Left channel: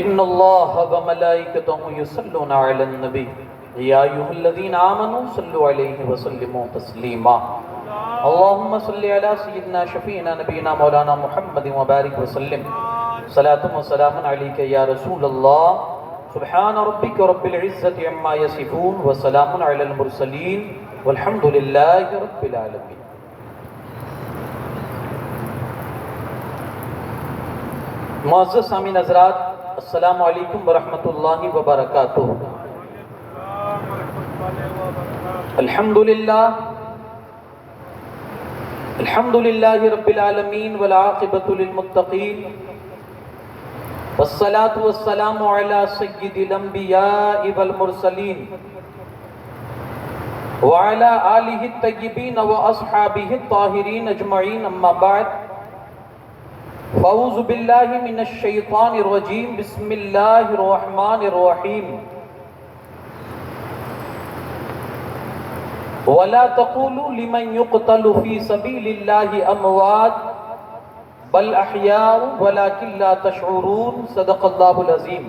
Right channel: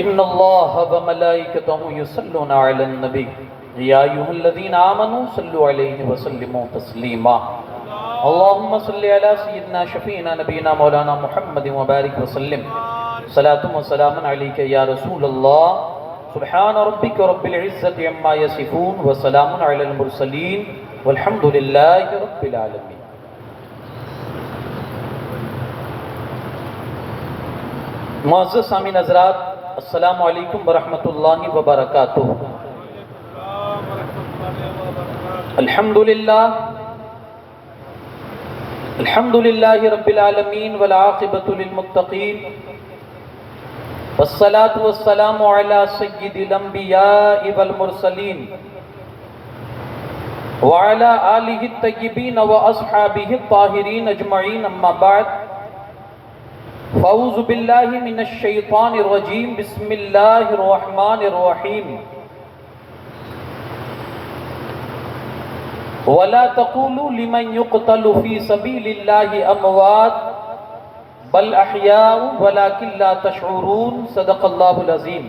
ان اللہ وملائکتہ یصلون علی النبی یا ایھا الذین آمنوا صلوا علیہ وسلموا تسلیما اللہم صلی علی سیدنا شفیعنا نبینا مولانا محمد وبارک وسلم صلاۃ و سلام علیک یا رسول اللہ سبحان ربک رب العزت عما یصفون وسلام علی المرسلین والحمد للہ رب العالمین۔ معزز سامعین حضرات، السلام علیکم ورحمۃ اللہ وبرکاتہ۔ الحمدللہ رب العالمین والعاقبۃ للمتقین والصلاة والسلام علی سید الانبیاء والمرسلین وعلی آلہ الطیبین واصحابہ الطاہرین اجمعین، اما بعد فاعوذ باللہ من الشیطان الرجیم، بسم اللہ الرحمن الرحیم۔ وَلَا تَقُولُوا لِمَنْ يُقْتَلُ فِي سَبِيلِ اللَّهِ أَمْوَاتٌ بَلْ أَحْيَاءٌ وَلَكِنْ لَا تَشْعُرُونَ۔ صدق اللہ العظیم۔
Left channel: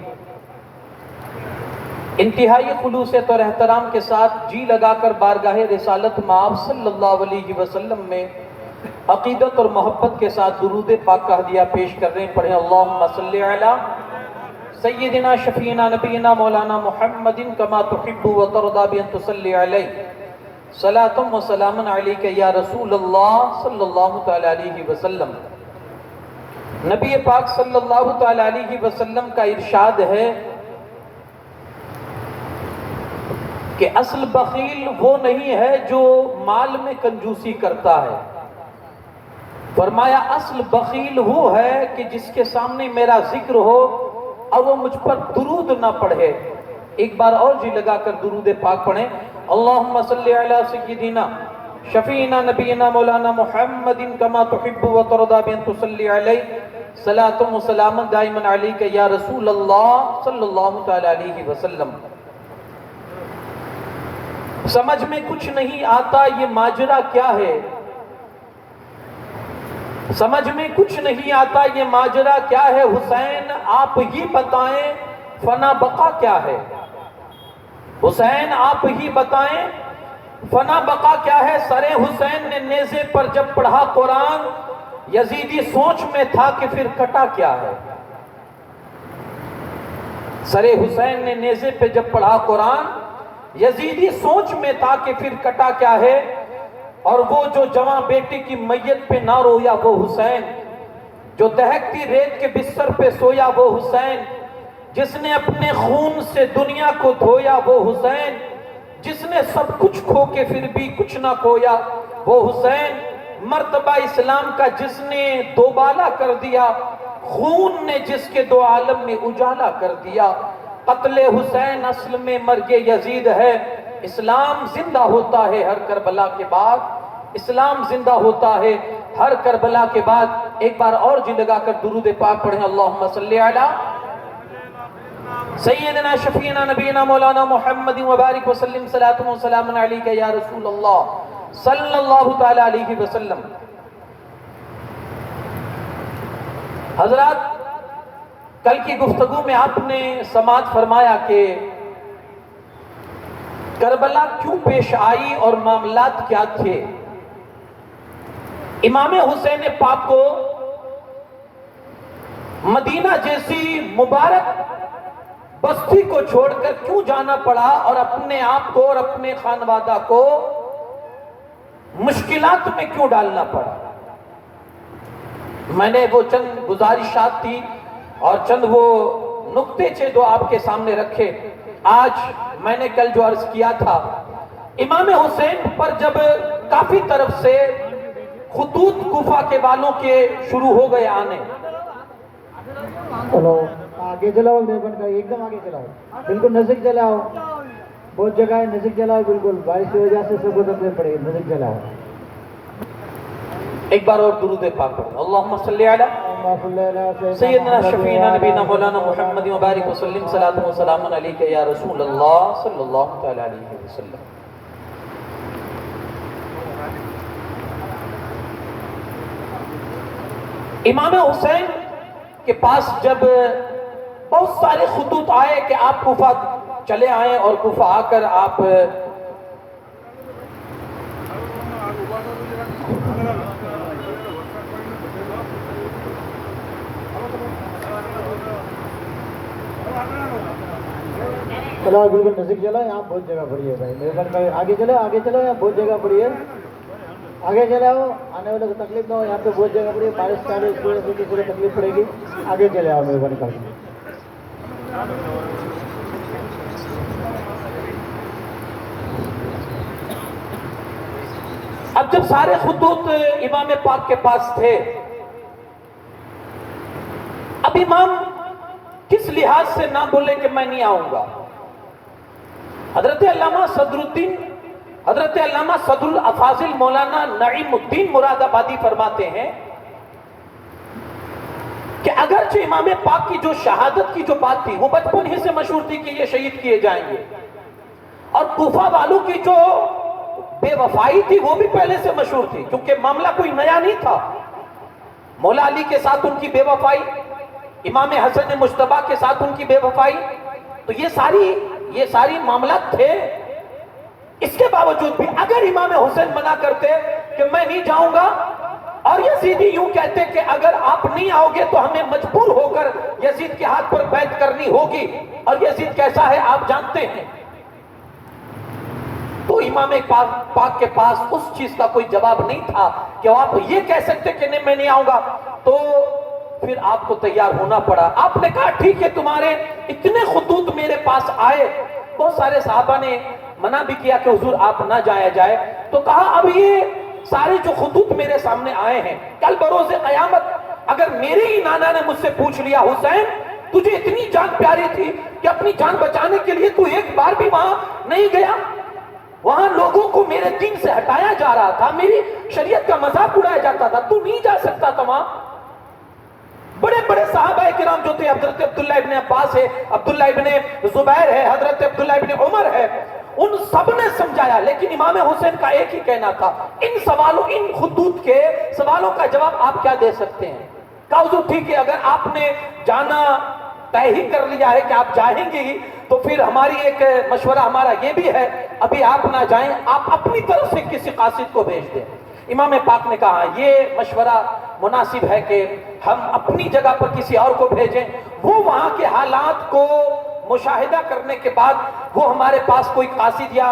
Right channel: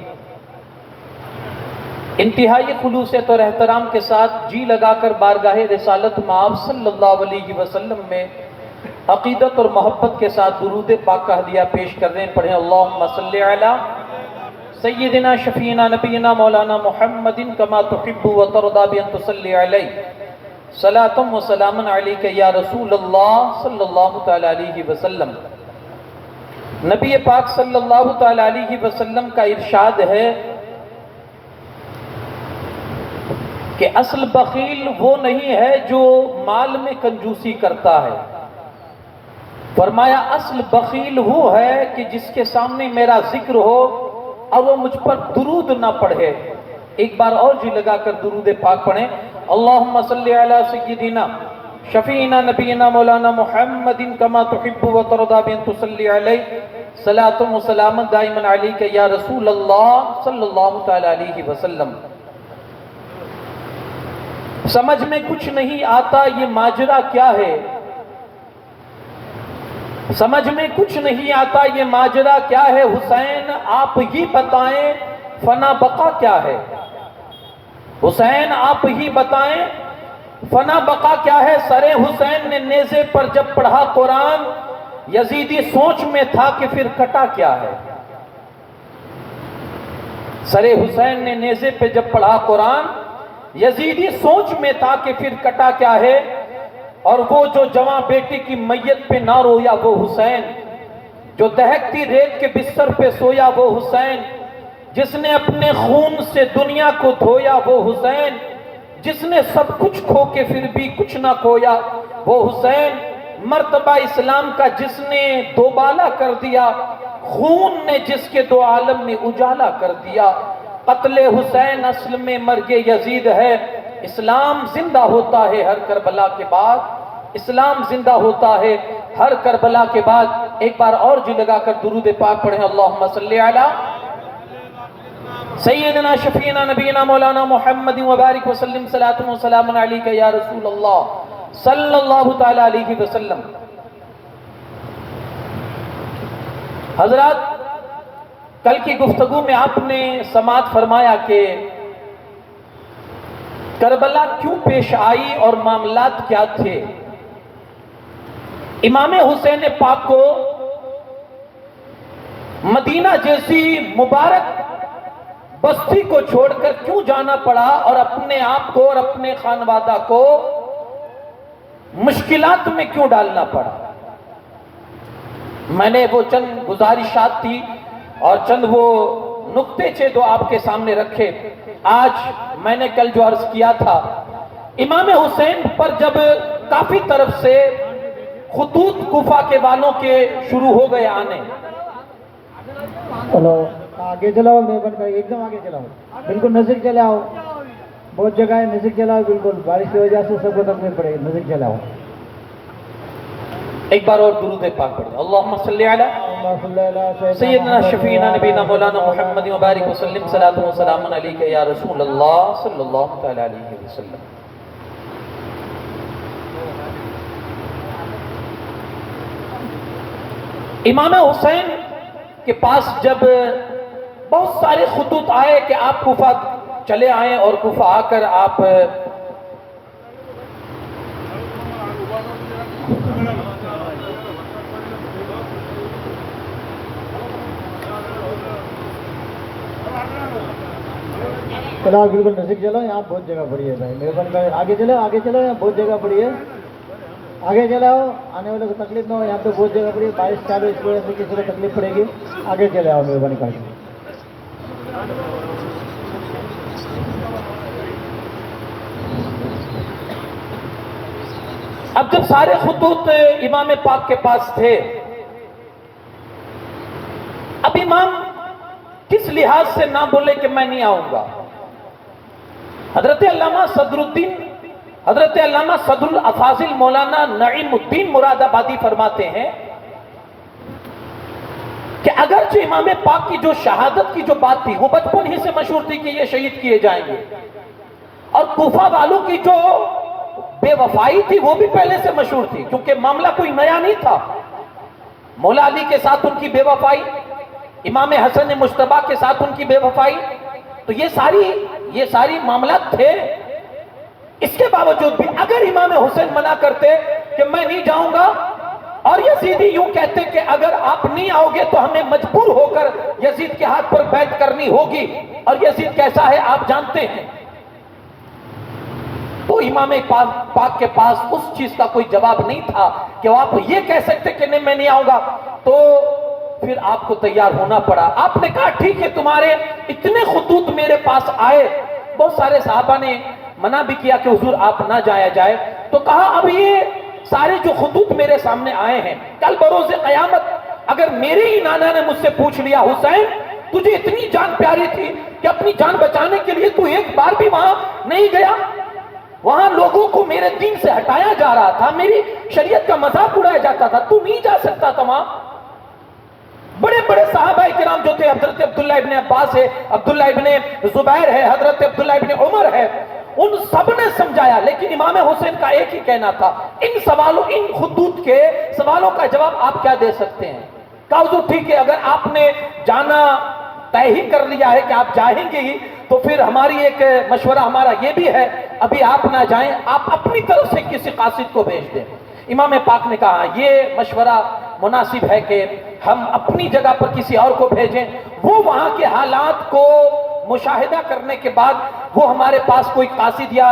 انتہائی خلوصیت اور احترام کے ساتھ جی لگا کر بارگاہ رسالت مآب صلی اللہ علیہ وسلم میں عقیدت اور محبت کے ساتھ درود پاک کا ہدیہ پیش کر رہے ہیں۔ پڑھیں اللہم صلی علی سیدنا شفیعنا نبینا مولانا محمد کما تحب و ترضی بان تصلی علیہ صلاۃ و سلام علیک یا رسول اللہ صلی اللہ تعالی علیہ وسلم۔ نبی پاک صلی اللہ تعالی علیہ وسلم کا ارشاد ہے کہ اصل بخیل وہ نہیں ہے جو مال میں کنجوسی کرتا ہے، فرمایا اصل بخیل وہ ہے کہ جس کے سامنے میرا ذکر ہو اور وہ مجھ پر درود نہ پڑھے۔ ایک بار اور جی لگا کر درود پاک پڑھیں، اللہم صلی علی سیدنا شفیعنا نبینا مولانا محمد کما تحب و ترضی بان تصلی علیہ صلاۃ و سلام دائما علیک یا رسول اللہ صلی اللہ تعالی علیہ وسلم۔ سمجھ میں کچھ نہیں آتا یہ ماجرا کیا ہے، سمجھ میں کچھ نہیں آتا یہ ماجرا کیا ہے، حسین آپ ہی بتائیں فنا بقا کیا ہے، حسین آپ ہی بتائیں فنا بقا کیا ہے۔ سر حسین نے نیزے پر جب پڑھا قرآن، یزیدی سوچ میں تھا کہ پھر کٹا کیا ہے۔ سر حسین نے نیزے پہ جب پڑھا قرآن، یزیدی سوچ میں تھا کہ پھر کٹا کیا ہے۔ اور وہ جو جوان بیٹی کی میت پہ نہ رویا وہ حسین، جو دہکتی ریت کے بستر پہ سویا وہ حسین، جس نے اپنے خون سے دنیا کو دھویا وہ حسین، جس نے سب کچھ کھو کے پھر بھی کچھ نہ کھویا وہ حسین، مرتبہ اسلام کا جس نے دوبالا کر دیا، خون نے جس کے دو عالم نے اجالا کر دیا۔ قتل حسین اصل میں مرگ یزید ہے، اسلام زندہ ہوتا ہے ہر کربلا کے بعد، اسلام زندہ ہوتا ہے ہر کربلا کے بعد۔ ایک بار اور جی لگا کر درود پاک پڑھیں، اللہم صلی علی سیدنا شفیعنا نبینا مولانا محمد وبارک وسلم صلاۃ و سلام علیک یا رسول اللہ صلی اللہ تعالی علیہ وسلم۔ حضرات، کل کی گفتگو میں آپ نے سماعت فرمایا کہ کربلا کیوں پیش آئی اور معاملات کیا تھے۔ امام حسین پاک کو مدینہ جیسی مبارک بستی کو چھوڑ کر کیوں جانا پڑا اور اپنے آپ کو اور اپنے خانوادہ کو مشکلات میں کیوں ڈالنا پڑا۔ میں نے وہ چند گزارشات تھی اور چند وہ نقطے تھے جو آپ کے سامنے رکھے۔ آج میں نے کل جو عرض کیا تھا، امام حسین پر جب کافی طرف سے خطوط کوفہ کے والوں کے شروع ہو گئے آنے، آگے چلاؤ، دیوبند کا ایک دم آگے چلاؤ، بالکل نزدیک چلاؤ، بہت جگہ ہے نزدیک چلاؤ، بالکل بارش کی وجہ سے سب کو تکلیف پڑے، نزدیک چلاؤ۔ ایک بار اور درود پاک پڑھیں، اللہم صلی علی سیدنا شفیعنا نبینا مولانا محمد وبارک وسلم صلاۃ و سلام علیک یا رسول اللہ صلی اللہ تعالی علیہ وسلم۔ امام حسین کے پاس جب بہت سارے خطوط آئے کہ آپ کوفہ چلے آئیں اور کوفہ آ کر آپ چلو بالکل نزدیک چلو، یہاں بہت جگہ پڑی ہے بھائی، مہربانی کر آگے چلو، آگے چلو، یہاں بہت جگہ پڑی ہے، آگے چلاؤ، آنے والے کو تکلیف نہ ہو، یہاں پہ بہت جگہ پڑی ہے، بارش چالو اس وجہ سے کسی کو تکلیف پڑے گی، آگے چلے آؤ مہربانی کر کے۔ اب جب سارے خطوط امام پاک کے پاس تھے، اب امام کس لحاظ سے نہ بولے کہ میں نہیں آؤں گا؟ حضرت علامہ صدر الدین، حضرت علامہ صدر الافاضل مولانا نعیم الدین مراد آبادی فرماتے ہیں کہ اگرچہ امام پاک کی جو شہادت کی جو بات تھی وہ بچپن ہی سے مشہور تھی کہ یہ شہید کیے جائیں گے، اور کوفہ والوں کی جو بے وفائی تھی وہ بھی پہلے سے مشہور تھی، کیونکہ معاملہ کوئی نیا نہیں تھا۔ مولا علی کے ساتھ ان کی بے وفائی، امام حسن مجتبیٰ کے ساتھ ان کی بے وفائی، تو یہ ساری معاملات تھے۔ اس کے باوجود بھی اگر امام حسین منع کرتے کہ میں نہیں جاؤں گا، اور یزیدی یوں کہتے کہ اگر آپ نہیں آؤ گے تو ہمیں مجبور ہو کر یزید کے ہاتھ پر بیعت کرنی ہوگی، اور یزید کیسا ہے آپ جانتے ہیں، تو امام پاک کے پاس اس چیز کا کوئی جواب نہیں تھا کہ آپ یہ کہہ سکتے کہ نہیں میں نہیں آؤں گا۔ تو پھر آپ کو تیار ہونا پڑا۔ آپ نے کہا ٹھیک ہے، تمہارے اتنے خطوط میرے پاس آئے، بہت سارے صحابہ نے منع بھی کیا کہ حضور آپ نہ جایا جائے، تو کہا اب یہ سارے جو خطوط میرے سامنے آئے ہیں، کل بروز قیامت اگر میرے ہی نانا نے مجھ سے پوچھ لیا حسین تجھے اتنی جان پیاری تھی کہ اپنی جان بچانے کے لیے تو ایک بار بھی وہاں نہیں گیا، وہاں لوگوں کو میرے دین سے ہٹایا جا رہا تھا، میری شریعت کا مذاق اڑایا جاتا تھا، تو نہیں جا سکتا تھا وہاں۔ بڑے بڑے صحابہ کرام جو تھے، حضرت عبداللہ ابن عباس ہے، عبداللہ ابن زبیر ہے، حضرت عبداللہ ابن عمر ہے، ان سب نے سمجھایا، لیکن امام حسین کا ایک ہی کہنا تھا، ان خطوط کے سوالوں کا جواب آپ کیا دے سکتے ہیں؟ کہا حضور ٹھیک ہے، اگر آپ نے جانا طے ہی کر لیا ہے کہ آپ جائیں گے ہی، تو پھر ہماری ایک مشورہ ہمارا یہ بھی ہے، ابھی آپ نہ جائیں، آپ اپنی طرف سے کسی قاصد کو بھیج دیں۔ امام پاک نے کہا یہ مشورہ مناسب ہے کہ ہم اپنی جگہ پر کسی اور کو بھیجیں، وہ وہاں کے حالات کو مشاہدہ کرنے کے بعد وہ ہمارے پاس کوئی قاصد یا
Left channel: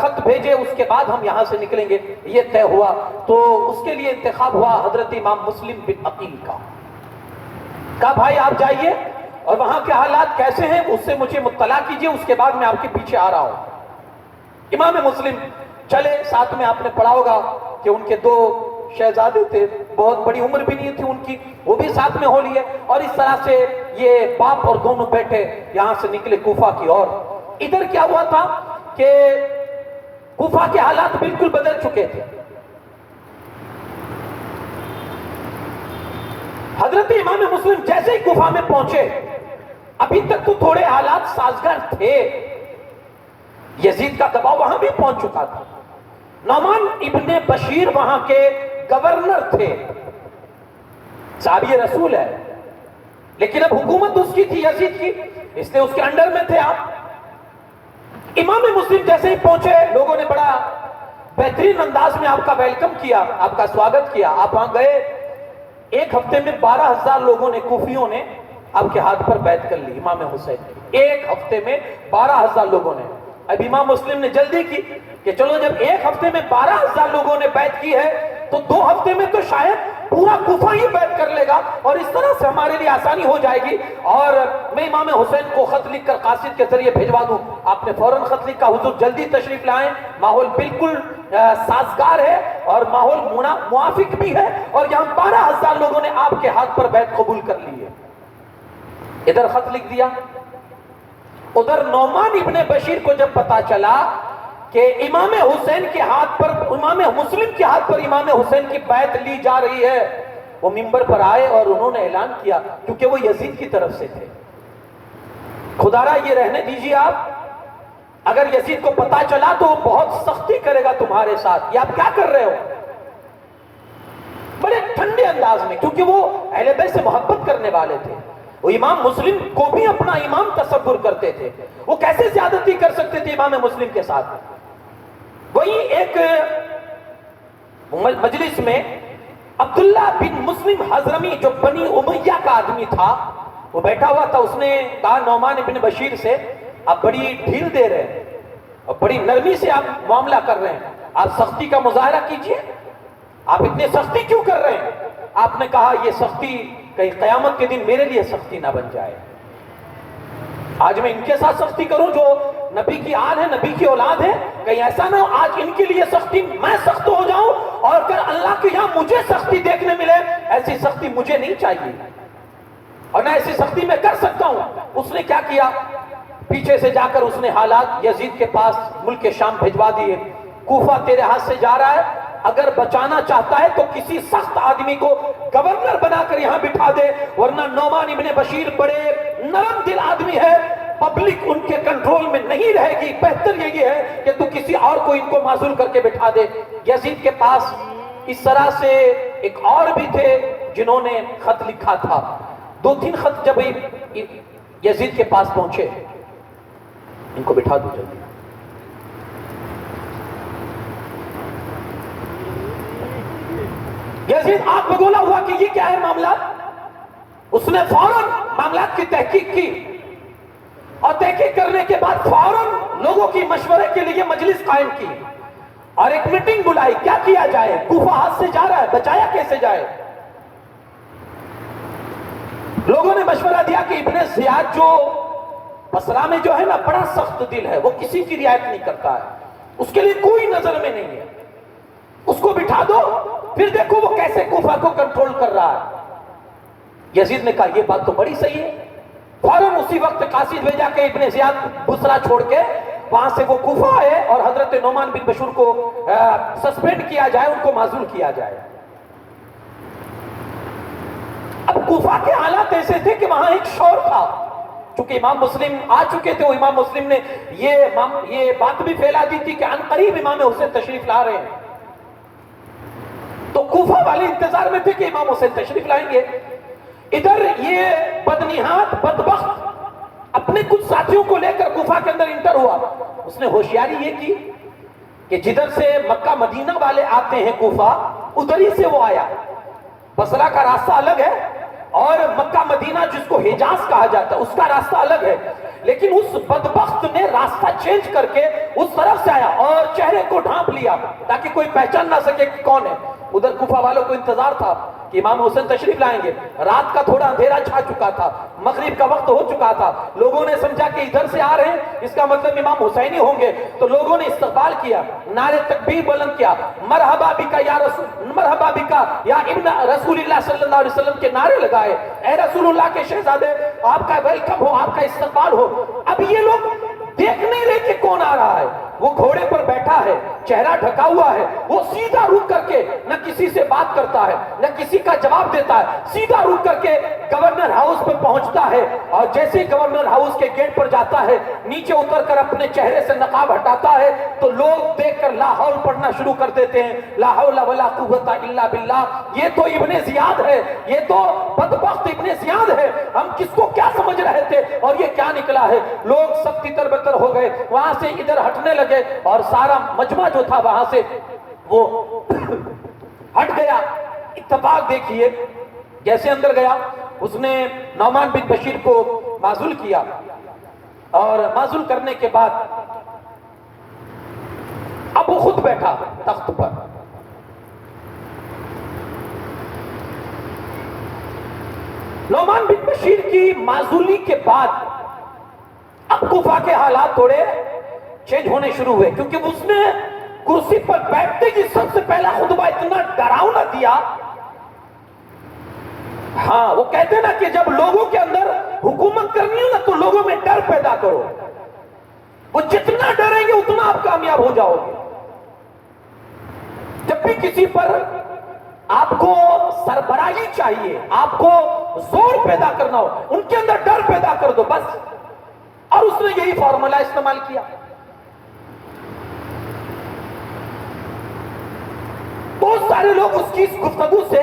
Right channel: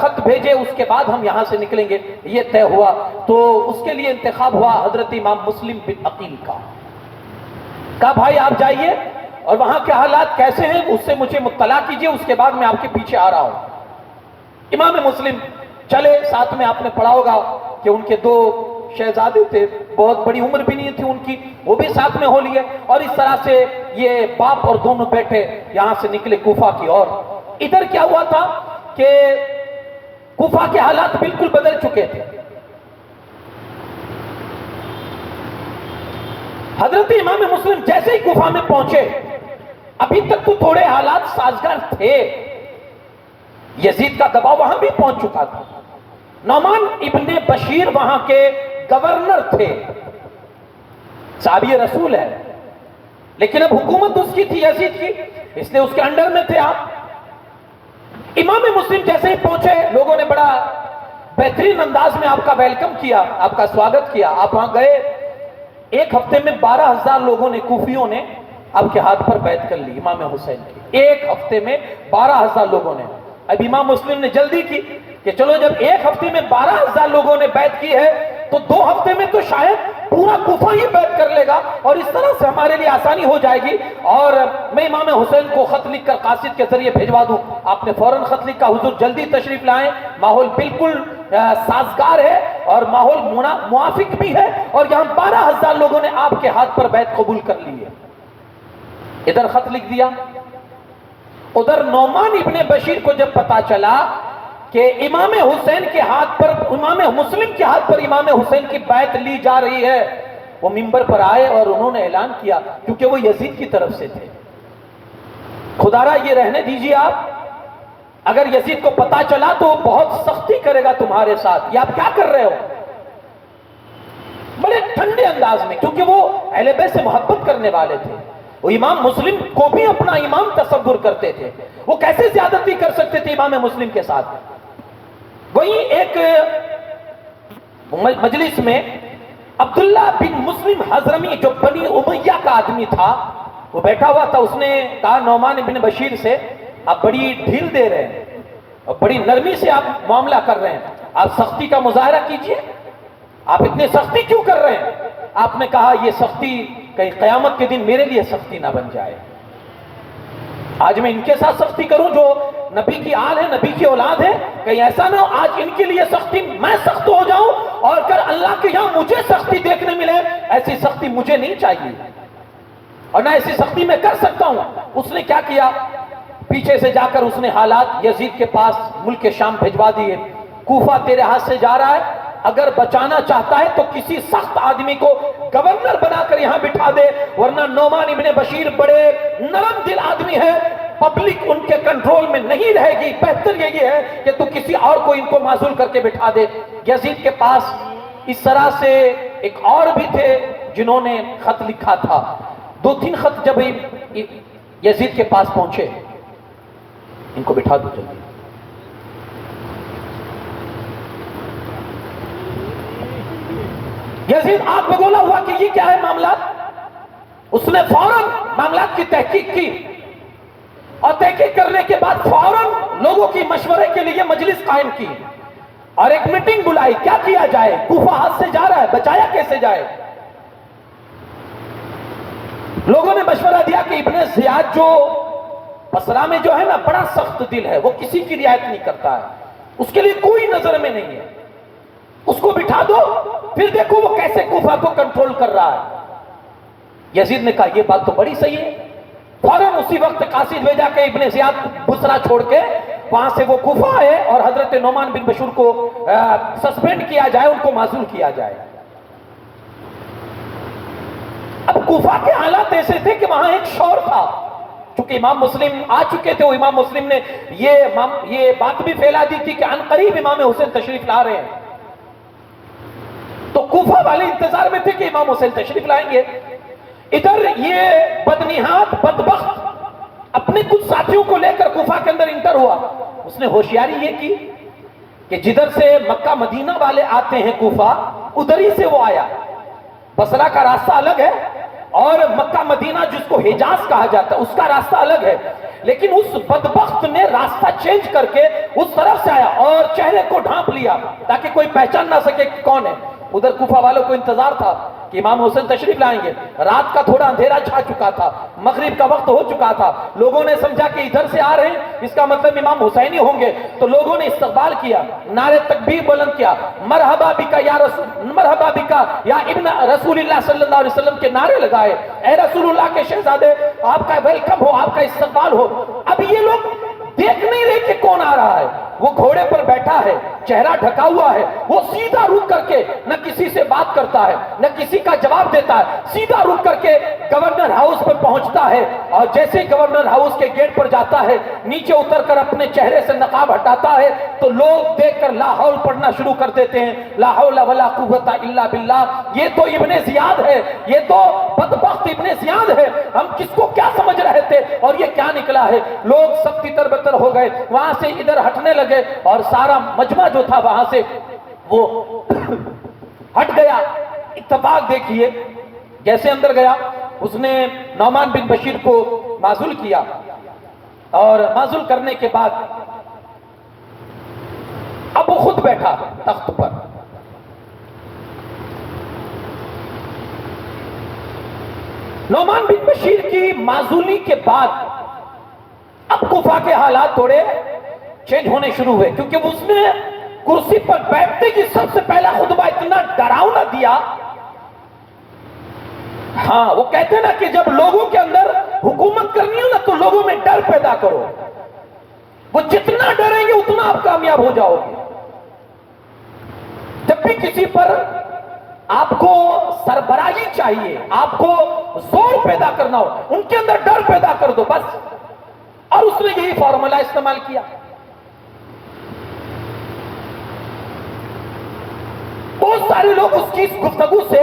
خط بھیجے، اس کے بعد ہم یہاں سے نکلیں گے۔ یہ طے ہوا، تو اس کے لیے انتخاب ہوا حضرت امام مسلم بن عقیل کا۔ کہا بھائی آپ جائیے اور وہاں کے حالات کیسے ہیں اس سے مجھے مطلع کیجئے، اس کے بعد میں آپ کے پیچھے آ رہا ہوں۔ امام مسلم چلے، ساتھ میں آپ نے پڑھا ہوگا کہ ان کے دو شہزادے تھے، بہت بڑی عمر بھی نہیں تھی ان کی، وہ بھی ساتھ میں ہو لیے، اور اس طرح سے یہ باپ اور دونوں بیٹھے یہاں سے نکلے کوفہ کی اور۔ ادھر کیا ہوا تھا کہ کوفہ کے حالات بالکل بدل چکے تھے۔ حضرت امام مسلم جیسے ہی کوفہ میں پہنچے، ابھی تک تو تھوڑے حالات سازگار تھے، یزید کا دباؤ وہاں بھی پہنچ چکا تھا، نعمان ابن بشیر وہاں کے گورنر تھے، صحابی رسول ہے، لیکن اب حکومت اس کی تھی یزید کی، اس نے اس کے انڈر میں تھے آپ۔ امام مسلم جیسے ہی پہنچے، لوگوں نے بڑا بہترین انداز میں آپ کا ویلکم کیا، آپ کا سواگت کیا، آپ وہاں گئے۔ ایک ہفتے میں 12,000 لوگوں نے، کوفیوں نے آپ کے ہاتھ پر بیعت کر لی امام حسین کی، ایک ہفتے میں 12,000 لوگوں نے۔ اب امام مسلم نے جلدی کی کہ چلو جب ایک ہفتے میں 12,000 لوگوں نے بیعت کی ہے تو 2 ہفتے میں تو شاید پورا کوفہ ہی بیعت کر لے گا، اور اس طرح سے ہمارے لیے آسانی ہو جائے گی، اور میں امام حسین کو خط لکھ کر قاصد کے ذریعے بھیجوا دوں۔ آپ نے فوراً خط لکھا، حضور جلدی تشریف لائیں، ماحول بالکل سازگار ہے اور ماحول موافق بھی ہے، اور یہاں 12,000 لوگوں نے آپ کے ہاتھ پر بیعت قبول کر لی ہے۔ ادھر خط لکھ دیا، ادھر نعمان ابن بشیر کو جب پتا چلا کہ امام حسین کے ہاتھ پر، امام مسلم کے ہاتھ پر امام حسین کی بیعت لی جا رہی ہے، وہ منبر پر آئے اور انہوں نے اعلان کیا، کیونکہ وہ یزید کی طرف سے تھے، خدا را یہ رہنے دیجیے آپ، اگر یزید کو پتا چلا تو وہ بہت سختی کرے گا تمہارے ساتھ، یہ آپ کیا کر رہے ہو؟ بڑے ٹھنڈے انداز میں، کیونکہ وہ اہل بیت سے محبت کرنے والے تھے۔ وہ امام مسلم کو بھی اپنا امام تصور کرتے تھے. وہ کیسے زیادتی کر سکتے تھے امام مسلم کے ساتھ؟ وہی ایک مجلس میں عبداللہ بن مسلم حضرمی جو بنی امیہ کا آدمی تھا وہ بیٹھا ہوا تھا. اس نے کہا نعمان بن بشیر سے آپ بڑی ڈھیل دے رہے ہیں اور بڑی نرمی سے آپ معاملہ کر رہے ہیں, آپ سختی کا مظاہرہ کیجئے, آپ اتنے سختی کیوں کر رہے ہیں؟ آپ نے کہا یہ سختی کہیں قیامت کے دن میرے لیے سختی نہ بن جائے. آج میں ان کے ساتھ سختی کروں جو نبی کی آل ہے, نبی کی اولاد ہے, کہیں ایسا نہ ہو آج ان کے لیے سختی میں سخت ہو جاؤں اور اگر اللہ کے یہاں مجھے سختی دیکھنے ملے. ایسی سختی مجھے نہیں چاہیے اور نہ ایسی سختی میں کر سکتا ہوں. اس نے کیا کیا, پیچھے سے جا کر اس نے حالات یزید کے پاس ملک شام بھجوا دیے. کوفہ تیرے ہاتھ سے جا رہا ہے, اگر بچانا چاہتا ہے تو کسی سخت آدمی کو گورنر بنا کر یہاں بٹھا دے, ورنہ نعمان ابن بشیر بڑے نرم دل آدمی ہے, پبلک ان کے کنٹرول میں نہیں رہے گی. بہتر یہی ہے کہ تو کسی اور کو ان کو معزول کر کے بٹھا دے. یزید کے پاس اس طرح سے ایک اور بھی تھے جنہوں نے خط لکھا تھا. 2-3 خط جب یزید کے پاس پہنچے, ان کو بٹھا دو جلدی. یزید آپ کو بولا ہوا کہ یہ کیا ہے معاملات. اس نے فوراً معاملات کی تحقیق کی اور تحقیق کرنے کے بعد فوراً لوگوں کی مشورے کے لیے مجلس قائم کی اور ایک میٹنگ بلائی. کیا کیا جائے, کوفہ ہاتھ سے جا رہا ہے, بچایا کیسے جائے. لوگوں نے مشورہ دیا کہ ابن زیاد جو بصرہ میں جو ہے نا بڑا سخت دل ہے, وہ کسی کی رعایت نہیں کرتا ہے, اس کے لیے کوئی نظر میں نہیں ہے, اس کو بٹھا دو پھر دیکھو وہ کیسے کوفہ کو کنٹرول کر رہا ہے. یزید نے کہا یہ بات تو بڑی صحیح ہے. فوراً اسی وقت قاصد بھیجا کہ ابن زیاد بصرہ چھوڑ کے وہاں سے وہ کوفہ آئے اور حضرت نعمان بن بشیر کو سسپینڈ کیا جائے, ان کو معزول کیا جائے. اب کوفہ کے حالات ایسے تھے کہ وہاں ایک شور تھا. چونکہ امام مسلم آ چکے تھے, وہ امام مسلم نے یہ بات بھی پھیلا دی تھی کہ عنقریب امام حسین تشریف لا رہے ہیں. تو کوفہ والے انتظار میں تھے کہ امام حسین تشریف لائیں گے. ادھر یہ بدنہاد بدبخت اپنے کچھ ساتھیوں کو لے کر کوفہ کے اندر انٹر ہوا. اس نے ہوشیاری یہ کی کہ جدھر سے مکہ مدینہ والے آتے ہیں کوفہ, ادھر ہی سے وہ آیا. بصرہ کا راستہ الگ ہے اور مکہ مدینہ جس کو حجاز کہا جاتا ہے اس کا راستہ الگ ہے. لیکن اس بدبخت نے راستہ چینج کر کے اس طرف سے آیا اور چہرے کو ڈھانپ لیا تاکہ کوئی پہچان نہ سکے کہ کون ہے. ادھر کوفہ والوں کو انتظار تھا کہ امام حسین تشریف لائیں گے. رات کا تھوڑا اندھیرا چھا چکا تھا, مغرب کا وقت ہو چکا تھا. لوگوں نے سمجھا کہ ادھر سے آ رہے ہیں, اس کا مطلب امام حسین ہی ہوں گے. تو لوگوں نے استقبال کیا, نعرے تکبیر بلند کیا, مرحبا بکا یا رسول, مرحبا بکا یا ابن رسول اللہ صلی اللہ علیہ وسلم کے نعرے لگائے. اے رسول اللہ کے شہزادے, آپ کا ویلکم ہو, آپ کا استقبال ہو. اب یہ لوگ دیکھ نہیں رہے کہ کون آ رہا ہے. وہ گھوڑے پر بیٹھا ہے, چہرہ ڈھکا ہوا ہے, وہ سیدھا رک کر کے نہ کسی سے بات کرتا ہے نہ کسی کا جواب دیتا ہے. سیدھا رک کر کے گورنر ہاؤس پر پہنچتا ہے اور جیسے ہی گورنر ہاؤس کے گیٹ پر جاتا ہے نیچے اتر کر اپنے چہرے سے نقاب ہٹاتا ہے تو لوگ دیکھ کر لا حول پڑھنا شروع کر دیتے ہیں. لا حول ولا قوت الا باللہ. یہ تو ابن زیاد ہے, یہ تو بدبخت ابن زیاد ہے. ہم کس کو کیا سمجھ رہے تھے اور یہ کیا نکلا ہے. لوگ سب تتر بتر ہو گئے, وہاں سے ادھر ہٹنے لگے اور سارا مجمع جو تھا وہاں سے وہ ہٹ گیا. اتفاق دیکھیے, جیسے اندر گیا اس نے نعمان بن بشیر کو معزول کیا اور معزول کرنے کے بعد اب وہ خود بیٹھا تخت پر. نعمان بن بشیر کی معزولی کے بعد اب کوفہ کے حالات تھوڑے چینج ہونے شروع ہوئے, کیونکہ اس نے کرسی پر بیٹھتے کی سب سے پہلا خطبہ اتنا ڈراؤنا دیا. ہاں, وہ کہتے ہیں نا کہ جب لوگوں کے اندر حکومت کرنی ہو نا تو لوگوں میں ڈر پیدا کرو. وہ جتنا ڈریں گے اتنا آپ کامیاب ہو جاؤ گے. جب بھی کسی پر آپ کو سربراہی چاہیے, آپ کو زور پیدا کرنا ہو, ان کے اندر ڈر پیدا کر دو بس. اور اس نے یہی فارمولا استعمال کیا. بہت سارے لوگ اس کی اس گفتگو سے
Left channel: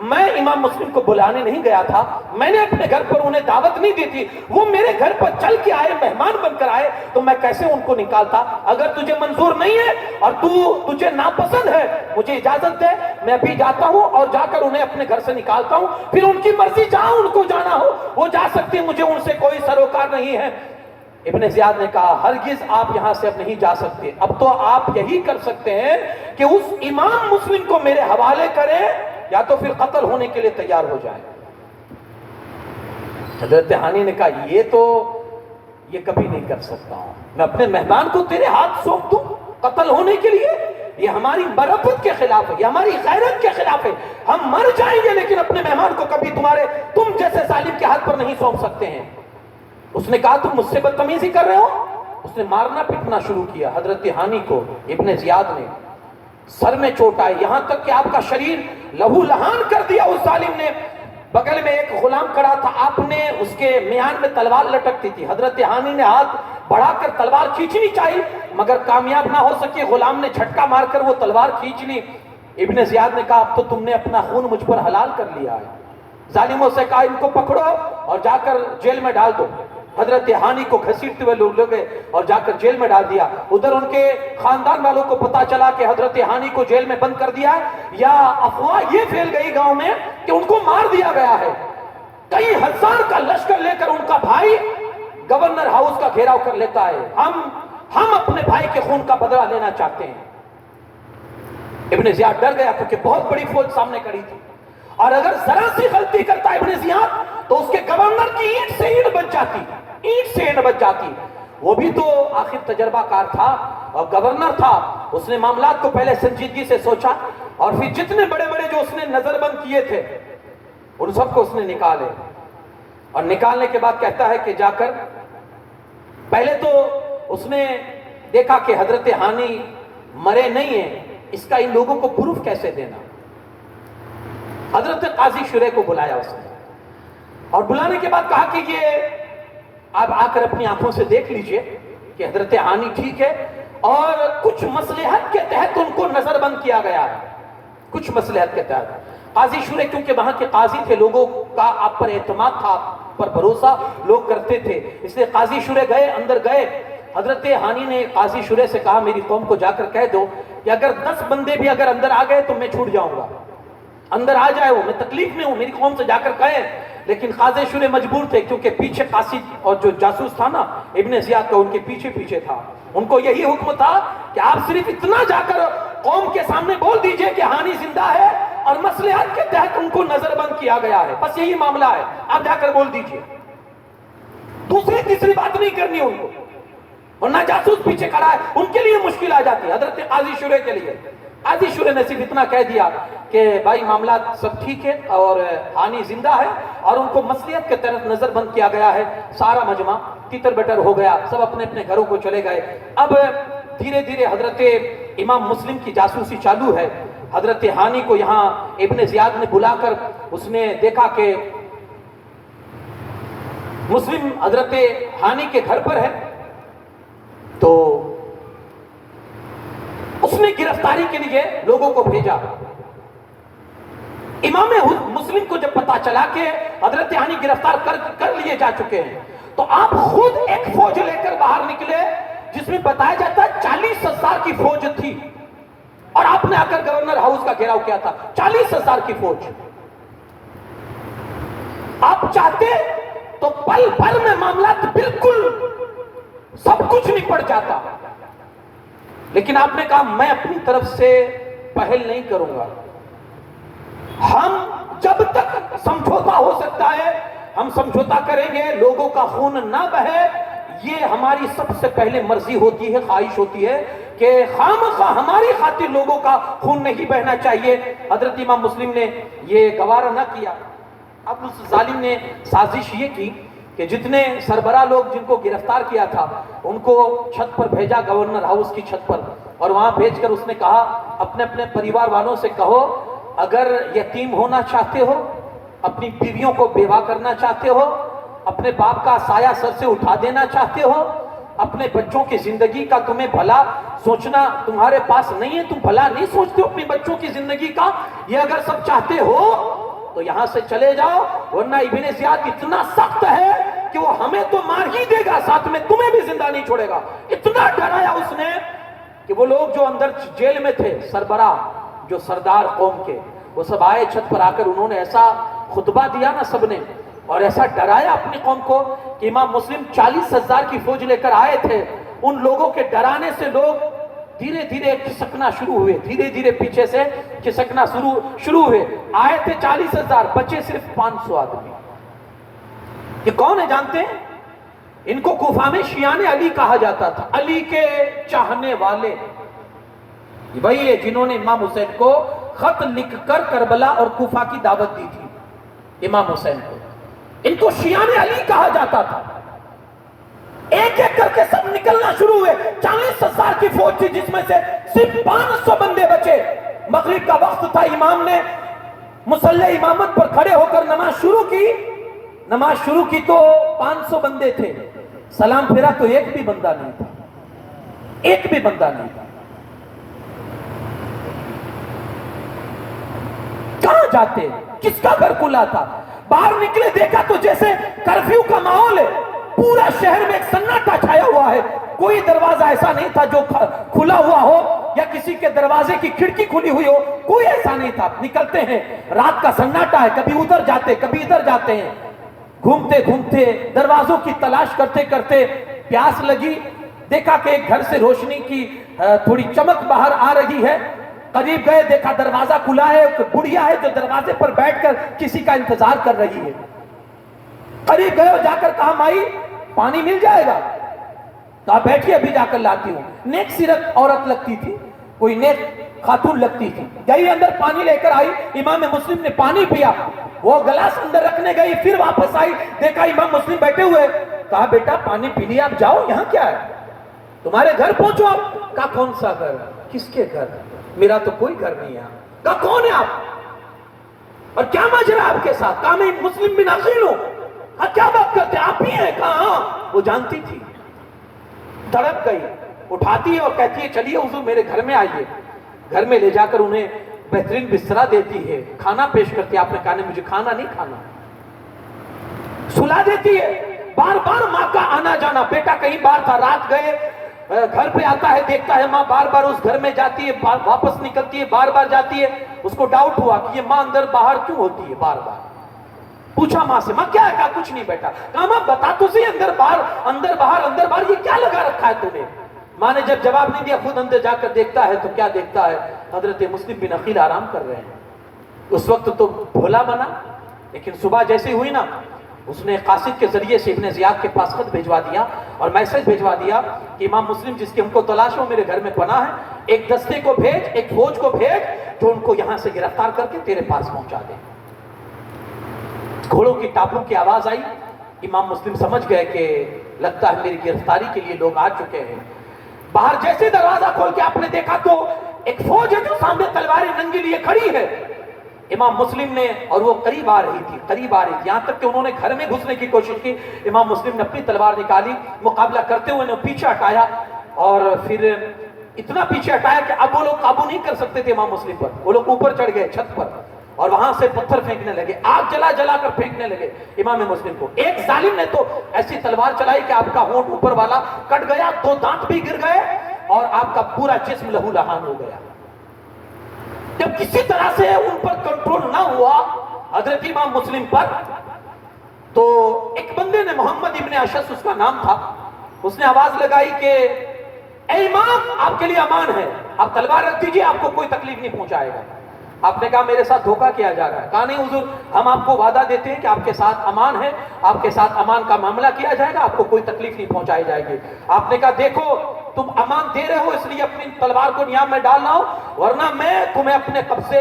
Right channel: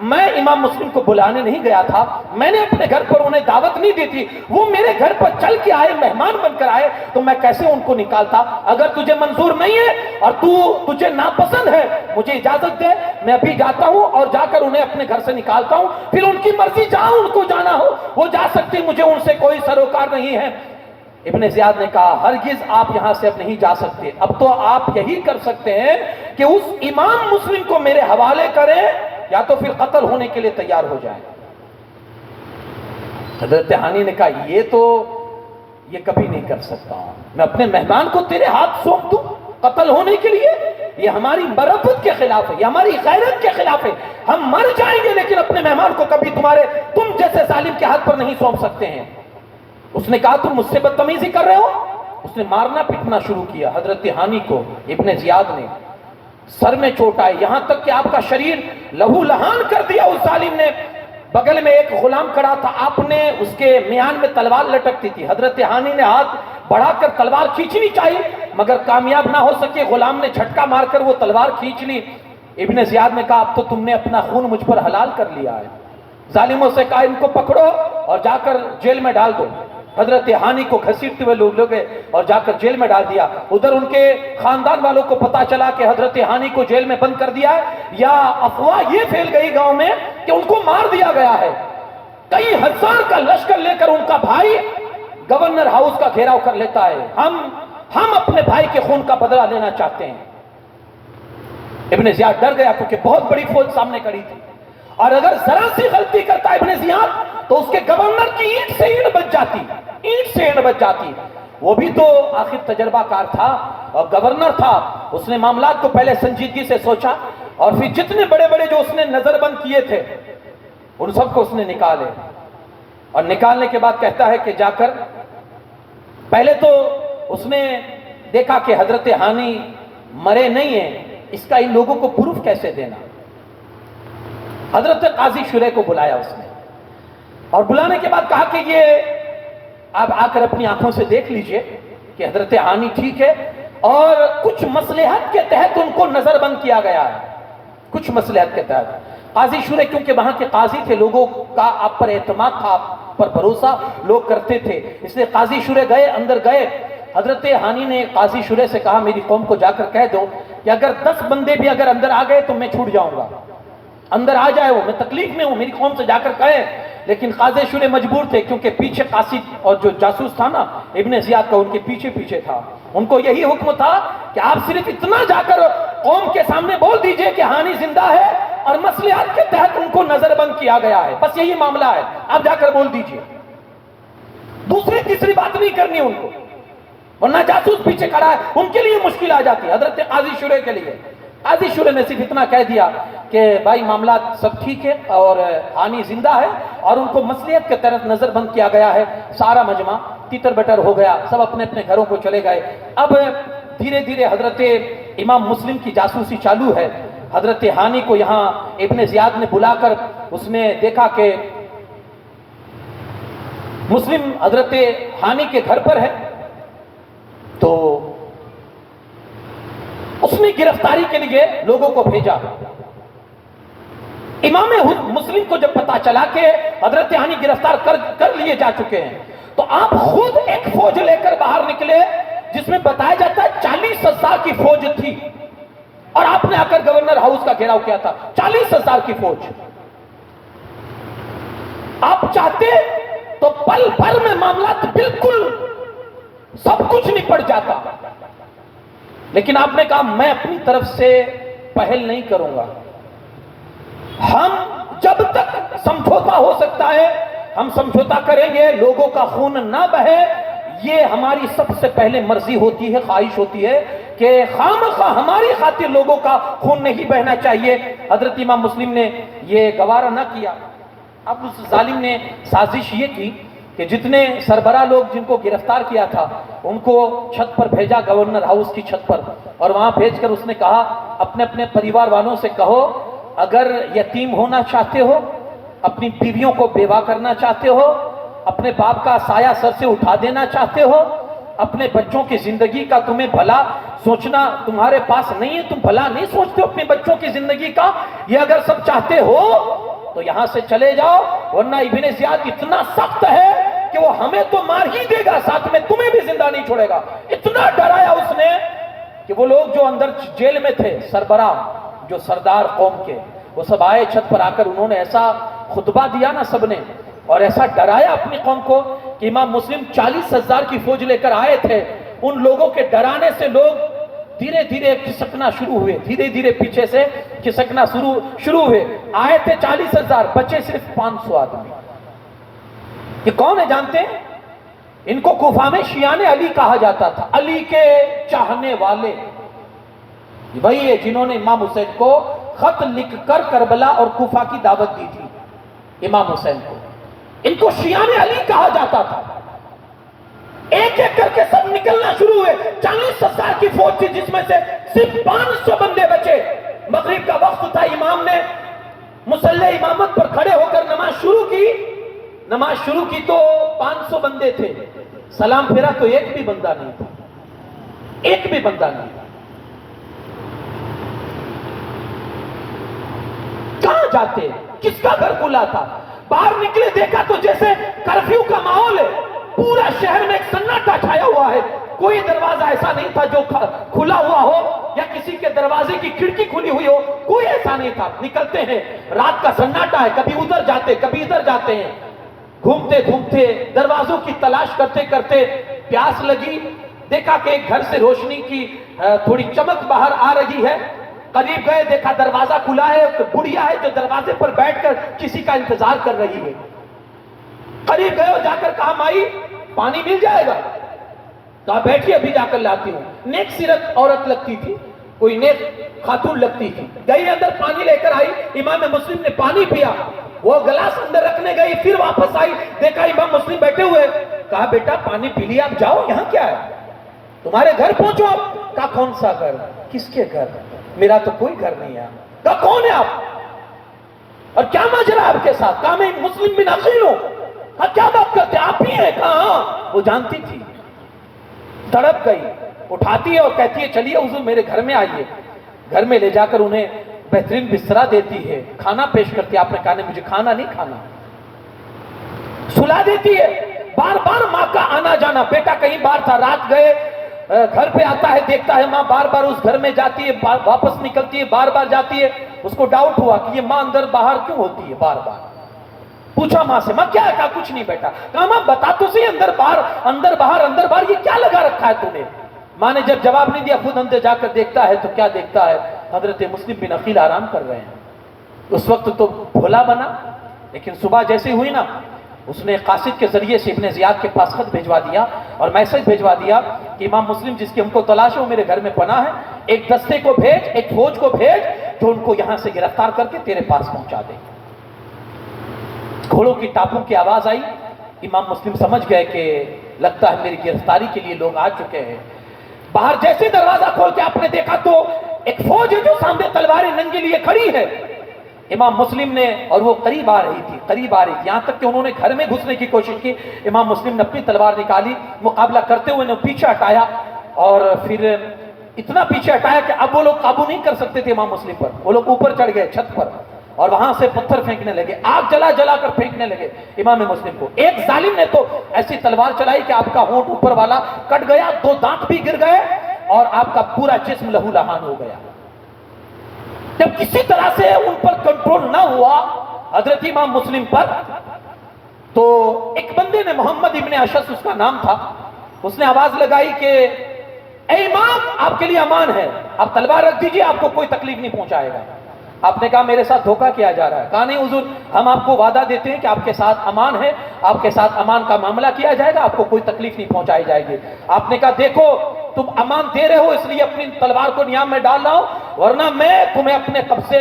میں امام مسلم کو بلانے نہیں گیا تھا, میں نے اپنے گھر پر انہیں دعوت نہیں دی تھی, وہ میرے گھر پر چل کے آئے, مہمان بن کر آئے, تو میں کیسے ان کو نکالتا؟ اگر تجھے منظور نہیں ہے اور تجھے ناپسند ہے, مجھے اجازت دے, میں ابھی جاتا ہوں اور جا کر انہیں اپنے گھر سے نکالتا ہوں, پھر ان کی مرضی جہاں ان کو جانا ہو وہ جا سکتی, مجھے ان سے کوئی سروکار نہیں ہے. ابن زیاد نے کہا ہرگز آپ یہاں سے اب نہیں جا سکتے, اب تو آپ یہی کر سکتے ہیں کہ اس امام مسلم کو میرے حوالے کریں یا تو پھر قتل ہونے کے لیے تیار ہو جائیں. حضرت ہانی نے کہا یہ کبھی نہیں کر سکتا ہوں, میں اپنے مہمان کو تیرے ہاتھ سونپ دوں قتل ہونے کے لیے؟ یہ ہماری مرتبت کے خلاف ہے, یہ ہماری غیرت کے خلاف ہے, ہم مر جائیں گے لیکن اپنے مہمان کو کبھی تم جیسے ظالم کے ہاتھ پر نہیں سونپ سکتے ہیں. اس نے کہا تم مجھ سے بدتمیزی کر رہے ہو. اس نے مارنا پیٹنا شروع کیا حضرت ہانی کو. ابن زیاد نے سر میں چوٹ آئی, یہاں تک کہ آپ کا شریر لہو لہان کر دیا اس ظالم نے. بغل میں ایک غلام کھڑا تھا, آپ نے اس کے میان میں تلوار لٹکتی تھی. حضرت ہانی نے ہاتھ بڑھا کر تلوار کھینچنی چاہیے مگر کامیاب نہ ہو سکے, غلام نے جھٹکا مار کر وہ تلوار کھینچ لی. ابن زیاد نے کہا اب تو تم نے اپنا خون مجھ پر حلال کر لیا ہے. ظالموں سے کہا ان کو پکڑو اور جا کر جیل میں ڈال دو. حضرت ہانی کو گھسیٹتے ہوئے لوگ گئے اور جا کر جیل میں ڈال دیا. ادھر ان کے خاندان والوں کو پتا چلا کہ حضرت ہانی کو جیل میں بند کر دیا ہے, یا افواہ یہ پھیل گئی گاؤں میں کہ ان کو مار دیا گیا ہے. کئی ہزار کا لشکر لے کر ان کا بھائی گورنر ہاؤس کا گھیراؤ کر لیتا ہے. ہم اپنے بھائی کے خون کا بدلہ لینا چاہتے ہیں. ابن زیاد ڈر گیا کیونکہ بہت بڑی فوج سامنے کھڑی تھی, اور اگر ذرا سی غلطی کرتا ابن زیاد تو اس کے گورنر کی اینٹ سے اینٹ بچ جاتی. وہ بھی تو آخر تجربہ کار تھا اور گورنر تھا, اس نے معاملات کو پہلے سنجیدگی سے سوچا اور پھر جتنے بڑے بڑے جو اس نے نظر بند کیے تھے ان سب کو اس نے نکالے. اور نکالنے کے بعد کہتا ہے کہ جا کر پہلے تو اس نے دیکھا کہ حضرت ہانی مرے نہیں ہیں, اس کا ان لوگوں کو پروف کیسے دینا. حضرت قاضی شریح کو بلایا اس نے, اور بلانے کے بعد کہا کہ یہ آپ آ کر اپنی آنکھوں سے دیکھ لیجئے کہ حضرت ہانی ٹھیک ہے, اور کچھ مصلحت کے تحت ان کو نظر بند کیا گیا ہے. کچھ مصلحت کے تحت قاضی شریح کیونکہ وہاں کے قاضی تھے, لوگوں کا آپ پر اعتماد تھا, آپ پر بھروسہ لوگ کرتے تھے, اس لیے قاضی شریح گئے, اندر گئے. حضرت ہانی نے قاضی شریح سے کہا میری قوم کو جا کر کہہ دو کہ اگر 10 بندے بھی اگر اندر آ گئے تو میں چھوٹ جاؤں گا, اندر آ جائے ہو, میں تکلیف میں ہوں, میری قوم سے جا کر کہیں. لیکن قاضی شریح مجبور تھے کیونکہ پیچھے قاصد اور جو جاسوس تھا نا ابن زیاد کا, ان کے پیچھے تھا. ان کو یہی حکم تھا کہ آپ صرف اتنا جا کر قوم کے سامنے بول دیجئے کہ ہانی زندہ ہے اور مصلحت کے تحت ان کو نظر بند کیا گیا ہے, بس یہی معاملہ ہے, آپ جا کر بول دیجئے. دوسری تیسری بات نہیں کرنی ان کو, ورنہ جاسوس پیچھے کھڑا ہے, ان کے لیے مشکل آ جاتی ہے. حضرت قاضی شریح کے لیے قاضی شریح نے صرف اتنا کہہ دیا کہ بھائی معاملات سب ٹھیک ہے اور ہانی زندہ ہے اور ان کو مصلحت کے تحت نظر بند کیا گیا ہے. سارا مجمع تیتر بٹر ہو گیا, سب اپنے اپنے گھروں کو چلے گئے. اب دھیرے دھیرے حضرت امام مسلم کی جاسوسی چالو ہے. حضرت ہانی کو یہاں ابن زیاد نے بلا کر اس نے دیکھا کہ مسلم حضرت ہانی کے گھر پر ہے, تو اس نے گرفتاری کے لیے لوگوں کو بھیجا. امام مسلم کو جب پتا چلا کہ حضرت ہانی گرفتار کر لیے جا چکے ہیں تو آپ خود ایک فوج لے کر باہر نکلے جس میں بتایا جاتا ہے 40,000 کی فوج تھی, اور آپ نے آ کر گورنر ہاؤس کا گھیراؤ کیا تھا. 40,000 کی فوج. آپ چاہتے تو پل پل میں معاملات بالکل سب کچھ نپٹ جاتا, لیکن آپ نے کہا میں اپنی طرف سے پہل نہیں کروں گا. ہم جب تک سمجھوتا ہو سکتا ہے ہم سمجھوتا کریں گے, لوگوں کا خون نہ بہے, یہ ہماری سب سے پہلے مرضی ہوتی ہے, خواہش ہوتی ہے کہ خامخواہ ہماری خاطر لوگوں کا خون نہیں بہنا چاہیے. حضرت امام مسلم نے یہ گوارا نہ کیا. اب اس ظالم نے سازش یہ کی کہ جتنے سربراہ لوگ جن کو گرفتار کیا تھا ان کو چھت پر بھیجا, گورنر ہاؤس کی چھت پر, اور وہاں بھیج کر اس نے کہا اپنے اپنے پریوار والوں سے کہو اگر یتیم ہونا چاہتے ہو, اپنی بیویوں کو بیوہ کرنا چاہتے ہو, اپنے باپ کا سایہ سر سے اٹھا دینا چاہتے ہو, اپنے بچوں کی زندگی کا تمہیں بھلا سوچنا تمہارے پاس نہیں ہے, تم بھلا نہیں سوچتے ہو اپنے بچوں کی زندگی کا, یہ اگر سب چاہتے ہو تو یہاں سے چلے جاؤ، ورنہ ابن زیاد اتنا سخت ہے کہ وہ ہمیں تو مار ہی دے گا، ساتھ میں تمہیں بھی زندہ نہیں چھوڑے گا۔ اتنا ڈرایا اس نے کہ وہ لوگ جو اندر جیل میں تھے، سربراہ جو سردار قوم کے، وہ سب آئے چھت پر آ کر، انہوں نے ایسا خطبہ دیا نا سب نے، اور ایسا ڈرایا اپنی قوم کو کہ امام مسلم 40,000 کی فوج لے کر آئے تھے، ان لوگوں کے ڈرانے سے لوگ دھیرے دھیرے کھسکنا شروع ہوئے، دھیرے دھیرے پیچھے سے کھسکنا شروع ہوئے۔ آئے تھے 40,000، بچے صرف 500 آدمی۔ یہ کون ہے جانتے ہیں؟ ان کو کوفہ میں شیعان علی کہا جاتا تھا، علی کے چاہنے والے۔ وہی ہے جنہوں نے امام حسین کو خط لکھ کر کربلا اور کوفہ کی دعوت دی تھی، امام حسین کو۔ ان کو شیعان علی کہا جاتا تھا۔ ایک ایک کر کے سب نکلنا شروع ہوئے۔ 40,000 کی فوج تھی جس میں سے صرف 500 بندے بچے۔ مغرب کا وقت تھا، امام نے مصلی امامت پر کھڑے ہو کر نماز شروع کی تو 500 بندے تھے، سلام پھیرا تو ایک بھی بندہ نہیں تھا، ایک بھی بندہ نہیں تھا۔ کہاں جاتے؟ کس کا گھر کھلا تھا؟ باہر نکلے دیکھا تو جیسے کرفیو کا ماحول ہے، پورا شہر میں ایک سناٹا چھایا ہوا ہے، کوئی دروازہ ایسا نہیں تھا جو کھلا ہوا ہو یا کسی کے دروازے کی کھڑکی کھلی ہوئی ہو، کوئی ایسا نہیں تھا۔ نکلتے ہیں، رات کا سناٹا ہے، کبھی ادھر جاتے کبھی ادھر جاتے ہیں، گھومتے گھومتے دروازوں کی تلاش کرتے کرتے پیاس لگی، دیکھا کہ ایک گھر سے روشنی کی تھوڑی چمک باہر آ رہی ہے، قریب گئے دیکھا دروازہ کھلا ہے، ایک بڑھیا ہے جو دروازے پر بیٹھ کر کسی کا انتظار کر رہی ہے۔ قریب گئے اور جا کر کہا مائی پانی مل جائے گا؟ کہا بیٹھیے ابھی جا کر لاتی ہوں۔ نیک سیرت عورت لگتی تھی، کوئی نیک خاتون لگتی تھی، گئی اندر پانی لے کر آئی، امام مسلم نے پانی پیا، وہ گلاس اندر رکھنے گئی، پھر واپس آئی، دیکھا امام مسلم بیٹھے ہوئے، کہا بیٹا پانی پی لیا، آپ جاؤ، یہاں کیا ہے؟ تمہارے گھر پہنچو آپ۔ کہا کون سا گھر؟ کس کے گھر؟ میرا تو کوئی گھر نہیں ہے۔ کہا کون ہے آپ اور کیا ماجرا آپ کے ساتھ؟ کہا میں مسلم بن عقیل ہوں۔ کہا کیا بات کرتے آپ ہی ہیں؟ کہا ہاں۔ وہ جانتی تھی، تڑپ گئی، اٹھاتی ہے اور کہتی ہے چلیے حضور میرے گھر میں آئیے۔ گھر میں لے جا کر انہیں بہترین بسترا دیتی ہے، کھانا پیش کرتی ہے۔ آپ نے کہا نہیں مجھے کھانا نہیں کھانا، سلا دیتی ہے۔ بار بار ماں کا آنا جانا، بیٹا کہیں بار تھا، رات گئے، گھر پہ آتا ہے، دیکھتا ہے ماں بار بار اس گھر میں جاتی ہے، واپس نکلتی ہے، بار بار جاتی ہے۔ اس کو ڈاؤٹ ہوا کہ یہ ماں اندر باہر کیوں ہوتی ہے بار بار۔ پوچھا ماں سے، ماں کیا ہے؟ کہا کچھ نہیں بیٹا۔ کہا ماں بتا تو صحیح، اندر باہر یہ کیا لگا رکھا ہے تمہیں؟ ماں نے جب جواب نہیں دیا، خود اندر جا کر دیکھتا ہے تو کیا دیکھتا ہے؟ حضرت مسلم بن عقیل آرام کر رہے ہیں۔ اس وقت تو بھولا بنا، لیکن صبح جیسے ہوئی نا، اس نے قاصد کے ذریعے سے ابن زیاد کے پاس خط بھیجوا دیا اور میسج بھیجوا دیا کہ امام مسلم جس کی ہم کو تلاش ہے وہ میرے گھر میں پناہ ہے، ایک دستے کو بھیج، ایک فوج کو بھیج جو ان کو یہاں سے گرفتار کر کے تیرے پاس پہنچا دے۔ گھوڑوں کی ٹاپوں کی آواز آئی، امام مسلم سمجھ گئے کہ لگتا ہے میری گرفتاری کے لیے لوگ آ چکے ہیں۔ باہر جیسے دروازہ کھول کے آپ نے دیکھا تو ایک فوج ہے جو سامنے تلواریں ننگے لیے کھڑی ہے۔ امام مسلم نے، اور وہ قریب آ رہی تھی، یہاں تک کہ انہوں نے گھر میں گھسنے کی کوشش کی۔ امام مسلم نے اپنی تلوار نکالی، مقابلہ کرتے ہوئے انہیں پیچھے ہٹایا، اور پھر اتنا پیچھے ہٹایا کہ اب وہ لوگ قابو نہیں کر سکتے تھے امام مسلم پر۔ وہ لوگ اوپر چڑھ گئے چھت پر اور وہاں سے پتھر پھینکنے لگے، آگ جلا کر پھینکنے لگے امام مسلم کو۔ ایک ظالم نے تو ایسی تلوار چلائی کہ آپ کا ہونٹ اوپر والا کٹ گیا، 2 دانت بھی گر گئے اور آپ کا پورا جسم لہو لہان ہو گیا۔ جب کسی طرح سے ان پر کنٹرول نہ ہوا حضرت امام مسلم پر، تو ایک بندے نے، محمد ابن اشعث اس کا نام تھا، اس نے آواز لگائی کہ اے امام آپ کے لیے امان ہے، آپ تلوار رکھ دیجئے، آپ کو کوئی تکلیف نہیں پہنچائے گا۔ آپ نے کہا میرے ساتھ دھوکہ کیا جا رہا ہے؟ کہا نہیں حضور، ہم آپ کو وعدہ دیتے ہیں کہ آپ کے ساتھ امان ہے، آپ کے ساتھ امان کا معاملہ کیا جائے گا، آپ کو کوئی تکلیف نہیں پہنچائی جائے گی۔ آپ نے کہا دیکھو تم امان دے رہے ہو اس لیے اپنی تلوار کو نیام میں ڈال رہا ہوں، ورنہ میں تمہیں اپنے قبضے،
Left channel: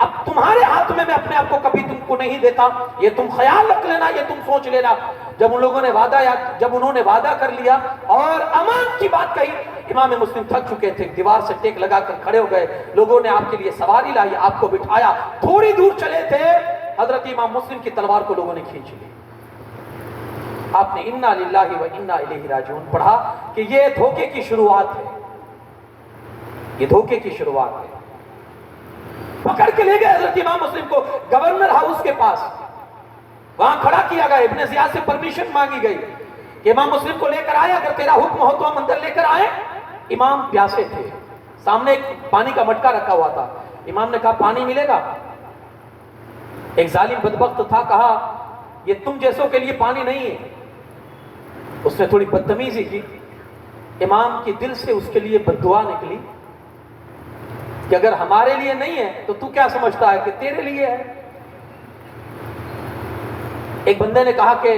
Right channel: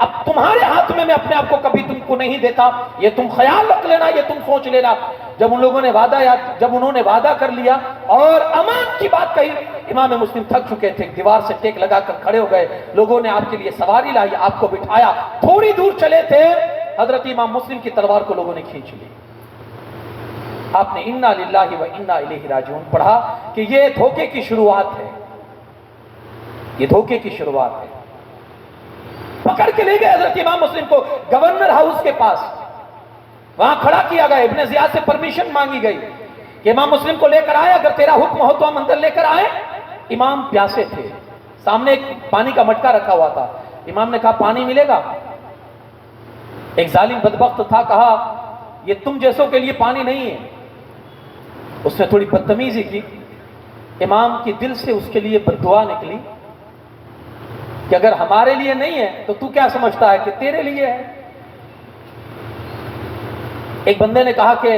اب تمہارے ہاتھ میں اپنے آپ کو کبھی تم کو نہیں دیتا، یہ تم خیال رکھ لینا، یہ تم سوچ لینا۔ جب انہوں نے وعدہ کر لیا اور امان کی بات کہی، امام مسلم تھک چکے تھے، دیوار سے ٹیک لگا کر کھڑے ہو گئے، لوگوں نے آپ کے لیے سواری لائی، آپ کو بٹھایا، تھوڑی دور چلے تھے، حضرت امام مسلم کی تلوار کو لوگوں نے کھینچ لی۔ آپ نے انا للہ و انا الیہ راجعون پڑھا کہ یہ دھوکے کی شروعات ہے، یہ دھوکے کی شروعات ہے۔ پکڑ کے لے گئے حضرت امام مسلم کو گورنر ہاؤس کے پاس، وہاں کھڑا کیا گیا، ابن زیاد سے پرمیشن مانگی گئی کہ امام مسلم کو لے کر آئے، اگر تیرا حکم ہو تو ہم اندر لے کر آئے۔ امام پیاسے تھے، سامنے ایک پانی کا مٹکا رکھا ہوا تھا، امام نے کہا پانی ملے گا؟ ایک ظالم بدبخت تھا، کہا یہ تم جیسوں کے لیے پانی نہیں ہے۔ اس نے تھوڑی بدتمیزی کی، امام کی دل سے اس کے لیے بددعا نکلی کہ اگر ہمارے لیے نہیں ہے تو کیا سمجھتا ہے کہ تیرے لیے ہے؟ ایک بندے نے کہا کہ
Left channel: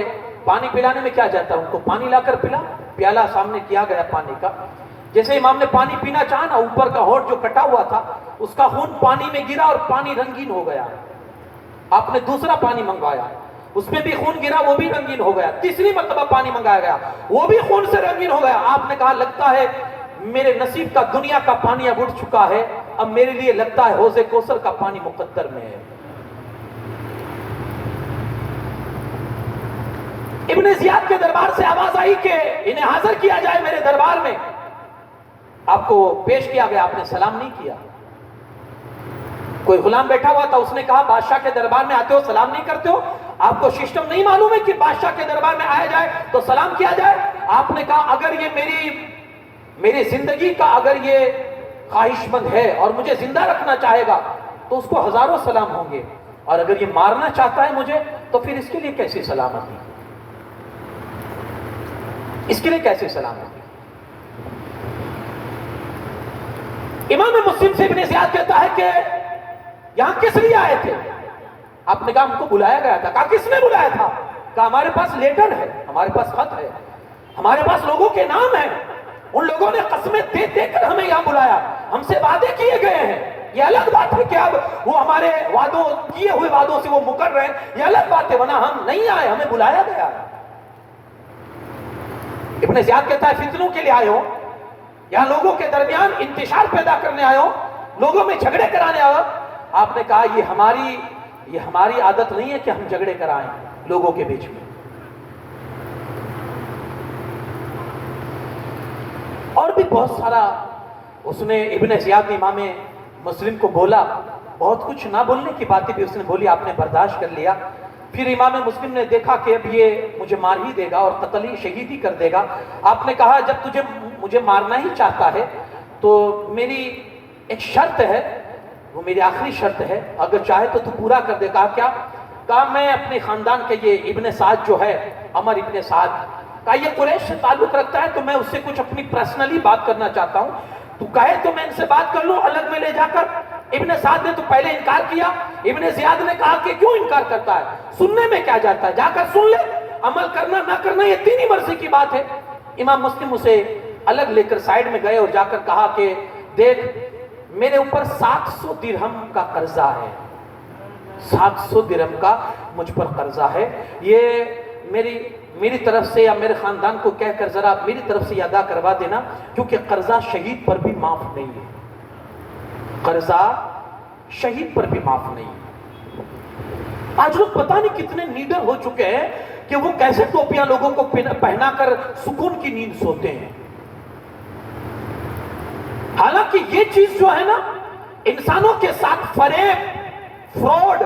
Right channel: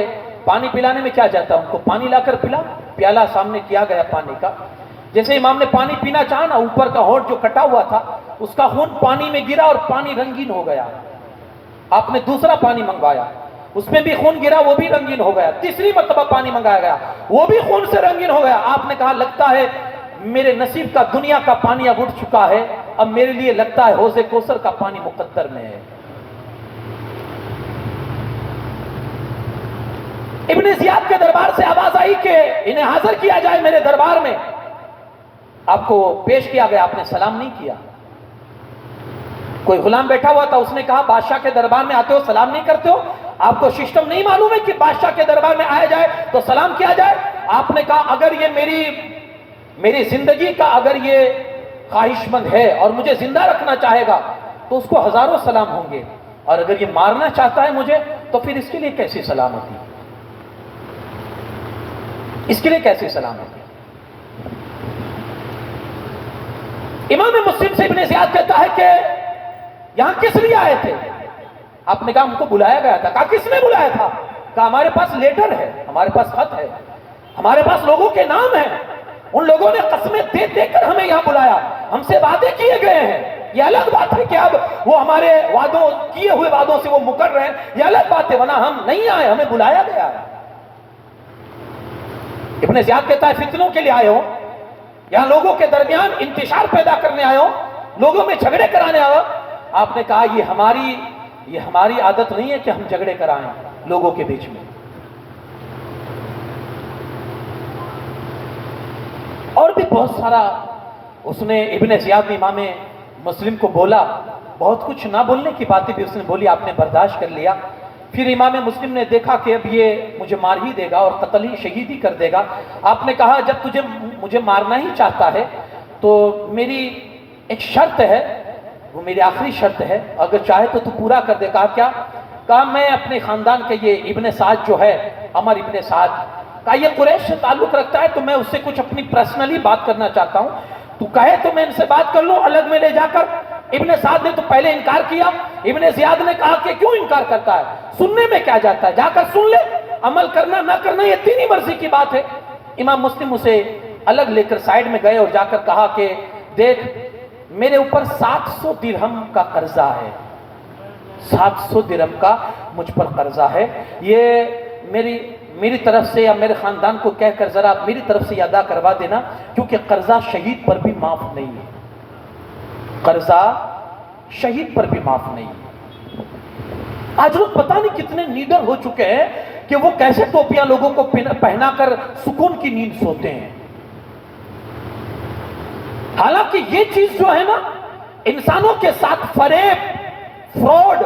پانی پلانے میں کیا جاتا ہے، ان کو پانی لا کر پلا۔ پیالہ سامنے کیا گیا پانی کا، جیسے امام نے پانی پینا چاہا نا، اوپر کا ہونٹ جو کٹا ہوا تھا اس کا خون پانی میں گرا اور پانی رنگین ہو گیا۔ آپ نے دوسرا پانی منگوایا، اس میں بھی خون گرا، وہ بھی رنگین ہو گیا۔ تیسری مرتبہ پانی منگایا گیا، وہ بھی خون سے رنگین ہو گیا۔ آپ نے کہا لگتا ہے میرے نصیب کا دنیا کا پانی اب اٹھ چکا ہے، اب میرے لیے لگتا ہے حوض کوثر کا پانی مقدر میں ہے۔ ابن زیاد کے دربار سے آواز آئی کہ انہیں حاضر کیا جائے میرے دربار میں۔ آپ کو پیش کیا گیا، آپ نے سلام نہیں کیا۔ کوئی غلام بیٹھا ہوا تھا، اس نے کہا بادشاہ کے دربار میں آتے ہو سلام نہیں کرتے ہو؟ آپ کو سسٹم نہیں معلوم ہے کہ بادشاہ کے دربار میں آیا جائے تو سلام کیا جائے؟ آپ نے کہا اگر یہ میری زندگی کا اگر یہ خواہش مند ہے اور مجھے زندہ رکھنا چاہے گا تو اس کو ہزاروں سلام ہوں گے، اور اگر یہ مارنا چاہتا ہے مجھے تو پھر اس کے لیے کیسی سلامتی، اس کے لیے کیسی سلامتی؟ امام مسلم سے ابن زیاد کہتا ہے کہ یہاں کس لیے آئے تھے؟ آپ نے کہا ہم کو بلایا گیا تھا۔ کہا کس نے بلایا تھا؟ کہا ہمارے پاس لیٹر ہے، ہمارے پاس خط ہے، ہمارے پاس لوگوں کے نام ہیں، ان لوگوں نے قسمیں دے دے کر ہمیں یہاں بلایا، ہم سے وعدے کیے گئے ہیں۔ یہ الگ بات ہے کہ اب وہ ہمارے وعدوں کیے ہوئے وعدوں سے وہ مکر رہے ہیں، یہ الگ بات ہے، ورنہ ہم نہیں آئے، ہمیں بلایا گیا ہے۔ ابن زیاد کہتا ہے فتنوں کے لیے آئے ہو، یہاں لوگوں کے درمیان انتشار پیدا کرنے آئے ہو، لوگوں میں جھگڑے کرانے آئے ہو۔ آپ نے کہا یہ ہماری عادت نہیں ہے کہ ہم جھگڑے کرائیں لوگوں کے بیچ میں۔ اور بھی بہت سارا اس نے ابن زیاد نے امام مسلم کو بولا، بہت کچھ نہ بولنے کی باتیں بھی اس نے بولی، آپ نے برداشت کر لیا۔ پھر امام مسلم نے دیکھا کہ اب یہ مجھے مار ہی دے گا اور قتل ہی شہید ہی کر دے گا۔ آپ نے کہا جب تجھے مجھے مارنا ہی چاہتا ہے تو میری ایک شرط ہے، وہ میری آخری شرط ہے، اگر چاہے تو پورا کر دے۔ کہا کیا؟ کہا میں اپنے خاندان کے یہ ابن سعد جو ہے، عمر ابن سعد، کہا یہ قریش سے تعلق رکھتا ہے تو میں اس سے کچھ اپنی پرسنلی بات کرنا چاہتا ہوں، تو کہے تو میں ان سے بات کر لوں الگ میں لے جا کر۔ ابن سعد نے تو پہلے انکار کیا۔ ابن زیاد نے کہا کہ کیوں انکار کرتا ہے، سننے میں کیا جاتا ہے، جا کر سن لے، عمل کرنا نہ کرنا یہ تیری مرضی کی بات ہے۔ امام مسلم اسے الگ لے کر سائیڈ میں گئے اور جا کر کہا کہ دیکھ میرے اوپر 700 درہم کا قرضہ ہے، 700 درہم کا مجھ پر قرضہ ہے، یہ میری طرف سے یا میرے خاندان کو کہہ کر ذرا میری طرف سے ادا کروا دینا، کیونکہ قرضہ شہید پر بھی معاف نہیں ہے، قرضہ شہید پر بھی معاف نہیں ہے۔ آج لوگ پتہ نہیں کتنے نیڈر ہو چکے ہیں کہ وہ کیسے ٹوپیاں لوگوں کو پہنا کر سکون کی نیند سوتے ہیں۔ حالانکہ یہ چیز جو ہے نا، انسانوں کے ساتھ فریب، فراڈ،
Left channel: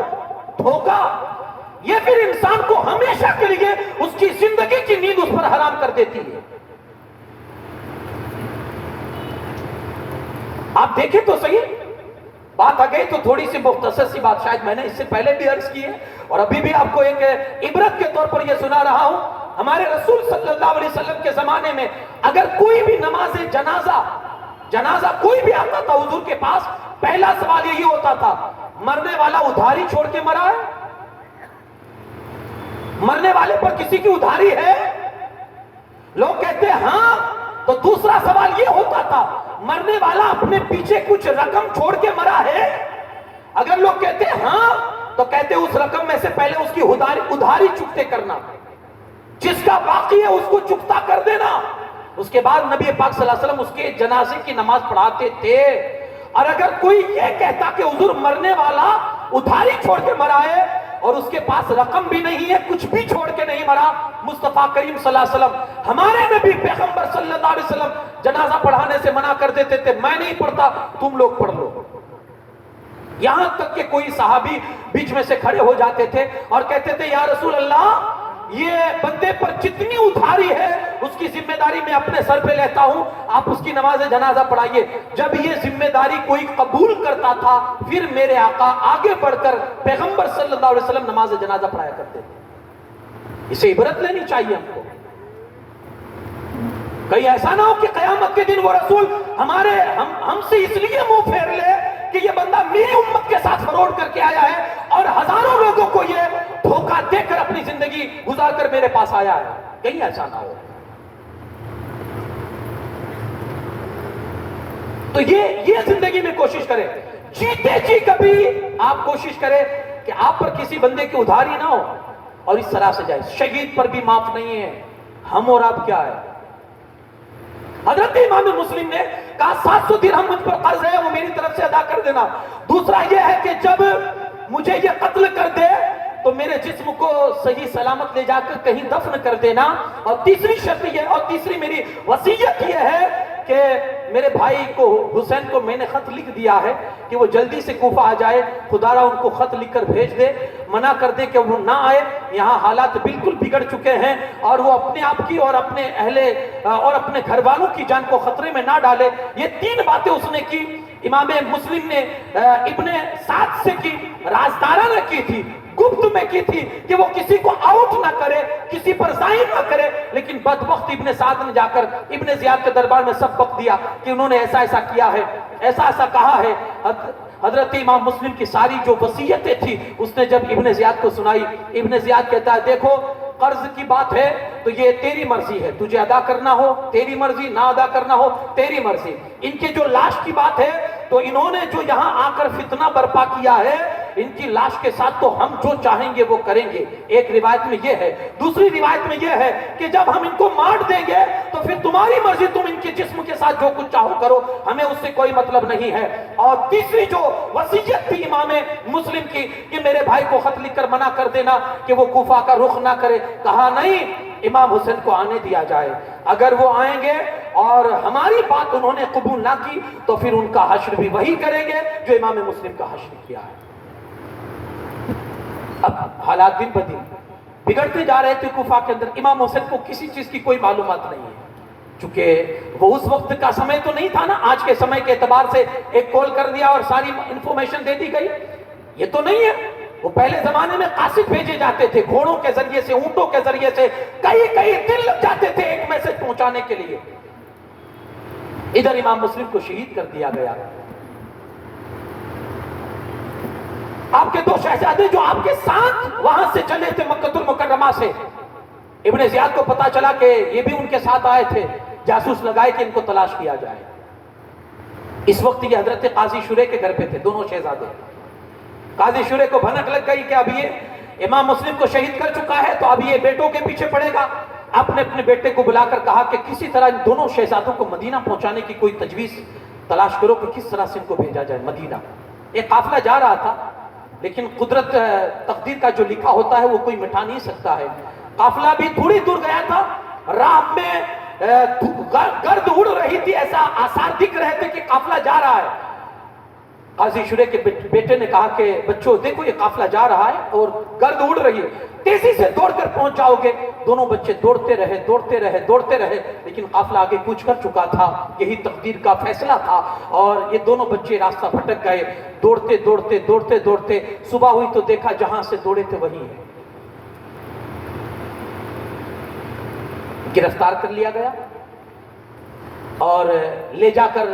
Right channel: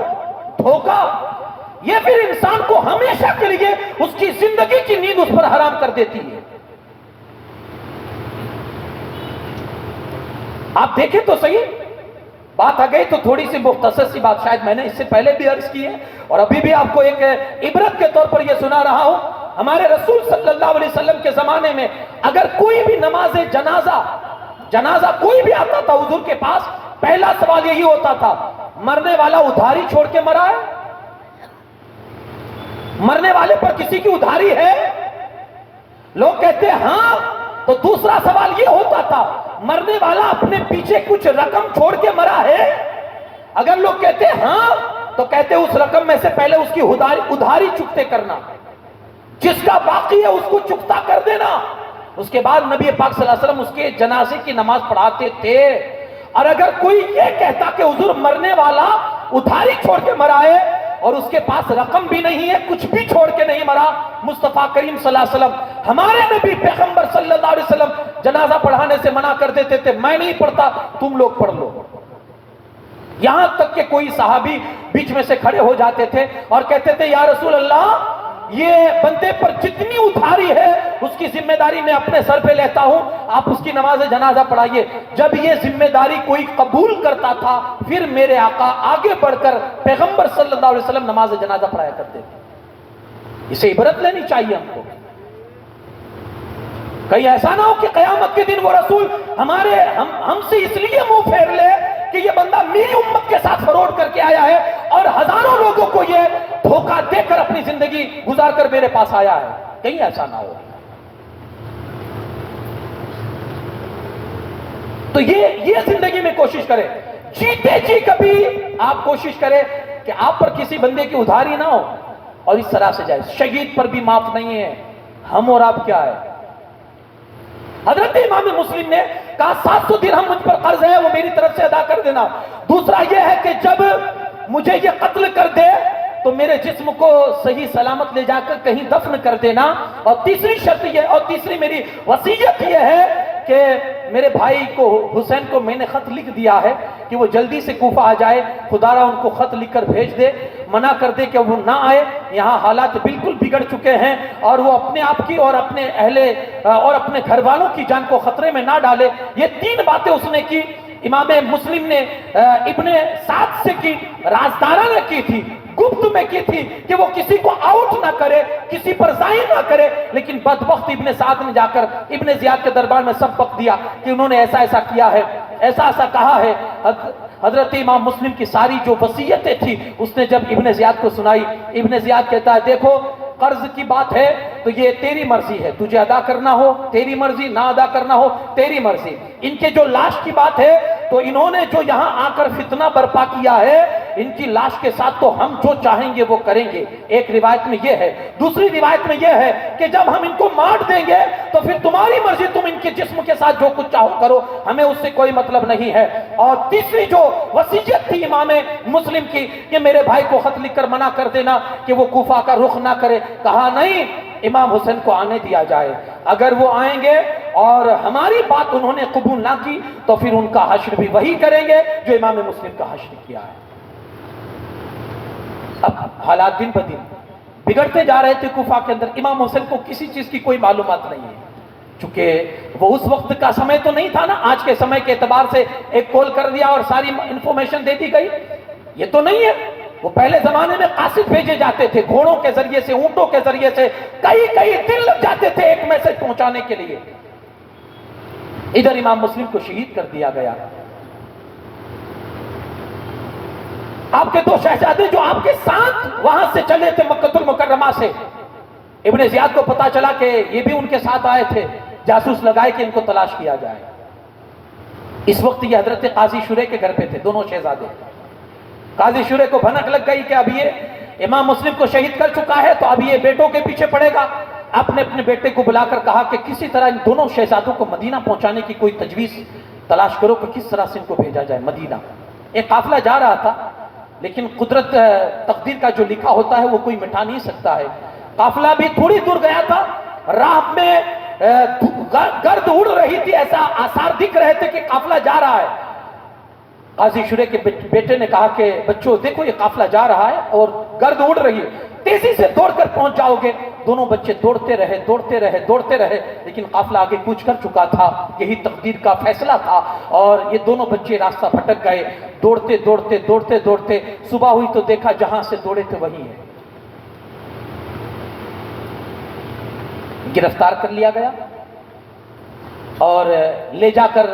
دھوکہ، یہ پھر انسان کو ہمیشہ کے لیے اس کی زندگی کی نیند اس پر حرام کر دیتی ہے۔ آپ دیکھیں تو صحیح، بات آ گئی تو تھوڑی سی مختصر سی بات شاید میں نے اس سے پہلے بھی عرض کی ہے اور ابھی بھی آپ کو ایک عبرت کے طور پر یہ سنا رہا ہوں۔ ہمارے رسول صلی اللہ علیہ وسلم کے زمانے میں اگر کوئی بھی نماز جنازہ کوئی بھی آتا تھا حضور کے پاس، پہلا سوال یہی ہوتا تھا، مرنے والا ادھاری چھوڑ کے مرا ہے؟ مرنے والے پر کسی کی ادھاری ہے؟ لوگ کہتے ہیں ہاں، تو دوسرا سوال یہ ہوتا تھا، مرنے والا اپنے پیچھے کچھ رقم چھوڑ کے مرا ہے؟ اگر لوگ کہتے ہیں ہاں، تو کہتے ہیں اس رقم میں سے پہلے اس کی ادھاری چکتے کرنا، جس کا باقی ہے اس کو چکتا کر دینا۔ اس کے بعد نبی پاک صلی اللہ علیہ وسلم اس کے جنازے کی نماز پڑھاتے تھے۔ اور اگر کوئی یہ کہتا کہ حضور مرنے والا ادھاری چھوڑ کے مرا ہے اور اس کے پاس رقم بھی نہیں ہے، کچھ بھی چھوڑ کے نہیں مرا، مصطفیٰ کریم صلی اللہ علیہ وسلم، ہمارے نبی پیغمبر صلی اللہ علیہ وسلم جنازہ پڑھانے سے منع کر دیتے تھے، میں نہیں پڑھتا، تم لوگ پڑھ لو۔ یہاں تک کہ کوئی صحابی بیچ میں سے کھڑے ہو جاتے تھے اور کہتے تھے یا رسول اللہ یہ بندے پر جتنی ادھاری ہے اس کی ذمہ داری میں اپنے سر پہ لیتا ہوں، آپ اس کی نماز جنازہ پڑھائیے۔ جب یہ ذمہ داری کوئی قبول کرتا تھا پھر میرے آقا آگے بڑھ کر پیغمبر صلی اللہ علیہ وسلم نماز جنازہ پڑھایا کرتے تھے۔ اسے عبرت لینی چاہیے ہم کو۔ کہیں ایسا نہ ہو کہ قیامت کے دن وہ رسول ہم سے اس لیے منہ پھیر لے کہ یہ بندہ میری امت کے ساتھ فراڈ کر کے آیا ہے اور ہزاروں لوگوں کو یہ دھوکہ دے کر اپنی زندگی گزار کر میرے پاس آیا ہے، کہیں ایسا نہ ہو۔ تو یہ زندگی میں کوشش کرے، جیتے جی کبھی آپ کوشش کرے کہ آپ پر کسی بندے کی ادھاری نہ ہو اور اس طرح سے جائے۔ شہید پر بھی معاف نہیں ہے، ہم اور آپ کیا ہے؟ حضرت امام مسلم نے کہا 700 درہم مجھ پر قرض ہے، وہ میری طرف سے ادا کر دینا۔ دوسرا یہ ہے کہ جب مجھے یہ قتل کر دے تو میرے جسم کو صحیح سلامت لے جا کر کہیں دفن کر دینا۔ اور تیسری شرط یہ، اور تیسری میری وصیت یہ ہے کہ میرے بھائی کو حسین کو میں نے خط لکھ دیا ہے کہ وہ جلدی سے کوفہ آ جائے، خدا را ان کو خط لکھ کر بھیج دے، منع کر دے کہ وہ نہ آئے، یہاں حالات بالکل بگڑ چکے ہیں اور وہ اپنے آپ کی اور اپنے اہل اور اپنے گھر والوں کی جان کو خطرے میں نہ ڈالے۔ یہ 3 باتیں اس نے کی۔ امام مسلم نے ابن سعد سے کی، رازدارانہ کی تھی، گپت میں کی تھی کہ وہ کسی کو آؤٹ نہ کرے، کسی پر ظاہر نہ کرے، لیکن بدبخت ابن سعد نے جا کر ابن زیاد کے دربار میں سب بک دیا کہ انہوں نے ایسا ایسا کیا ہے، ایسا ایسا کہا ہے۔ حضرت امام مسلم کی ساری جو وصیتیں تھی اس نے جب ابن زیاد کو سنائی، ابن زیاد کہتا ہے دیکھو قرض کی بات ہے تو یہ تیری مرضی ہے، تجھے ادا کرنا ہو تیری مرضی، نہ ادا کرنا ہو تیری مرضی۔ ان کے جو لاش کی بات ہے تو انہوں نے جو یہاں آ کر فتنہ برپا کیا ہے، ان کی لاش کے ساتھ تو ہم جو چاہیں گے وہ کریں گے۔ ایک روایت میں یہ ہے۔ دوسری روایت میں یہ ہے کہ جب ہم ان کو مار دیں گے تو پھر تمہاری مرضی، تم ان کے جسم کے ساتھ جو کچھ چاہو کرو، ہمیں اس سے کوئی مطلب نہیں ہے۔ اور تیسری جو وصیت تھی امام مسلم کی کہ میرے بھائی کو خط لکھ کر منع کر دینا کہ وہ کوفہ کا رخ نہ کرے، کہا نہیں، امام حسین کو آنے دیا جائے، اگر وہ آئیں گے اور ہماری بات انہوں نے قبول نہ کی تو پھر ان کا حشر بھی وہی کریں گے جو امام مسلم کا حشر کیا ہے۔ اب حالات دن بدن بگڑتے جا رہے تھے کوفہ کے اندر۔ امام حسین کو کسی چیز کی کوئی معلومات نہیں ہے، چونکہ وہ اس وقت کا سمے تو نہیں تھا نا، آج کے سمے کے اعتبار سے ایک کال کر دیا اور ساری انفارمیشن دے دی گئی، یہ تو نہیں ہے۔ وہ پہلے زمانے میں قاصد بھیجے جاتے تھے، گھوڑوں کے ذریعے سے، اونٹوں کے ذریعے سے، کئی دن لگ جاتے تھے ایک میسج پہنچانے کے لیے۔ ادھر امام مسلم کو شہید کر دیا گیا۔ آپ کے 2 شہزادے جو آپ کے ساتھ وہاں سے چلے تھے مکہ المکرمہ سے، ابن زیاد کو پتا چلا کہ یہ بھی ان کے ساتھ آئے تھے، جاسوس لگائے کہ ان کو تلاش کیا جائے۔ اس وقت یہ حضرت قاضی شورے کے گھر پہ تھے، دونوں شہزادے۔ قاضی شورے کو بھنک لگ گئی کہ اب یہ امام مسلم کو شہید کر چکا ہے تو اب یہ بیٹوں کے پیچھے پڑے گا۔ آپ نے اپنے بیٹے کو بلا کر کہا کہ کسی طرح ان دونوں شہزادوں کو مدینہ پہنچانے کی کوئی تجویز تلاش کرو کہ کس طرح سے ان کو بھیجا جائے مدینہ۔ ایک قافلہ جا رہا تھا، لیکن قدرت تقدیر کا جو لکھا ہوتا ہے وہ کوئی مٹا نہیں سکتا ہے۔ قافلہ بھی تھوڑی دور گیا تھا، راہ میں گرد اڑ رہی تھی، ایسا آثار دکھ رہے تھے کہ قافلہ جا رہا ہے۔ قاضی شورے کے بیٹے نے کہا کہ بچوں دیکھو یہ قافلہ جا رہا ہے اور گرد اڑ رہی ہے، تیزی سے دوڑ کر پہنچ جاؤ گے۔ دونوں بچے دوڑتے رہے، لیکن قافلہ آگے کوچ کر چکا تھا، یہی تقدیر کا فیصلہ تھا، اور یہ دونوں بچے راستہ بھٹک گئے۔ دوڑتے صبح ہوئی تو دیکھا جہاں سے دوڑے تھے وہیں ہے۔ گرفتار کر لیا گیا اور لے جا کر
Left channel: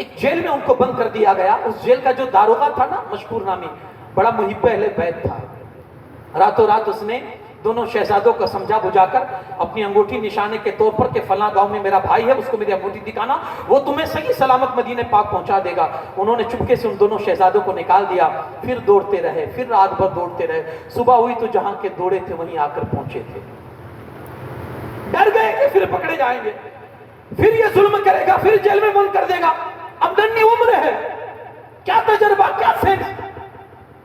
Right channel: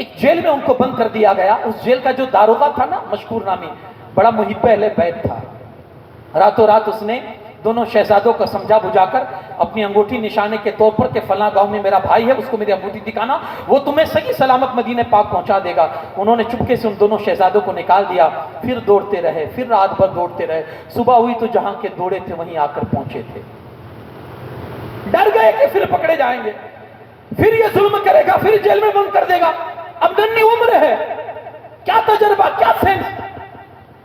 ایک جیل میں ان کو بند کر دیا گیا۔ اس جیل کا جو داروغہ تھا نا، مشکور نامی، بڑا محب اہل بیت تھا۔ راتوں رات اس نے دونوں شہزادوں کو سمجھا بجھا کر اپنی انگوٹھی نشانے کے طور پر کہ فلاں گاؤں میں میرا بھائی ہے، اس کو میری انگوٹھی دکھانا، وہ تمہیں صحیح سلامت مدینہ پاک پہنچا دے گا۔ انہوں نے چپکے سے ان دونوں شہزادوں کو نکال دیا، پھر دوڑتے رہے، پھر رات بھر دوڑتے رہے۔ صبح ہوئی تو جہاں کے دوڑے تھے وہیں آ کر پہنچے تھے۔ ڈر گئے کہ پھر پکڑے جائیں گے، پھر یہ ظلم کرے گا، پھر جیل میں بند کر دے گا۔ اب ننھی عمر ہے، کیا تجربہ، کیا سینس،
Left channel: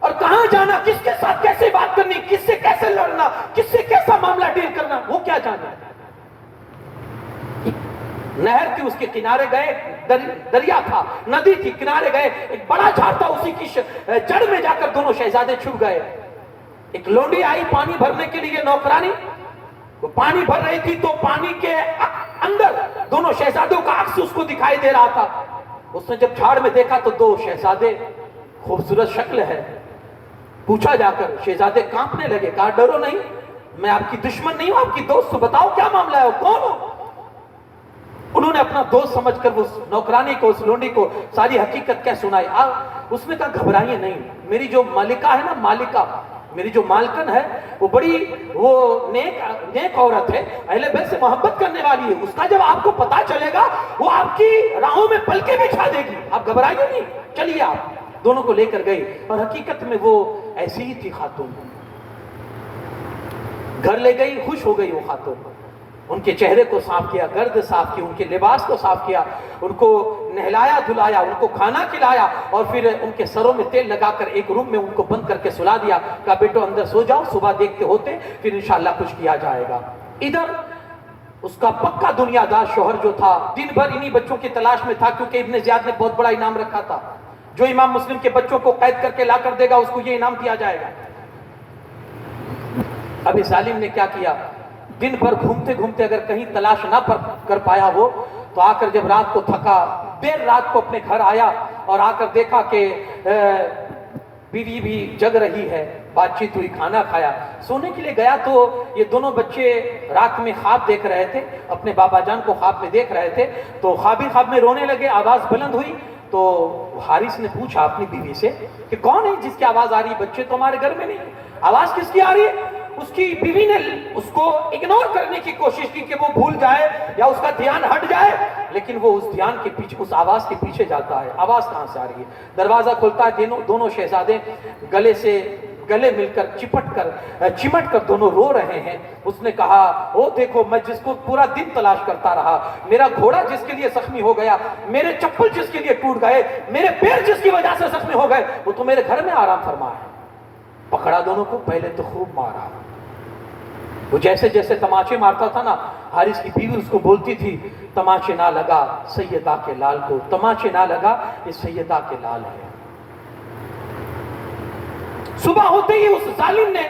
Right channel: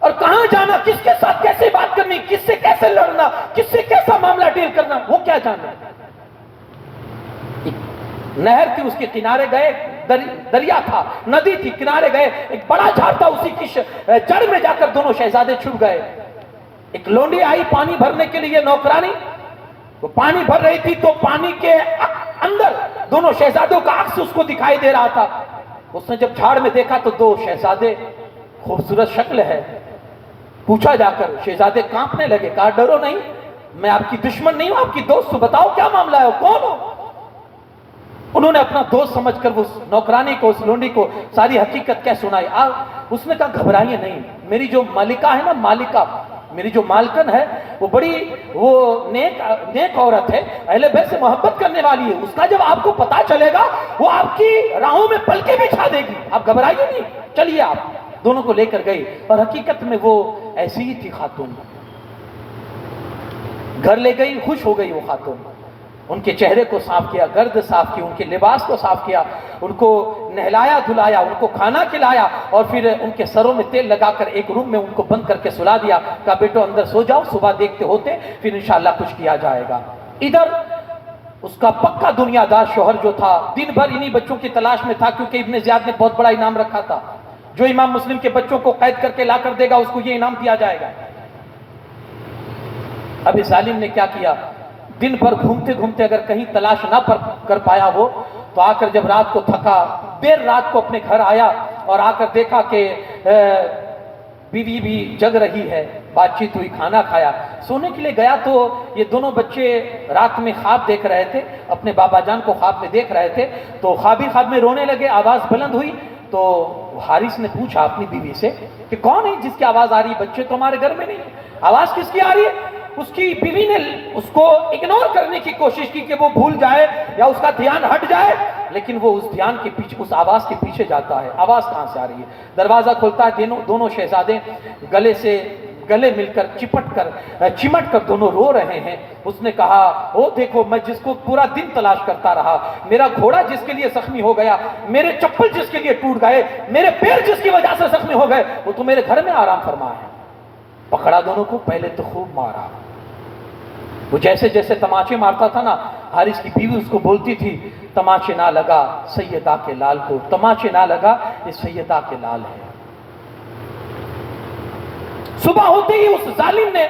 اور کہاں جانا، کس کے ساتھ کیسے بات کرنی، کس سے کیسے لڑنا، کس سے کیسا معاملہ ڈیل کرنا، وہ کیا جانا۔ نہر تھی، اس کے کنارے گئے، دریا تھا, ندی تھی, کنارے گئے, ایک بڑا جھاڑ تھا, اسی کی جڑ میں جا کر دونوں شہزادے چھپ گئے. ایک لونڈی آئی پانی بھرنے کے لیے, نوکرانی, وہ پانی بھر رہی تھی, تو پانی کے اندر دونوں شہزادوں کا عکس اس کو دکھائی دے رہا تھا. اس نے جب جھاڑ میں دیکھا تو دو شہزادے, خوبصورت شکل ہے. پوچھا جا کر, شہزادے کانپنے لگے, کہا ڈرو نہیں, میں آپ کی دشمن نہیں ہوں, آپ کی دوست. بتاؤ کیا معاملہ ہے, کون ہو؟ انہوں نے اپنا دوست سمجھ کر اس نوکرانی کو, اس لونڈی کو ساری حقیقت کیا سنائی. اس نے کہا گھبرائیے نہیں, میری جو مالکہ ہے نا, مالکہ, میری جو مالکن ہے, وہ بڑی نیک عورت ہے, اہل بیت سے محبت کرنے والی ہے. اس کا جب آپ کو پتا چلے گا وہ آپ کی راہوں میں پلکیں بچھا دے گی, آپ گھبرائیے نہیں, چلیے. آپ دونوں کو لے کر گئی, اور حقیقت میں وہ ایسی ہی تھی خاتون. گھر لے گئی, خوش ہو گئی وہ خاتون. ان کے چہرے کو صاف کیا, گرد صاف کی, ان کے لباس کو صاف کیا, ان کو نہلایا دھلایا, ان کو کھانا کھلایا, اور پھر ان کے سروں میں تیل لگا کر ایک روم میں ان کو بند کر کے سلا دیا. کہا بیٹو اندر سو جاؤ, صبح دیکھتے ہوتے پھر انشاءاللہ کچھ کیا جائے گا. ادھر اس کا پکا دنیا دار شوہر جو تھا دن بھر انہی بچوں کی تلاش میں تھا, کیونکہ ابن زیاد نے بہت بڑا انعام رکھا تھا. جو امام مسلم کے بچوں کو قید کر کے لا کر دے گا اس کو یہ انعام دیا جائے گا. اب اس ظالم نے کیا کیا, دن بھر گھومتے گھومتے اگر کہیں تلاش نہ کر پایا وہ, تو آ کر جب رات کو تھکا, دیر رات کو اپنے گھر آیا, اور آ کر دیکھا کہ بیوی بھی جگ رہی ہے, بات چیت ہوئی, کھانا کھایا, سونے کے لیے گیا. تو یہ دونوں بچے رات میں خواب دیکھ رہے تھے, اپنے بابا جان کو خواب میں دیکھ رہے تھے. تو خواب ہی خواب میں رونے لگے, آواز بلند ہوئی. تو حارث نے پوچھا اپنی بیوی سے کہ کون ہے جس کی آواز آ رہی ہے, بچے تو ہمارے گھر میں نہیں, آواز کس کی آ رہی ہے؟ اس کی بیوی نے اس کو اگنور کرنے کی کوشش کی کہ وہ بھول جائے یا اس کا دھیان ہٹ جائے, لیکن وہ اس دھیان کے پیچھے, اس آواز کے پیچھے جاتا ہے. آواز کہاں سے آ رہی ہے؟ دروازہ کھلتا ہے, دونوں شہزادے گلے مل کر چمٹ کر دونوں رو رہے ہیں. اس نے کہا او دیکھو, میں جس کو پورا دن تلاش کرتا رہا, میرا گھوڑا جس کے لیے زخمی ہو گیا, میرے چپل جس کے لیے ٹوٹ گئے, میرے پیر جس کی وجہ سے زخمی ہو گئے, وہ تو میرے گھر میں آرام فرما ہے. پکڑا دونوں کو, پہلے تو خوب مارا. وہ جیسے جیسے تماچے مارتا تھا نا, حارث کی بیوی اس کو بولتی تھی تماچے نہ لگا سیدہ کے لال کو, تماچے نہ لگا, یہ سیدہ کے لال ہے. صبح ہوتے ہی اس ظالم نے,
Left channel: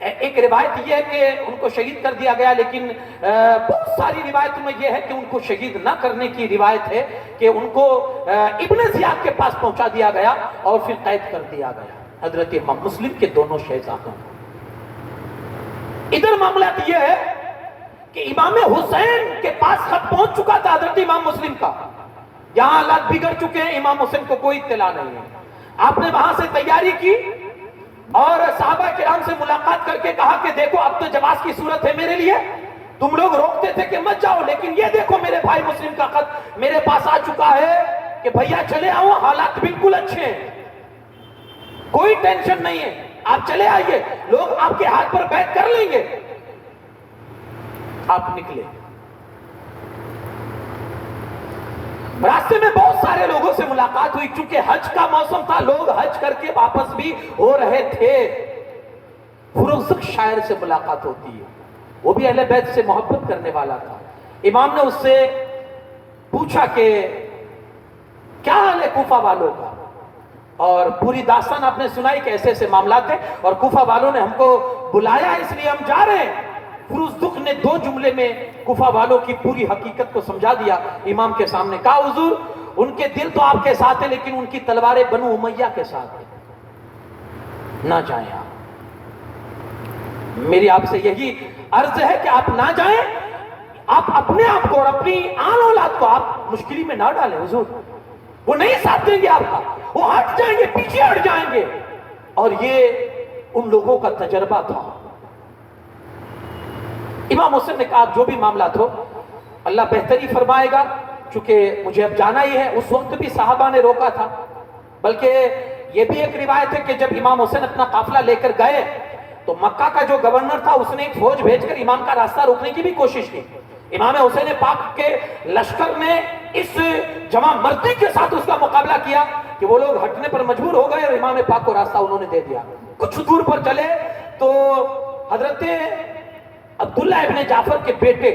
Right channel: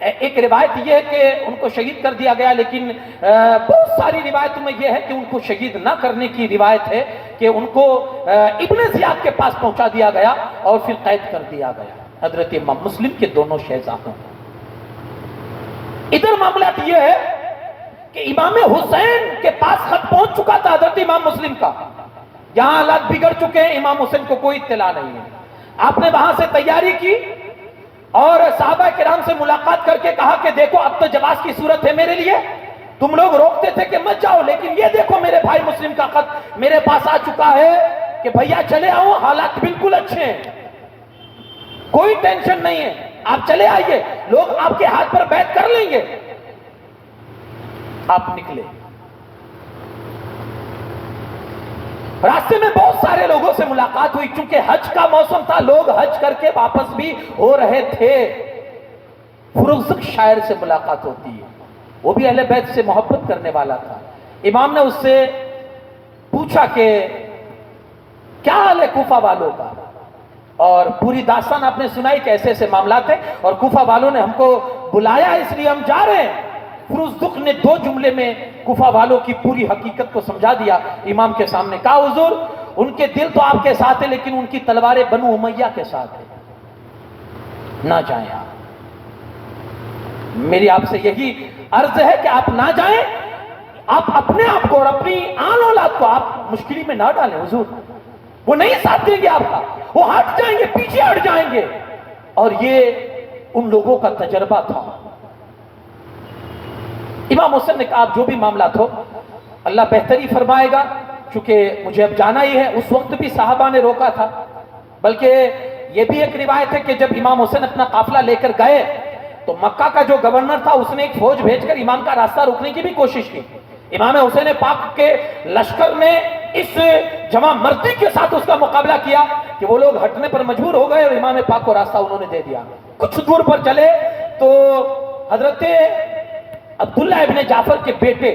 ایک روایت یہ ہے کہ ان کو شہید کر دیا گیا, لیکن بہت ساری روایتوں میں یہ ہے کہ ان کو شہید نہ کرنے کی روایت ہے کہ ان کو ابن زیاد کے پاس پہنچا دیا گیا اور پھر قید کر دیا گیا, حضرت امام مسلم کے دونوں شہزادوں. ادھر معاملہ یہ ہے کہ امام حسین کے پاس خط پہنچ چکا تھا حضرت امام مسلم کا, یہاں حالات بگڑ چکے ہیں, امام حسین کو کوئی اطلاع نہیں ہے. آپ نے وہاں سے تیاری کی اور صحابہ کرام سے ملاقات کر کے کہا کہ دیکھو اب تو جواز کی صورت ہے میرے لیے, تم لوگ روکتے تھے کہ مت جاؤ, لیکن یہ دیکھو میرے بھائی مسلم کا خط میرے پاس آ چکا ہے کہ بھیا چلے آؤ, حالات بالکل اچھے ہیں, کوئی ٹینشن نہیں ہے, آپ چلے آئیے, لوگ آپ کے ہاتھ پر بیعت کر لیں گے. آپ نکلے. راستے میں بہت سارے لوگوں سے ملاقات ہوئی, چونکہ حج کا موسم تھا, لوگ حج کر کے واپس بھی ہو رہے تھے. فرزق شاعر سے ملاقات ہوتی ہے, وہ بھی اہل بیت سے محبت کرنے والا تھا. امام نے اس سے پوچھا کہ کیا حال ہے کوفہ والوں کا, اور پوری داستان آپ نے سنائی کہ ایسے ایسے معاملات ہیں, اور کوفہ والوں نے ہم کو بلایا ہے اس لیے ہم جا رہے ہیں. فرزدق نے 2 جملے میں کوفہ والوں کی پوری حقیقت کو سمجھا دیا امام کے سامنے. کہا حضور ان کے دل تو آپ کے ساتھ ہیں, لیکن ان کی تلواریں بنو امیہ کے ساتھ ہیں, نہ جائیں آپ. میری آپ سے یہی عرض ہے کہ آپ نہ جائیں, آپ اپنے آپ کو اور اپنی آن اولاد کو آپ مشکلی میں نہ ڈالیں. حضور وہ نہیں ساتھ دیں گے آپ کا, وہ ہٹ جائیں گے, پیچھے ہٹ جائیں گے. اور یہ ان لوگوں کا تجربہ تھا. امام حسین نے کہا آپ جو بھی معاملات ہو اللہ بہتری فرمائے گا, چونکہ مجھے اب جانا ہی ہے. اس وقت بھی صحابہ نے روکا تھا, بلکہ یہ بھی ایک روایت ہے کہ جب امام حسین اپنا قافلہ لے کر گئے تو مکہ کا جو گورنر تھا اس نے ایک فوج بھیج کر امام کا راستہ روکنے کی بھی کوشش کی. امام حسین پاک کے لشکر نے اس جمع مردی کے ساتھ اس کا مقابلہ کیا کہ وہ لوگ ہٹنے پر مجبور ہو گئے, اور امام پاک کو راستہ انہوں نے دے دیا. کچھ دور پر چلے تو حضرت عبداللہ ابن جعفر کے بیٹے,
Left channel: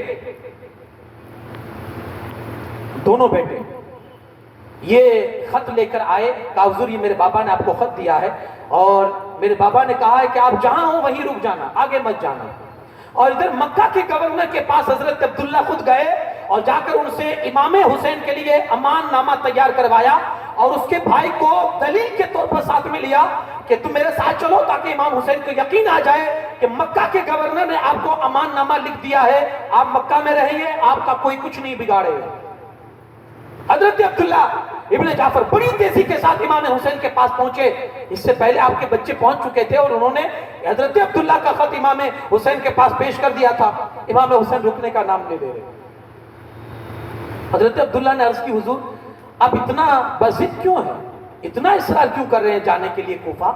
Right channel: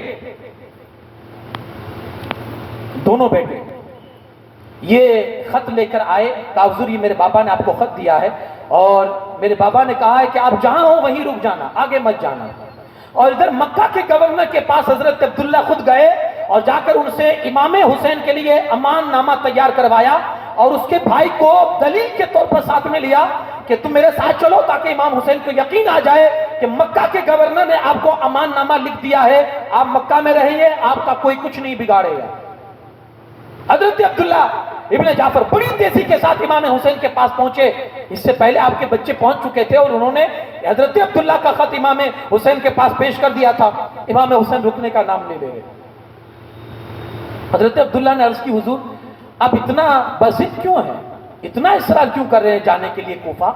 دونوں بیٹے یہ خط لے کر آئے، کہا حضور یہ میرے بابا نے آپ کو خط دیا ہے اور میرے بابا نے کہا ہے کہ آپ جہاں ہو وہیں رک جانا، آگے مت جانا۔ اور ادھر مکہ کے گورنر کے پاس حضرت عبداللہ خود گئے اور جا کر ان سے امام حسین کے لیے امان نامہ تیار کروایا اور اس کے بھائی کو دلیل کے طور پر ساتھ میں لیا کہ تم میرے ساتھ چلو تاکہ امام حسین کو یقین آ جائے کہ مکہ کے گورنر نے آپ کو امان نامہ لکھ دیا ہے، آپ مکہ میں رہیں گے، آپ کا کوئی کچھ نہیں بگاڑے گا۔ حضرت عبداللہ ابن جعفر بڑی تیزی کے ساتھ امام حسین کے پاس پہنچے، اس سے پہلے آپ کے بچے پہنچ چکے تھے اور انہوں نے حضرت عبداللہ کا خط امام حسین کے پاس پیش کر دیا تھا۔ امام حسین رکنے کا نام نہیں لے رہے۔ حضرت عبداللہ نے عرض کی حضور اب اتنا بضد کیوں ہے، اتنا اصرار کیوں کر رہے ہیں جانے کے لیے کوفہ؟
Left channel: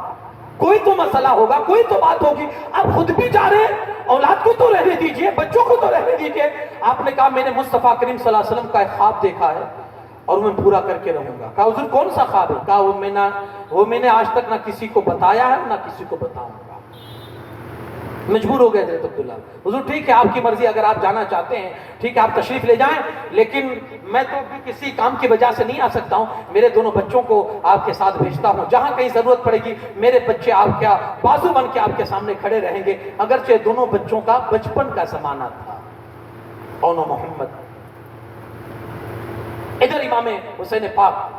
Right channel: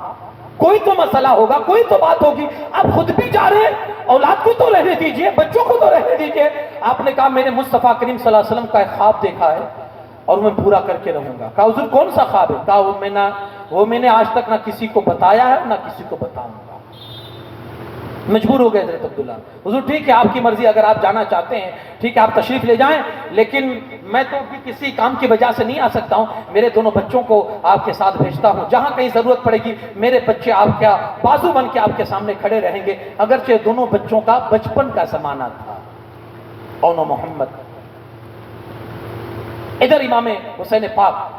کوئی تو مسئلہ ہوگا، کوئی تو بات ہوگی، آپ خود بھی جا رہے ہیں، اولاد کو تو رہنے دیجئے، بچوں کو تو رہنے دیجئے۔ آپ نے کہا میں نے مصطفیٰ کریم صلی اللہ علیہ وسلم کا ایک خواب دیکھا ہے اور میں پورا کر کے رہوں گا۔ کہا حضور کون سا خواب ہے؟ کہا وہ میں نے آج تک نہ کسی کو بتایا ہے نہ کسی کو بتاؤں گا۔ مجبور ہو گئے حضرت عبداللہ، حضور ٹھیک ہے آپ کی مرضی، اگر آپ جانا چاہتے ہیں ٹھیک ہے آپ تشریف لے جائیں، لیکن میں تو کسی کام کی وجہ سے نہیں آ سکتا ہوں، میرے دونوں بچوں کو آپ کے ساتھ بھیجتا ہوں، جہاں کہیں ضرورت پڑے گی میرے بچے آپ کیا بازو بن کے آپ کے سامنے کھڑے رہیں گے۔ اگرچہ دونوں بچوں کا بچپن کا زمانہ تھا۔ اونو محمد ادھر امام حسین پاک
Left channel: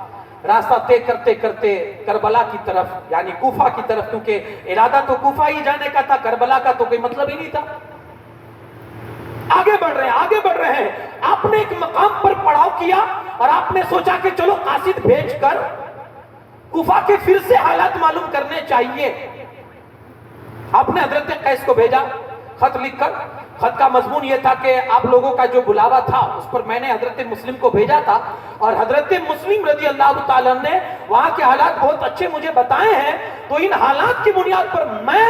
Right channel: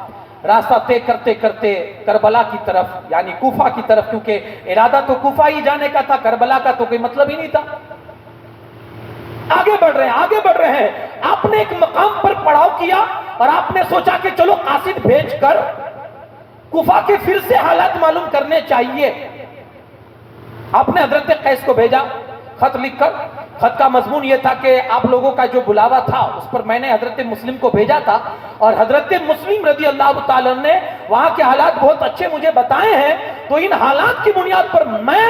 راستہ طے کرتے کرتے کربلا کی طرف یعنی کوفہ کی طرف، کیونکہ ارادہ تو کوفہ ہی جانے کا تھا، کربلا کا تو کوئی مطلب ہی نہیں تھا۔ آگے بڑھ رہے ہیں، آپ نے ایک مقام پر پڑاؤ کیا اور آپ نے سوچا کہ چلو قاصد بھیج کر کوفہ کے پھر سے حالات معلوم کرنے چاہیے۔ آپ نے حضرت قیس کو بھیجا خط لکھ کر، خط کا مضمون یہ تھا کہ آپ لوگوں کا جو بلاوا تھا اس پر میں نے حضرت مسلم کو بھیجا تھا اور حضرت مسلم رضی اللہ تعالیٰ نے وہاں کے حالات بہت اچھے مجھے بتائے ہیں، تو ان حالات کی بنیاد پر میں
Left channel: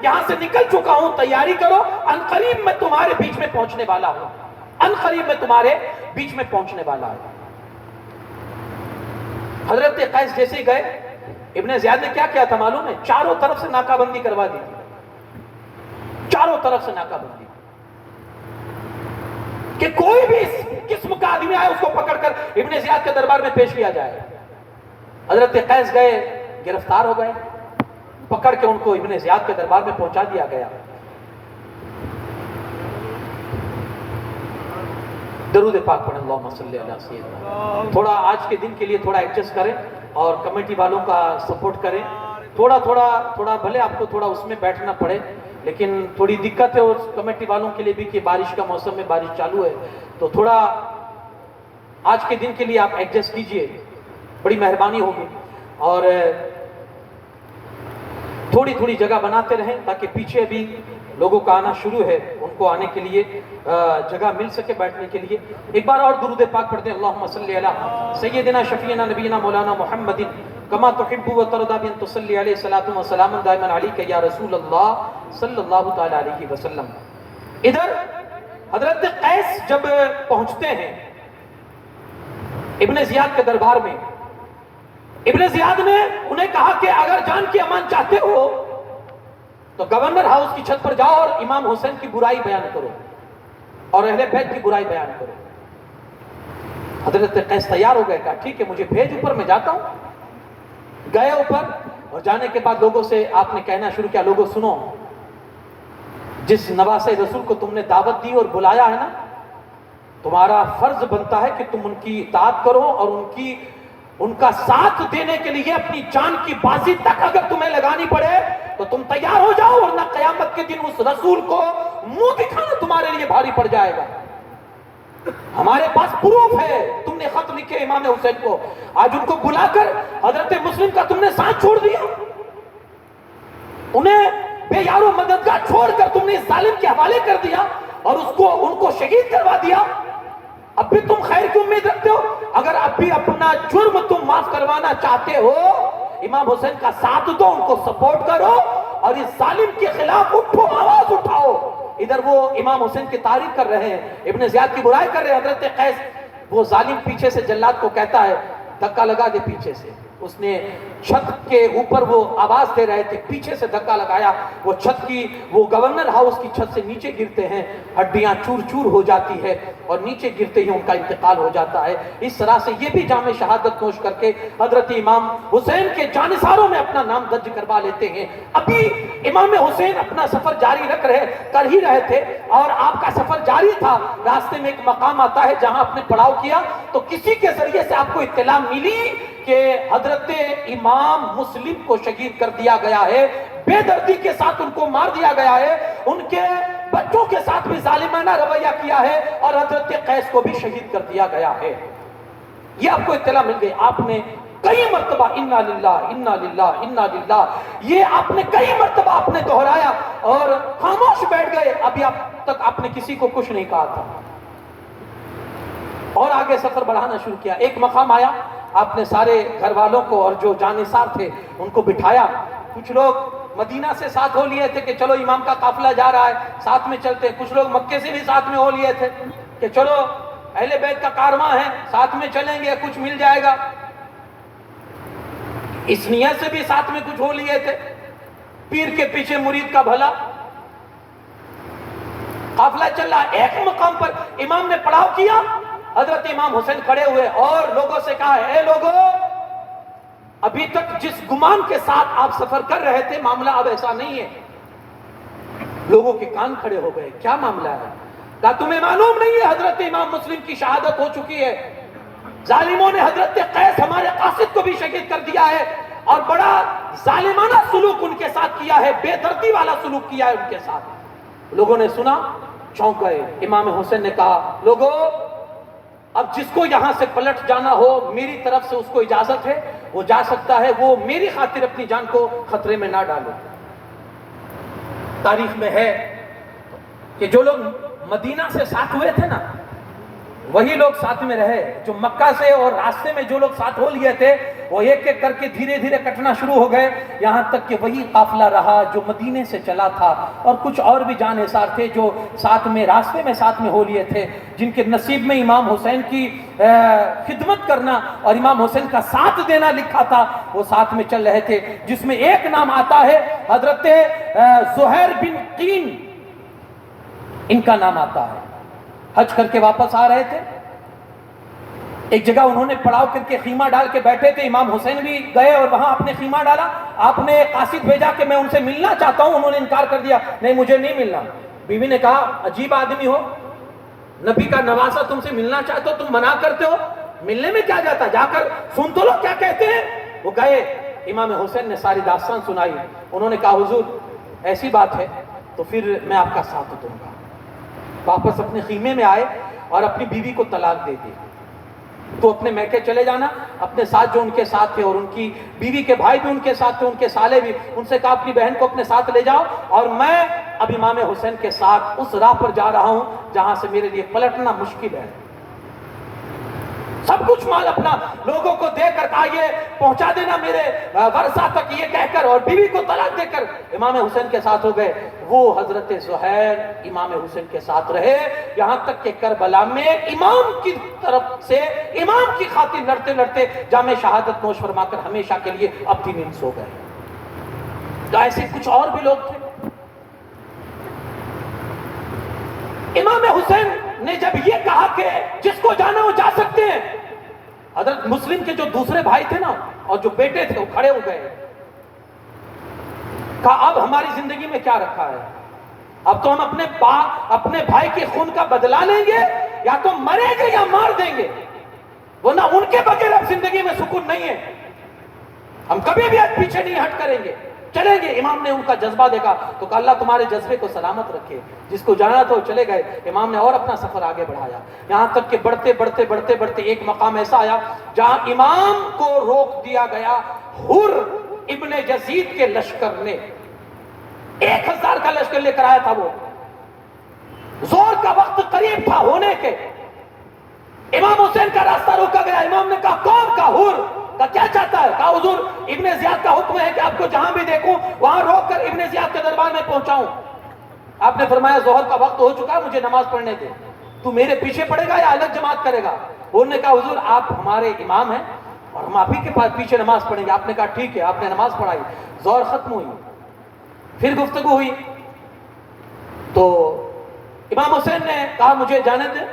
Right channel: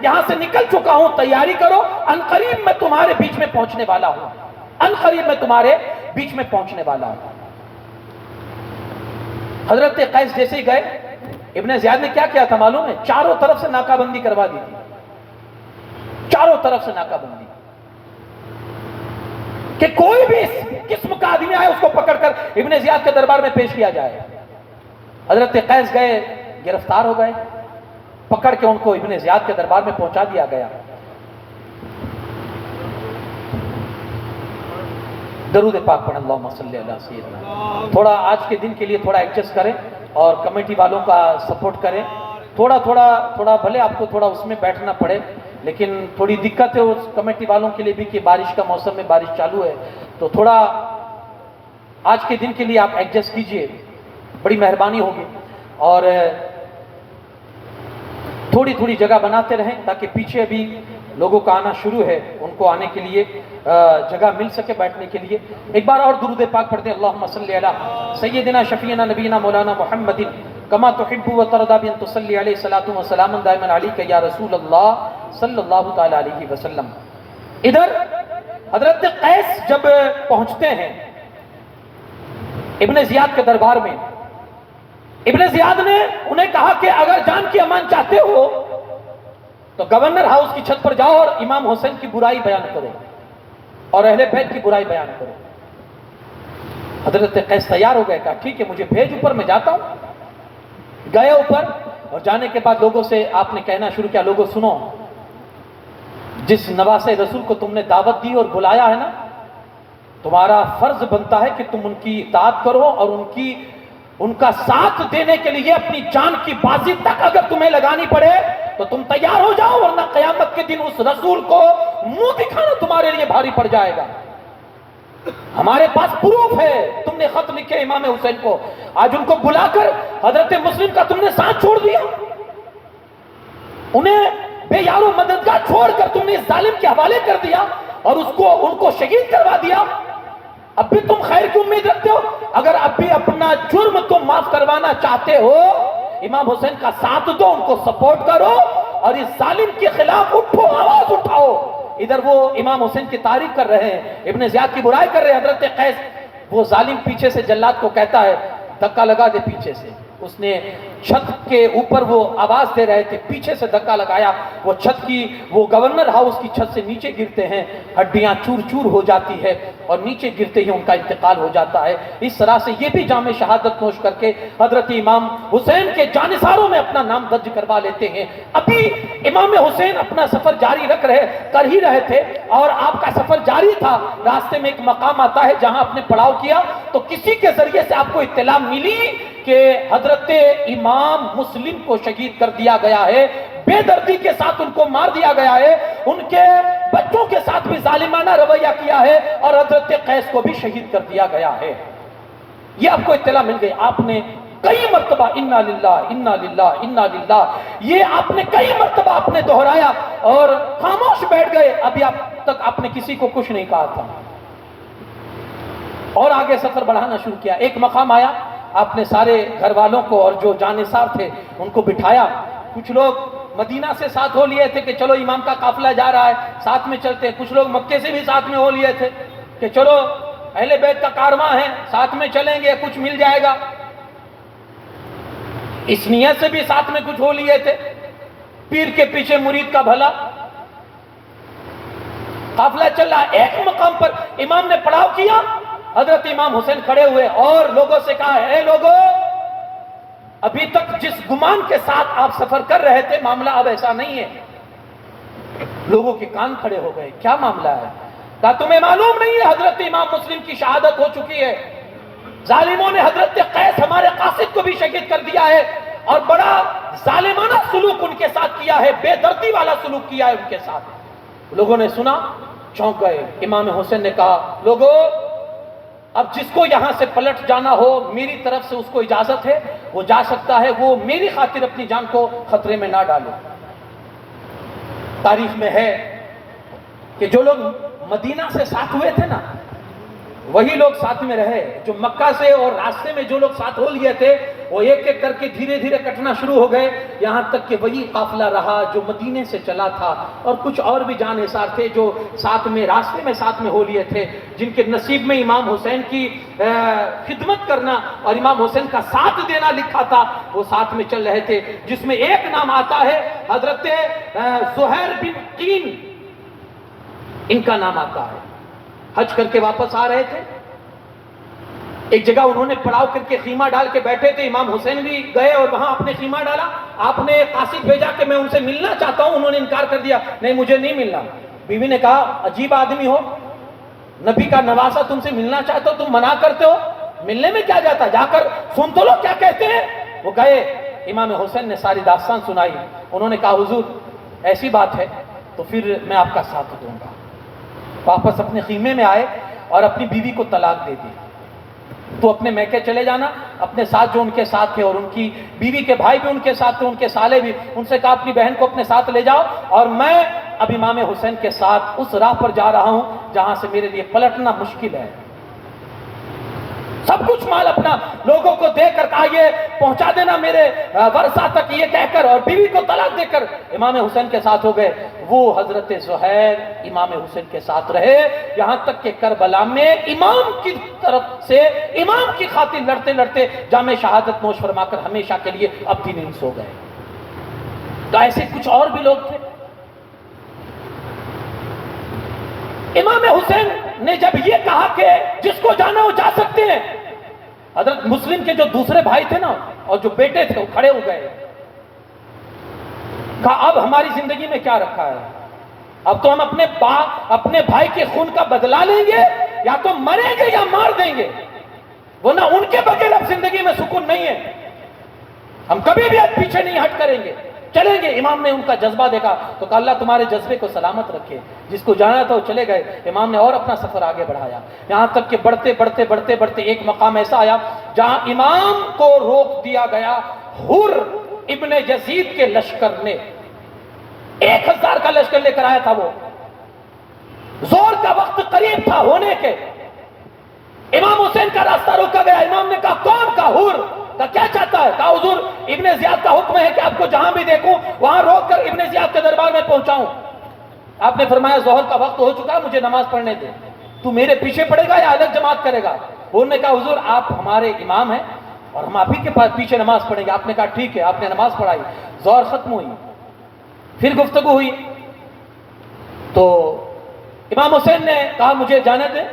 یہاں سے نکل چکا ہوں، تیاری کرو، عنقریب میں تمہارے بیچ میں پہنچنے والا ہوں، عنقریب میں تمہارے بیچ میں پہنچنے والا ہوں۔ حضرت قیس جیسے ہی گئے، ابن زیاد نے کیا کیا تھا معلوم ہے؟ چاروں طرف سے ناکہ بندی کروا دی تھی، چاروں طرف سے ناکہ بندی کہ کوئی بھی اس قسم کا آدمی آئے اس کو پکڑ کر ابن زیاد کے دربار میں پیش کیا جائے۔ حضرت قیس گئے، گرفتار ہو گئے، پکڑ کے ان کو ابن زیاد کے دربار میں پہنچا دیا گیا۔ درود پاک پڑھیں، اللہم صلی علی سیدنا۔ تھوڑا آج کے دن کے لیے تھوڑا ایڈجسٹ کریں اور کمیٹی والوں کا سپورٹ کریں، تھوڑا بھلے آپ کو تھوڑا اس میں بیٹھنا پڑے، لیکن تھوڑی دقت ہے اس کمیٹی والوں کے لیے بھی کہ بارش کا موسم میں بارش چالو ہے، تو تھوڑا آج کے دن کے لیے آپ ایڈجسٹ کیجئے، بڑی مہربانی ہوگی، اور تھوڑی جگہ بناتے رہیں تاکہ پیچھے بھی لوگوں کا آنا شروع ہے، ان کو آنے کے لیے جگہ مل سکے بیٹھنے کے لیے۔ ایک بار اور درود پاک پڑھتے ہیں، اللہم صلی علی سیدنا شفیعنا نبینا مولانا محمد کما تحب و ترضى بان تصلی علیہ الصلوۃ والسلام دائما علیک یا رسول اللہ صلی اللہ تعالی علیہ وسلم۔ ادھر حضرت قیس جب پہنچتے ہیں ابن زیاد کے دربار میں، ابن زیاد نے انہیں کہا کہ اگر جان کی امان چاہتے ہو تو گورنر ہاؤس کی چھت پر جاؤ اور امام حسین کی برائی بیان کرو اور اہل بیت کی برائی بیان کرو۔ حضرت قیس تیار ہو گئے، کہا ٹھیک ہے مجھے بھیج، اوپر میں جاتا ہوں۔ گئے اوپر اور جانے کے بعد لوگوں سے آپ نے کہنا شروع کیا، لوگوں سنو، جس نواسہ رسول کو تم نے دعوت دی اور بلایا ہے نا، تمہارا فرض بنتا ہے کہ تم ان کی اطاعت کرو اور ان کا ساتھ دینے کے لیے اپنی جان کی بازی تک اگر تمہیں لگانی پڑے تو تم تیار ہو جاؤ، ورنہ قیامت کے دن اس رسول کو منہ دکھانا تمہارے لیے بھاری پڑ جائے گا۔ ہمارے پاس پروف ہے، تم نے خط لکھے امام حسین کو، آج ان کو بلا کر حضرت مسلم کا تم نے ساتھ چھوڑ دیا، انہیں بے یار و مددگار چھوڑ کر تم نے اس ظالم کے حوالے کر دیا اور ان کو شہید کروا دیا۔ اب بھی تم خیر کی امید رکھتے ہو؟ اگر اب بھی اپنا جرم تم معاف کروانا چاہتے ہو، امام حسین کا ساتھ دو، ان کو سپورٹ کرو اور اس ظالم کے خلاف اٹھو، آواز اٹھاؤ۔ ادھر وہ امام حسین کی تعریف کر رہے ہیں، ابن زیاد کی برائی کر رہے ہیں۔ حضرت قیس وہ ظالم پیچھے سے جلاد کو کہتا ہے دھکا لگا دے پیچھے سے، اس نے چھت کے اوپر وہ آواز دے رہے تھے، پیچھے سے دھکا لگایا، وہ چھت کی، وہ گورنر ہاؤس کی چھت سے نیچے گرتے ہیں، ہڈیاں چور چور ہو جاتی ہے اور نیچے گرتے ہی ان کا انتقال ہو جاتا ہے۔ اس طرح سے یہ بھی جام شہادت نوش کر کے حضرت امام حسین کے جانثاروں میں اپنا نام درج کروا لیتے ہیں۔ ابھی امام حسین اپنا سفر جاری کر ہی رہے تھے اور آپ کا سفر جاری تھا، راستے میں ایک مقام آتا ہے جہاں آپ نے پڑاؤ کیا تو کسی کے ذریعے سے آپ کو اطلاع ملی کہ حضرت امام مسلم کو شہید کر دیا گیا ہے، بے دردی کے ساتھ ان کو مار دیا گیا ہے، ان کے بچوں کے ساتھ بھی ظالمانہ رویہ کیا ہے اور حضرت قیس کو بھی شہید کر دیا گیا ہے۔ یہ آپ کو اطلاع مل گئی، آپ نے کئی مرتبہ انا للہ انا للہ انا للہ، یہ آپ نے کئی مرتبہ آپ نے دہرایا اور خاموش بیٹھ گئے، ابھی اب تک آپ نے کسی کو کچھ نہیں کہا تھا اور آگے سفر بڑھانا شروع کیا۔ ایک مقام آیا، آپ نے سارے گھر والوں کو اور جو جانثار تھے ان کو بٹھایا، کچھ لوگ مدینہ سے ساتھ ہو لیے تھے کہ چلو امام کا قافلہ جا رہا ہے ساتھ میں چلتے ہیں، کچھ لوگ مکے سے بھی ساتھ میں ہو لیے تھے کہ چلو اہل بیت کا کارواں ہے ساتھ میں چلیں گے کچھ مل جائے گا، اس نیت سے بھی ساتھ میں کچھ ہو لیے تھے، پیر کے پیچھے مرید کا بھلا، قافلہ چل رہا۔ ایک مقام پر امام نے پڑاؤ کیا، حضرت امام حسین کھڑے ہوئے اور لوگوں سے کہا، اے لوگوں، ابھی تک جس گمان کے ساتھ آپ سفر کر رہے تھے معاملہ اب ایسا نہیں ہے۔ لوگوں کے کان کھڑے ہو گئے، کیا معاملہ ہے؟ کہا تمہیں معلوم نہیں ہے حضرت امام مسلم کی شہادت ہو چکی ہے، ظالموں نے حضرت قیس ہمارے قاصد کو بھی شہید کر دیا ہے اور بڑا ظالمانہ سلوک ان کے ساتھ کیا ہے، بے دردی والا سلوک کیا ہے ان کے ساتھ۔ لوگوں نے سنا، چونک گئے۔ امام حسین نے کہا، لوگوں، اب جس کو یہاں سے پلٹ جانا ہو میری طرف سے اس کو اجازت ہے، وہ جا سکتا ہے، وہ میری خاطر اپنی جان کو خطرے میں نہ ڈالو۔ تاریخ میں ہے کہ جو لوگ مدینہ سے ساتھ ہوئے تھے نا وہی لوگ ساتھ میں رہے، جو مکہ سے اور راستے میں جو لوگ ساتھ ہو لیے تھے وہ ایک ایک کر کے دھیرے دھیرے کٹنا شروع ہو گئے، یہاں تک کہ وہی قافلہ رہا جو مدینے سے چلا تھا، اور کچھ اور بھی جانثار تھے جو ساتھ میں راستے میں ساتھ میں ہو لیے تھے، جن کے نصیب میں امام حسین کی خدمت کرنا اور امام حسین کا ساتھ دینا لکھا تھا، وہ ساتھ میں چل رہے تھے، جس میں ایک نام آتا ہے حضرت زہیر بن قین، ان کا نام آتا ہے۔ حج کر کے واپس آ رہے تھے، ایک جگہ انہوں نے پڑاؤ کر کے خیمہ ڈال کے بیٹھے تھے، امام حسین بھی گئے اور وہاں اپنے خیمہ ڈالا، آپ نے قاصد بھیجا کہ میں ان سے ملنا چاہتا ہوں، انہوں نے انکار کر دیا، نہیں مجھے نہیں ملنا۔ بیوی نے کہا، عجیب آدمی ہو، نبی کا نواسہ تم سے ملنا چاہتے ہو، تم منع کرتے ہو، ملنے میں کیا جاتا، جا کر سن تو لو کیا کہتے ہیں۔ وہ گئے، امام حسین نے ساری داستان سنائی، انہوں نے کہا، حضور ایسی بات ہے تو پھر میں آپ کا ساتھ دوں گا۔ واپس اپنے خیمے میں آئے اور اپنی بیوی کو طلاق دے دی، تو اپنے میکے چلے جانا، اپنے ساتھ جو ان کے ساتھ تھے اور ان کی بیوی کے بھائی بھی ان کے ساتھ تھے، ان کے سالے بھی، ان سے کہا اپنی بہن کو اپنے ساتھ لے جاؤ اور میں اب امام حسین کے ساتھ اس راہ پر جا رہا ہوں جہاں سے میرے لیے پلٹنا مشکل ہے۔ سب کچھ مال اپنا لوگوں کو دے کر کہا یہ پہنچا دینا میرے ورثہ تک، یہ کہہ کر اور بیوی کو طلاق دے کر امام حسین کے ساتھ ہو گئے۔ وہ حضرت زہیر امام حسین کے ساتھ رہے یہاں تک کہ کربلا میں امام کی طرف سے امام کی خاطر لڑتے لڑتے جام شہادت نوش فرما کر ہمیشہ کے لیے ابدی نہیں سو گئے۔ تو ایسے کچھ اور بھی لوگ تھے۔ امام حسین نے جب یہ کہا کہ جس کو جانا وہ جا سکتے ہیں، حضرت مسلم کے جو دوسرے بھائی تھے نا اور جو بیٹے تھے وہ کھڑے ہو گئے، کہا اب ہماری زندگی میں کیا رکھا ہے، اب تو ہم اپنے بھائی کے خون کا بدلہ لیں گے، یا تو مریں گے یا مار دیں گے، ورنہ ان کے بغیر اب زندگی میں سکون نہیں ہے، ہم کبھی بھی اب پیچھے نہیں ہٹ کریں گے، چلیں گے۔ امام نے ان کا جذبہ دیکھا تو کہا اللہ تمہارے جذبے کو سلامت رکھے، جس کو جانا تھا وہ چلے گئے۔ امام نے اور اپنا سفر آگے بڑھایا، یہاں تک کہ بڑھتے بڑھتے بڑھتے بڑھتے ایک مقام ایسا آیا جہاں امام کو روک دیا گیا۔ حر ابن یزید کے لشکر نے 1000 کا لشکر لے کر آیا تھا، وہ زور کا وقت قریب تھا ہونے کے، امام حسین کا راستہ روکا گیا۔ امام نے کہا کون؟ کا حر کا کیا چاہتا ہے؟ کہا حضور ابن زیاد کا حکم ہے کہ آپ کو جہاں بھی دیکھوں وہاں روک کر ابن زیاد کے دربار میں پہنچاؤں۔ آپ نے فرمایا ظہر کا وقت ہو چکا ہے، مجھے نماز پڑھنے دے، تو میرے پیچھے پڑے گا یا الگ جماعت کرے گا؟ انہوں نے کہا حضور آپ ہمارے امام ہیں، اور ہم آپ ہی کے پاس پیچھے نماز پڑھیں گے. آپ نے کہا ٹھیک ہے. آپ نے نماز پڑھائی, ظہر ختم ہوئی, پھر گفتگو ہوئی. تو امام حسین نے کہا مجھے جانے دیں,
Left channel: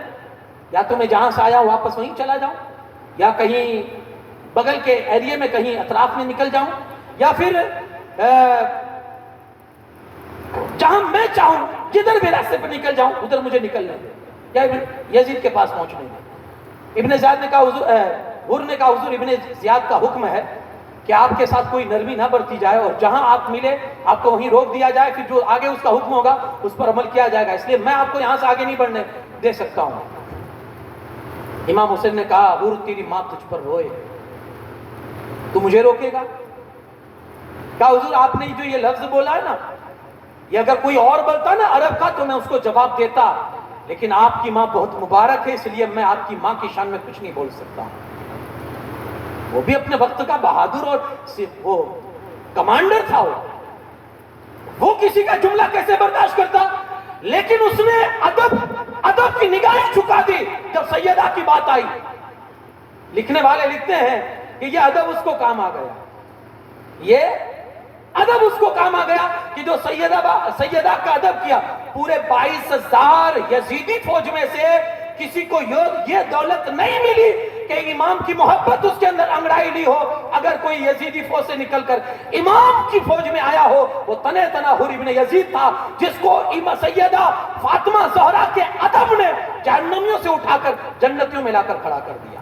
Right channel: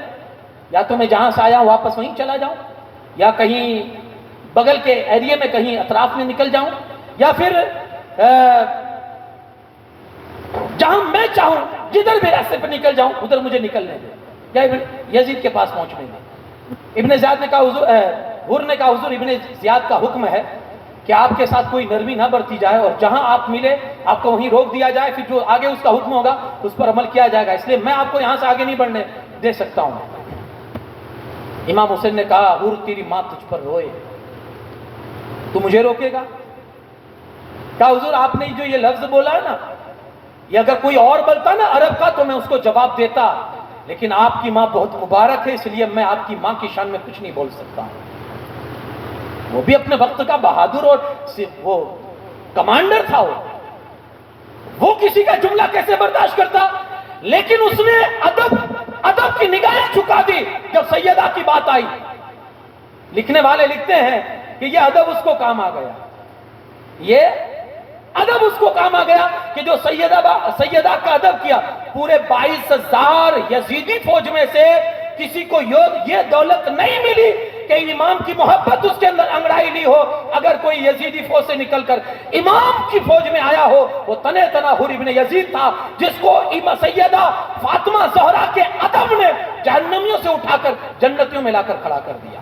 یا تو میں جہاں سے آیا ہوں واپس وہیں چلا جاؤں, یا کہیں بغل کے ایریے میں کہیں اطراف میں نکل جاؤں, یا پھر جہاں میں چاہوں جدھر بھی راستے پہ نکل جاؤں ادھر مجھے نکلنے دیں, یا یزید کے پاس پہنچنے دیں. ابن زیاد نے کہا حر نے کہا حضور ابن زیاد کا حکم ہے کہ آپ کے ساتھ کوئی نرمی نہ برتی جائے, اور جہاں آپ ملے آپ کو وہیں روک دیا جائے, پھر جو آگے اس کا حکم ہوگا اس پر عمل کیا جائے گا, اس لیے میں آپ کو یہاں سے آگے نہیں بڑھنے دے سکتا ہوں. امام حسین نے کہا حر تیری ماں تجھ پر روئے, تو مجھے روکے گا؟ کہا حضور آپ نے جو یہ لفظ بولا ہے نا, یہ اگر کوئی اور بولتا نا عرب کا تو میں اس کو جواب دیتا, لیکن آپ کی ماں بہت مبارک ہے, اس لیے میں آپ کی ماں کی شان میں کچھ نہیں بول سکتا. وہ بھی اپنے وقت کا بہادر اور وہ کمانڈر تھا, وہ کسی کا جملہ کیسے برداشت کرتا, لیکن اس نے ادب کی نگاہیں جھکا دی جب سیدہ کی بات آئی. لکھنے والے لکھتے ہیں کہ یہ ادب اس کو کام آ گیا, یہ ادب اس کو کام آ گیا کہ جو سیدہ کا ادب کیا. پورے 22,000 یزیدی فوج میں سے کسی کو یہ دولت نہیں ملی کہ امام کی محبت اس کے اندر انگڑائی لی ہو. اگر کوئی یزیدی فوج سے نکل کر امام کی فوج میں آیا ہو, وہ تنہ حر ابن یزید تھا, جس کو سیدہ فاطمہ زہرا کے ادب نے جہنمیوں سے اٹھا کر جنتیوں میں لا کر کھڑا کر دیا.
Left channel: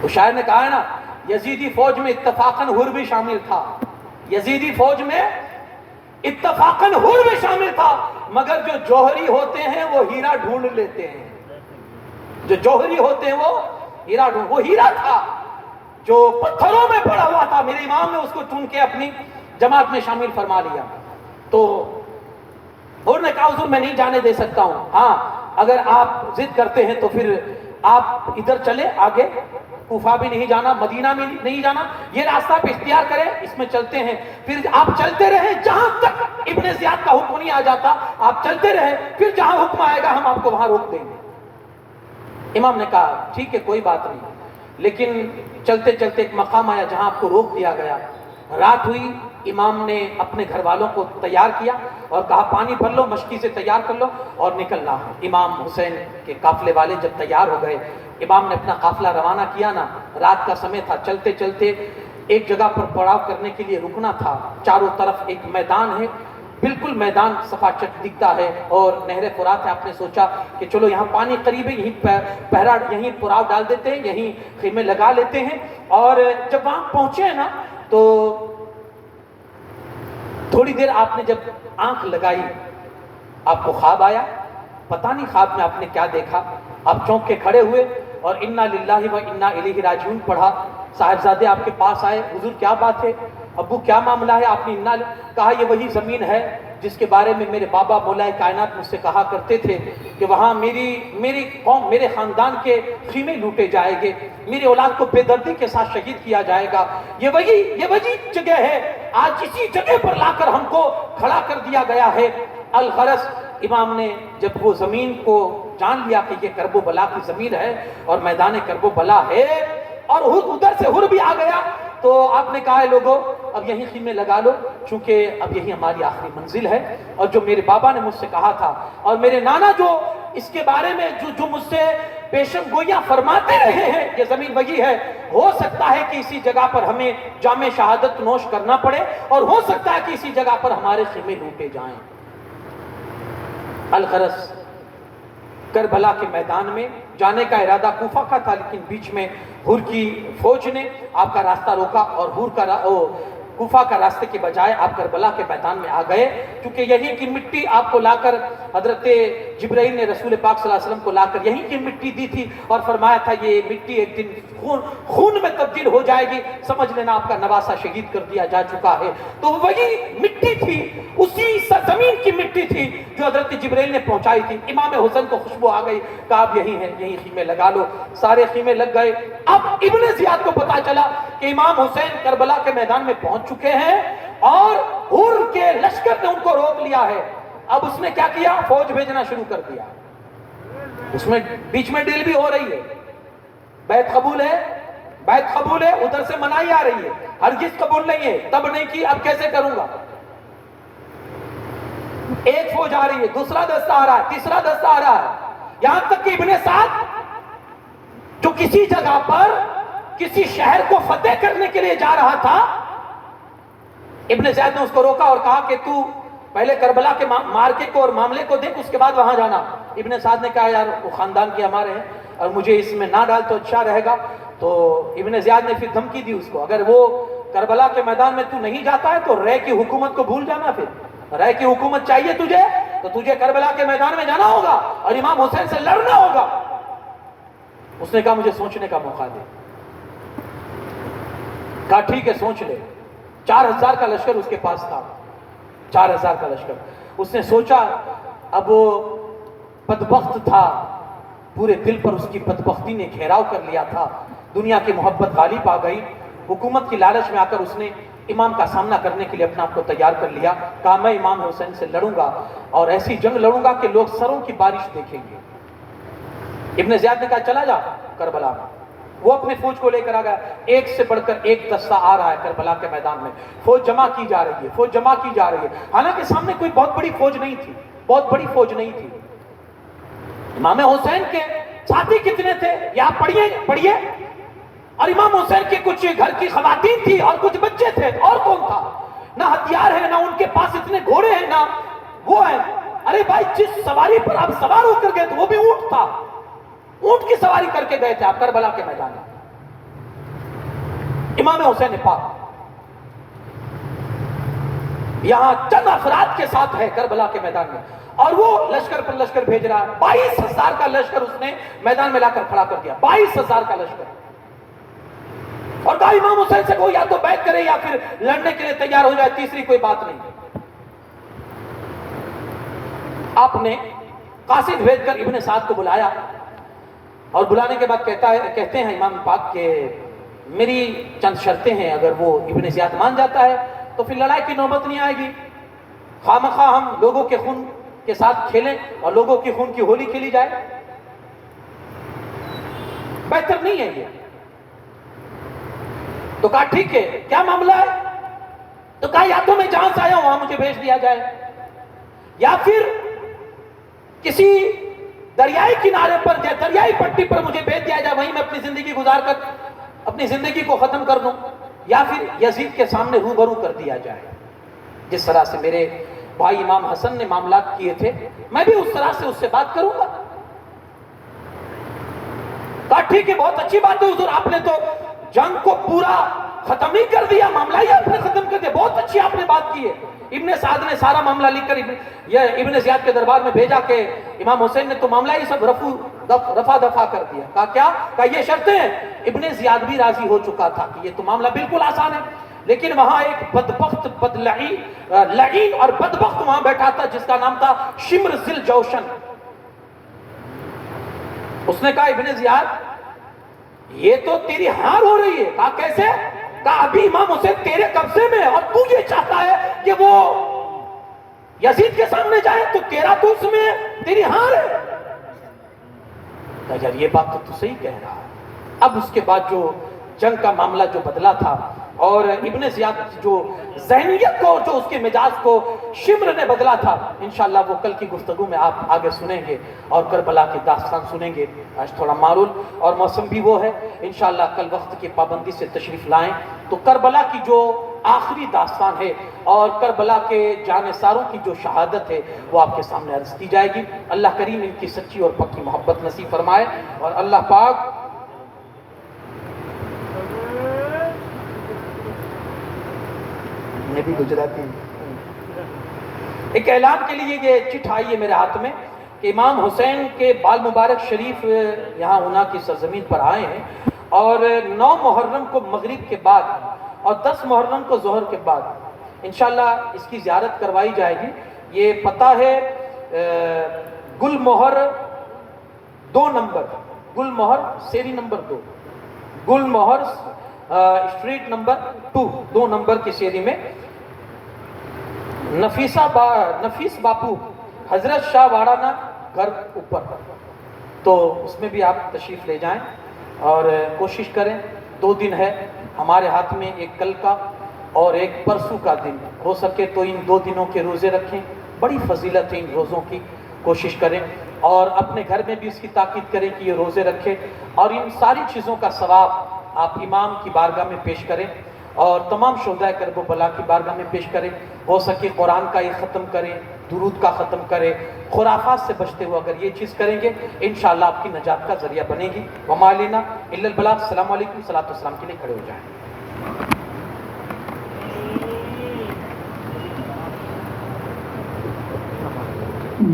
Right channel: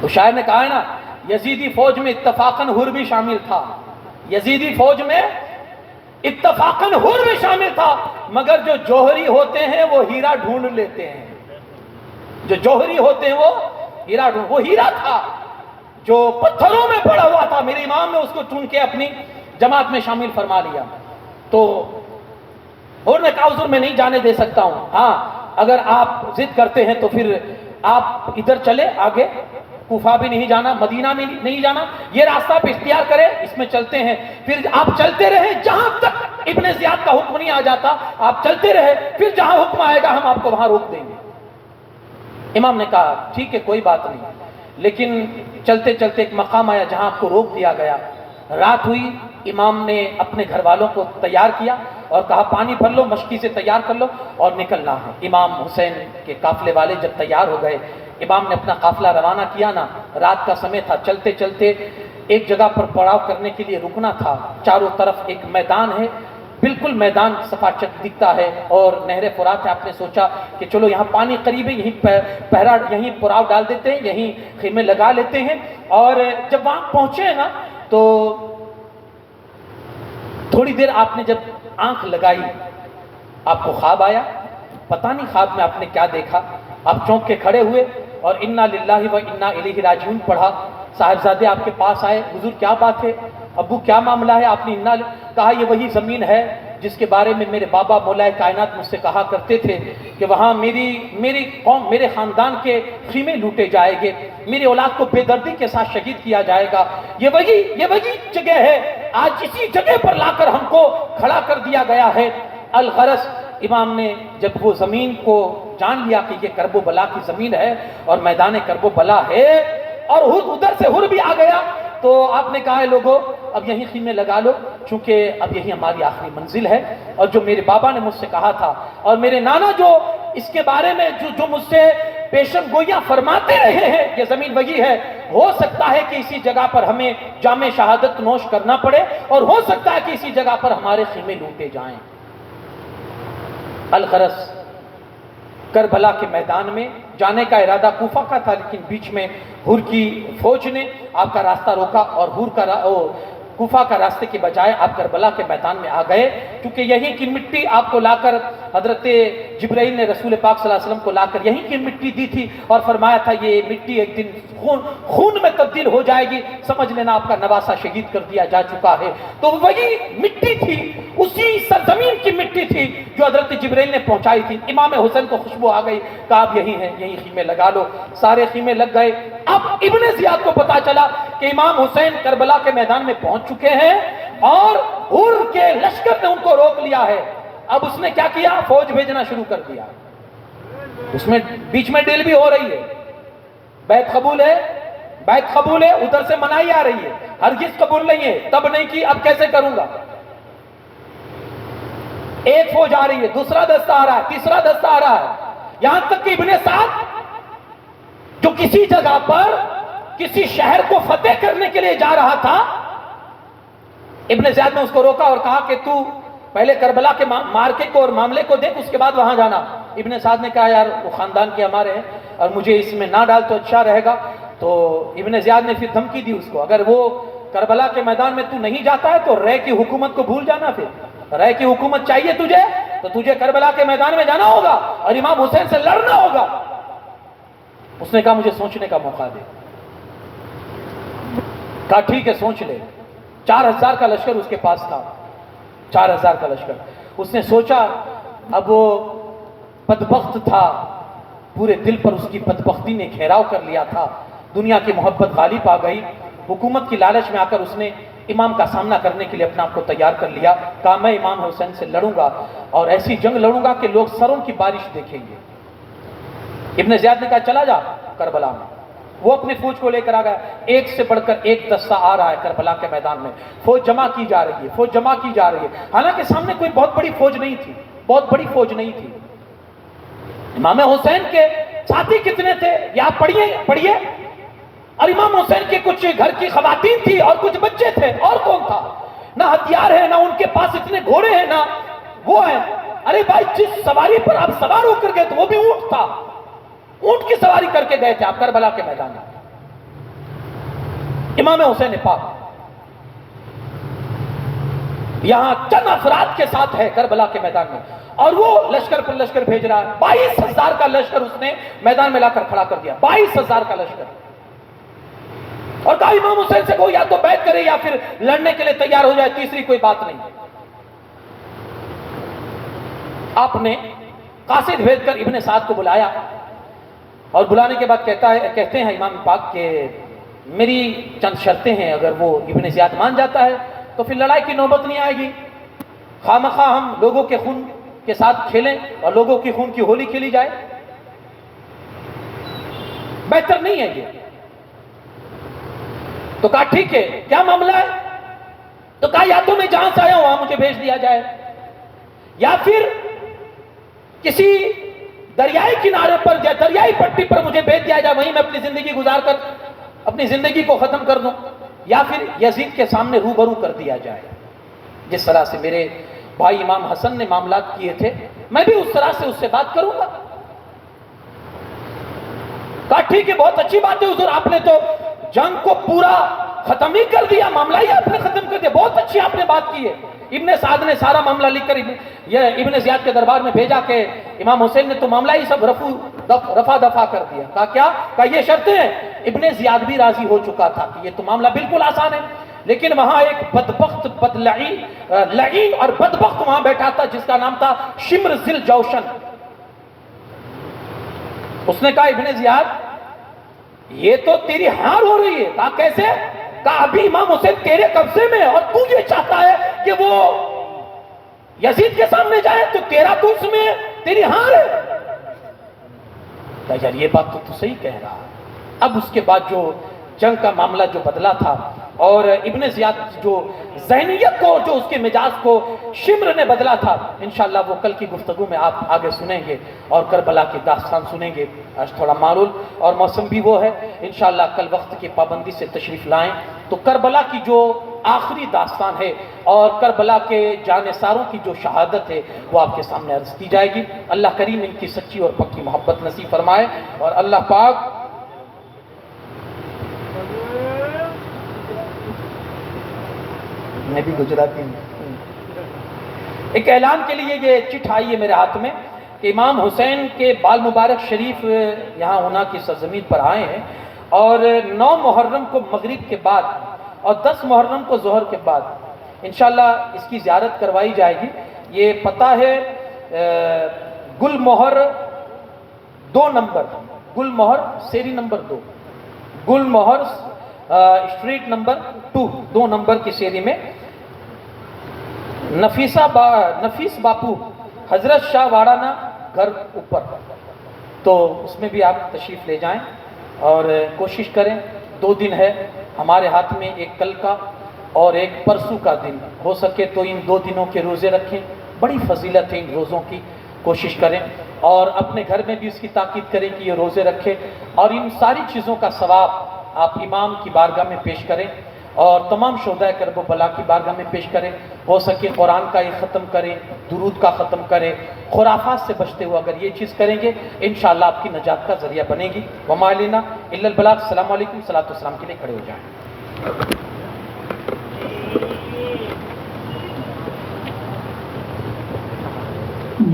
تو شاعر نے کہا ہے نا, یزیدی فوج میں اتفاقاً حر بھی شامل تھا, یزیدی فوج میں اتفاقاً حر بھی شامل تھا, مگر جو جوہری ہوتے ہیں وہ ہیرا ڈھونڈ لیتے ہیں. جو جوہری ہوتے ہیں وہ ہیرا تھا جو پتھروں میں پڑا ہوا تھا. میرے امام نے اس کو چن کے اپنی جماعت میں شامل فرما لیا. تو حر نے کہا حضور میں نہیں جانے دے سکتا ہوں, ہاں اگر آپ ضد کرتے ہیں تو پھر آپ ادھر چلے آگے, کوفہ بھی نہیں جانا, مدینہ میں نہیں جانا, یہ راستہ آپ اختیار کریں, اس میں چلتے ہیں. پھر آپ چلتے رہے جہاں تک ابن زیاد کا حکم نہیں آ جاتا, آپ چلتے رہے, پھر جہاں حکم آئے گا ہم آپ کو وہاں روک دیں گے. امام نے کہا ٹھیک ہے کوئی بات نہیں, لیکن چلتے چلتے ایک مقام آیا جہاں آپ کو روک دیا گیا. رات ہوئی, امام نے اپنے گھر والوں کو تیار کیا اور کہا پانی بھر لو, مشکی سے تیار کر لو اور نکلنا ہے. امام حسین کے قافلے والے جب تیار ہو گئے, امام نے اپنا قافلہ روانہ کیا نا, رات کا سمے تھا, چلتے چلتے ایک جگہ پر پڑاؤ کرنے کے لیے رکنا تھا. چاروں طرف ایک میدان ہے, بالکل میدان صفا چک دکھتا ہے اور نہر فرات ہے. آپ نے سوچا کہ چلو یہاں پانی قریب ہے, یہیں پڑاؤ ڈال دیتے ہیں, یہیں خیمے لگا لیتے ہیں. اور جب وہاں پہنچے ہیں نا تو تھوڑی دیر آپ نے جب آنکھ لگائی, آپ کو خواب آیا, پتہ نہیں خواب میں آپ نے کیا دیکھا. آپ چونک کے کھڑے ہوئے اور انا للہ و انا الیہ راجعون پڑھا. صاحبزادے آپ کے پاس آئے, حضور کیا بات ہے, ابو کیا معاملہ ہے؟ آپ نے کہا یہ وہی زمین ہے جس کے بارے میں میرے بابا مولا کائنات مجھ سے کہا کرتے تھے کہ وہاں میری قوم, میرے خاندان کے خیمے لوٹے جائیں گے, میری اولاد کو بے دردی کے ساتھ شہید کیا جائے گا. یہ وہی جگہ ہے, آج اسی جگہ پر لا کر ہم کو کھڑا کر دیا گیا ہے. الغرض امام نے جب وہ زمین کو جان لیا کہ یہ کرب و بلا کی زمین ہے اور میدان کرب و بلا ہے, اور ادھر سے حر بھی آ گیا, تو آپ نے کہا ہے لوگوں اب یہیں خیمے لگا لو, چونکہ اب یہی ہماری آخری منزل ہے. اور جو میرے بابا نے مجھ سے کہا تھا اور میرے نانا جو اس کے بارے میں جو مجھ سے پیشن گوئیاں فرماتے رہے ہیں, یہ زمین وہی ہے. ہو سکتا ہے کہ اسی جگہ پر ہمیں جام شہادت نوش کرنا پڑے, اور ہو سکتا ہے کہ اسی جگہ پر ہمارے خیمے لوٹے جائیں. الغرض کربلا کے میدان میں جانے کا ارادہ کوفہ کا تھا, لیکن بیچ میں حر کی فوج نے آپ کا راستہ روکا اور کوفہ کا راستے کے بجائے آپ کربلا کے میدان میں آ گئے, کیونکہ یہیں کی مٹی آپ کو لا کر حضرت جبرائیل نے رسول پاک صلی اللہ علیہ وسلم کو لا کر یہیں کی مٹی دی تھی اور فرمایا تھا یہ مٹی ایک دن خون میں تبدیل ہو جائے گی, سمجھ لینا آپ کا نواسہ شہید کر دیا جا چکا ہے. تو وہی مٹی تھی, اسی سرزمین کی مٹی تھی جو حضرت جبرائیل نے پہنچائی تھی. امام حسین کو خوشبو آ گئی, کہا اب یہی ہے, یہی خیمے لگا لو. سارے خیمے لگ گئے. اب ابن زیاد کو پتا چلا کہ امام حسین کربلا کے میدان میں پہنچ چکے ہیں اور حر کے لشکر نے ان کو روک لیا ہے. اب اس نے کیا کیا, فوج بھیجنا شروع کر دیا. اس میں بیچ میں ڈیل بھی ہو رہی ہے, بیعت قبول ہے؟ بیعت قبول ہے، ادھر سے منائی آ رہی ہے، ہرگز قبول نہیں ہے، تب نہیں کی اب کیسے کروں گا؟ ایک فوج آ رہی ہے، دوسرا دستہ آ رہا ہے، تیسرا دستہ آ رہا ہے، یہاں تک کہ ابن سعد جو کسی جگہ پر کسی شہر کو فتح کرنے کے لیے جا رہا تھا، ابن زیاد نے اس کو روکا اور کہا کہ تو پہلے کربلا کے مارکے کو اور معاملے کو دیکھ، اس کے بعد وہاں جانا۔ ابن سعد نے کہا یار وہ خاندان کے ہمارے ہیں اور مجھے اس میں نہ ڈال تو اچھا رہے گا۔ تو ابن زیاد نے پھر دھمکی دی اس کو، اگر وہ کربلا کے میدان میں تو نہیں جاتا ہے تو رے کی حکومت کو بھول جانا، پھر رے کی حکومت چاہیے تجھے تو تجھے کربلا کے میدان میں جانا ہوگا اور امام حسین سے لڑنا ہوگا۔ اس نے کہا مجھے سوچنے کا موقع دے۔ کہا ٹھیک ہے سوچ لے۔ 4000 کا لشکر اس کے پاس تھا، 4000 کا لشکر۔ اس نے سوچا، اب وہ بدبخت تھا، پورے دل پر اس کی بدبختی نے گھیراؤ کر لیا تھا، دنیا کی محبت غالب آ گئی، حکومت کی لالچ میں آ کر اس نے امام کا سامنا کرنے کے لیے اپنا آپ کو تیار کر لیا۔ کہا میں امام حسین سے لڑوں گا اور ایسی جنگ لڑوں گا کہ لوگ سروں کی بارش دیکھیں گے۔ ابن زیاد نے کہا چلا جا کربلا میں۔ وہ اپنی فوج کو لے کر آ گیا، ایک سے بڑھ کر ایک دستہ آ رہا ہے کربلا کے میدان میں، فوج جمع کی جا رہی ہے، فوج جمع کی جا رہی ہے، حالانکہ سامنے کوئی بہت بڑی فوج نہیں تھی، بہت بڑی فوج نہیں تھی۔ امام حسین کے ساتھی کتنے تھے یہ آپ پڑھیے، اور امام حسین کے کچھ گھر کی خواتین تھی اور کچھ بچے تھے، اور کون تھا؟ نہ ہتھیار ہے، نہ ان کے پاس اتنے گھوڑے ہیں، نہ وہ ہے۔ ارے بھائی جس سواری پر آپ سوار ہو کر گئے تو وہ بھی اونٹ تھا، اونٹ کی سواری کر کے گئے تھے آپ کربلا کے میدان میں۔ امام حسین پاک یہاں چند افراد کے ساتھ ہے کربلا کے میدان میں، اور وہ لشکر پر لشکر بھیج رہا ہے۔ 22,000 کا لشکر اس نے میدان میں لا کر کھڑا کر دیا، 22,000 کا لشکر، اور کہا امام حسین سے وہ یا تو بیعت کرے یا پھر لڑنے کے لیے تیار ہو جائے، تیسری کوئی بات نہیں۔ آپ نے قاصد بھیج کر ابن سعد کو بلایا، اور بلانے کے بعد کہتے ہیں امام پاک کہ میری چند شرطیں ہیں، اگر وہ ابن زیاد مان جاتا ہے تو پھر لڑائی کی نوبت نہیں آئے گی، خامخواہ ہم لوگوں کے خون کے ساتھ کھیلیں اور لوگوں کی خون کی ہولی کھیلی جائے، بہتر نہیں ہے یہ۔ تو کہا ٹھیک ہے، کیا معاملہ ہے؟ تو کہا یا تو میں جہاں سے آیا ہوں وہاں مجھے بھیج دیا جائے، یا پھر کسی دریائی کنارے پر یا دریائی پٹی پر مجھے بھیج دیا جائے، وہیں میں اپنی زندگی گزار کر اپنی زندگی کو ختم کر دوں، یا پھر یزید کے سامنے روبرو کر دیا جائے، جس طرح سے میرے بھائی امام حسن نے معاملات کیے تھے میں بھی اس طرح سے اس سے بات کروں گا۔ کہا ٹھیک ہے بہت اچھی بات ہے حضور، آپ نے تو جنگ کو پورا ختم ہی کر دیا، معاملہ ہی آپ نے ختم کر دیا، بہت اچھی آپ نے بات کی ہے۔ ابن سعد نے سارا معاملہ لکھ کر ابن زیاد کے دربار میں بھیجا کہ امام حسین نے تو معاملہ ہی سب رفع دفع کر دیا۔ کہا کیا؟ کہا یہ شرطیں ہیں۔ ابن زیاد بھی راضی ہو چکا تھا کہ یہ تو معاملہ بالکل آسان ہے، لیکن وہاں ایک بدبخت لعین اور بدبخت وہاں بیٹھا تھا جس کا نام تھا شمر ذل جوشن۔ اس نے کہا ابن زیاد یہ تو تیری ہار ہو رہی ہے۔ کہا کیسے؟ کہا ابھی امام حسین تیرے قبضے میں اور تو یہ چاہتا ہے کہ وہ یزید کے سامنے جائے، تو تیرا تو اس میں تیری ہار ہے۔ کہا یار یہ بات تو صحیح کہہ رہا ہے۔ اب اس کے بعد جو جنگ کا معاملہ جو بدلا تھا، اور ابن زیاد جو ذہنیت کو، جو اس کے مزاج کو شمر نے بدلا تھا، انشاءاللہ وہ کل کی گفتگو میں آپ آگے سنیں گے اور کربلا کی داستان سنیں گے۔ آج تھوڑا معرول اور موسم بھی وہ ہے، انشاءاللہ کل وقت کی پابندی سے تشریف لائیں تو کربلا کی جو آخری داستان ہے اور کربلا کے جانثاروں کی جو شہادت ہے وہ آپ کے سامنے عرض کی جائے گی۔ اللہ کریم ان کی سچی اور پکی محبت نصیب فرمائے، اور اللہ پاک میں بھی گجراتی ہوں۔ ایک اعلان کے لیے یہ چٹھ آئی ہے میرے ہاتھ میں کہ امام حسین کے بال مبارک شریف یہاں ہونا کی سرزمین پر آئے ہیں، اور 9 محرم کو مغرب کے بعد اور 10 محرم کو ظہر کے بعد انشاءاللہ اس کی زیارت کروائی جائے گی۔ یہ پتہ ہے گل مہر 2 نمبر، گل مہر سیری نمبر 2، گل مہر اسٹریٹ نمبر 2 نمبر کی شیری میں، نفیس باپو حضرت شاہ وارانہ گھر اوپر، تو اس میں بھی آپ تشریف لے جائیں۔ اور کوشش کریں 2 دن ہے ہمارے ہاتھ میں، ایک کل کا اور ایک پرسوں کا دن، ہو سکے تو ان 2 دنوں کے روزے رکھیں، بڑی فضیلت ہے ان روزوں کی، کوشش کریں اور اپنے گھر میں بھی اس کی تاکید کریں کہ یہ روزے رکھیں، اور ان ساری چیزوں کا ثواب آپ امام کی بارگاہ میں پیش کریں اور تمام شہدائے کرب و بلا کی بارگاہ میں پیش کریں، ہو سکے قرآن کا یہ ختم کریں، درود کا ختم کریں، خرافات سے بچتے ہوئے اگر یہ چیز کریں گے انشاءاللہ آپ کی نجات کا ذریعہ بنے گی۔ وما علینا الا البلاغ۔ السلام علیکم، صلاۃ والسلام کے لیے کھڑے ہو جائیں۔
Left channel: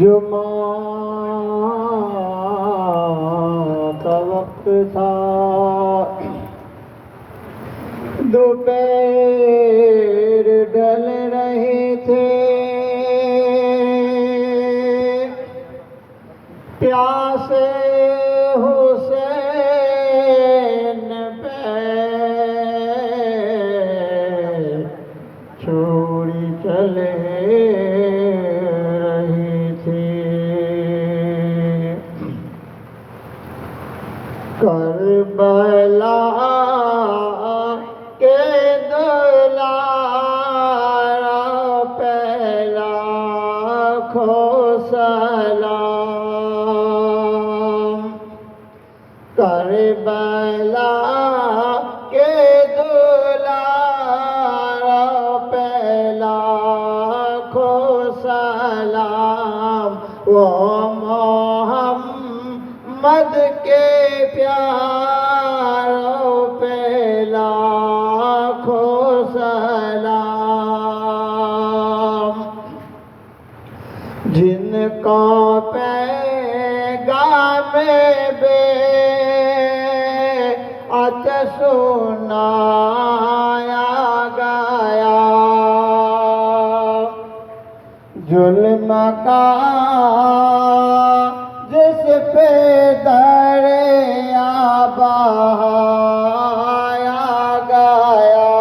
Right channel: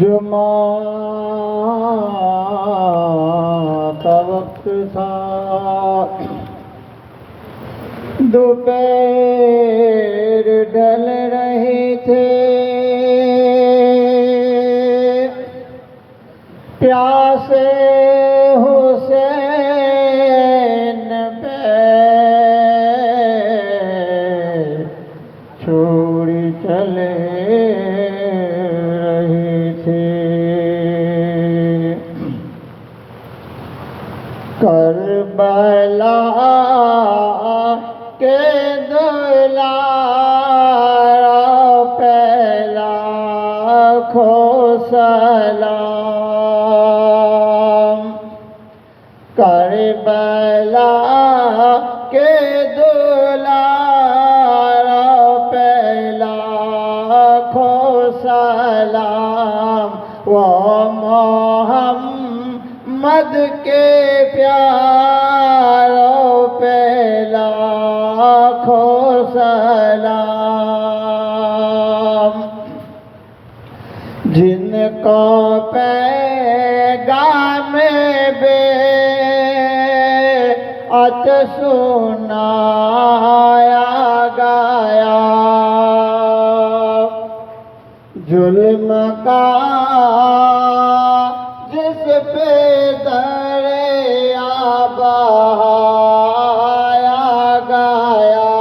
جمعہ کا وقت تھا، دوپہر ڈل رہے تھے، پیاسے حسین پہ چھوڑی چلے رہی تھی، کربلا کے دلارا پہلا کھو سلام، کربلا کے دلارا پہلا کھو سلام، وہ محمد کے پیاروں پہ لاکھوں سلام، جن کو پیغام بیعت سنایا گیا، ظلم کا جس پہ دریا بہایا گیا،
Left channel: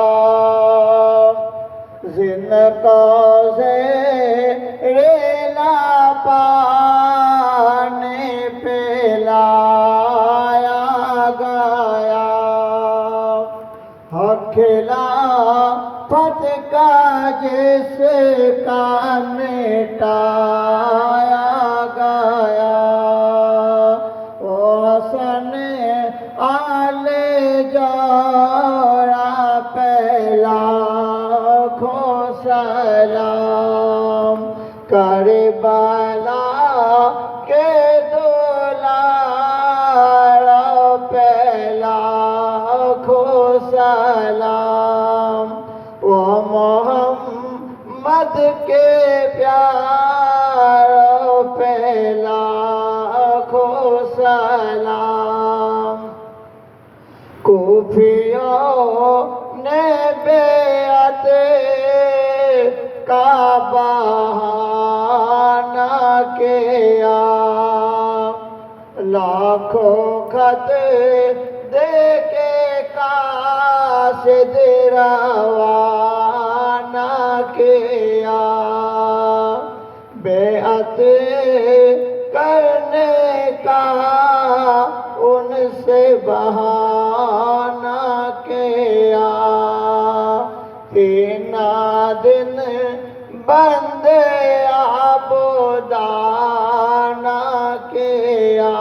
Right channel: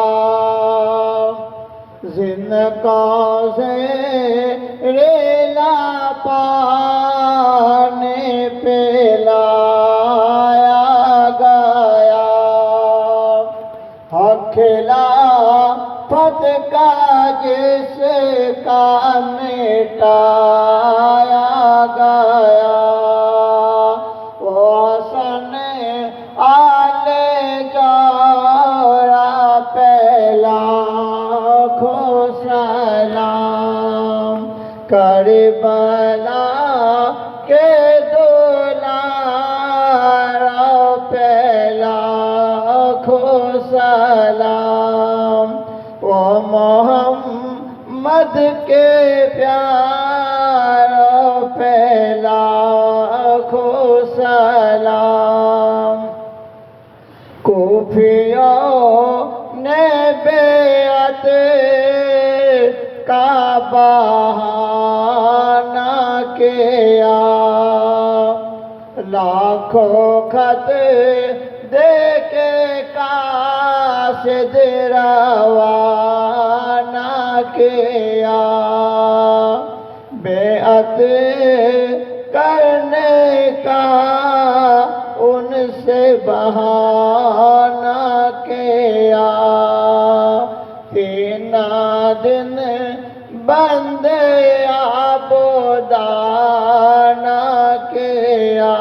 زندگا سے ریلا پانے پلایا گیا، حق خلافت کا جس کا مٹایا گیا، وہ حسن آل جوڑا پہلا کھو سلام، کربلا کے دلارا پہلا کھو سلام، وہ محمد کے پیاروں پہلا کھو سلام، کوفیوں نے بیعت کا بہانہ کیا، لاکھوں خط دے کے قاصد روانہ کیا، بیعت کرنے کا ان سے بہانہ کیا، 3 دن بند عبودانہ کیا،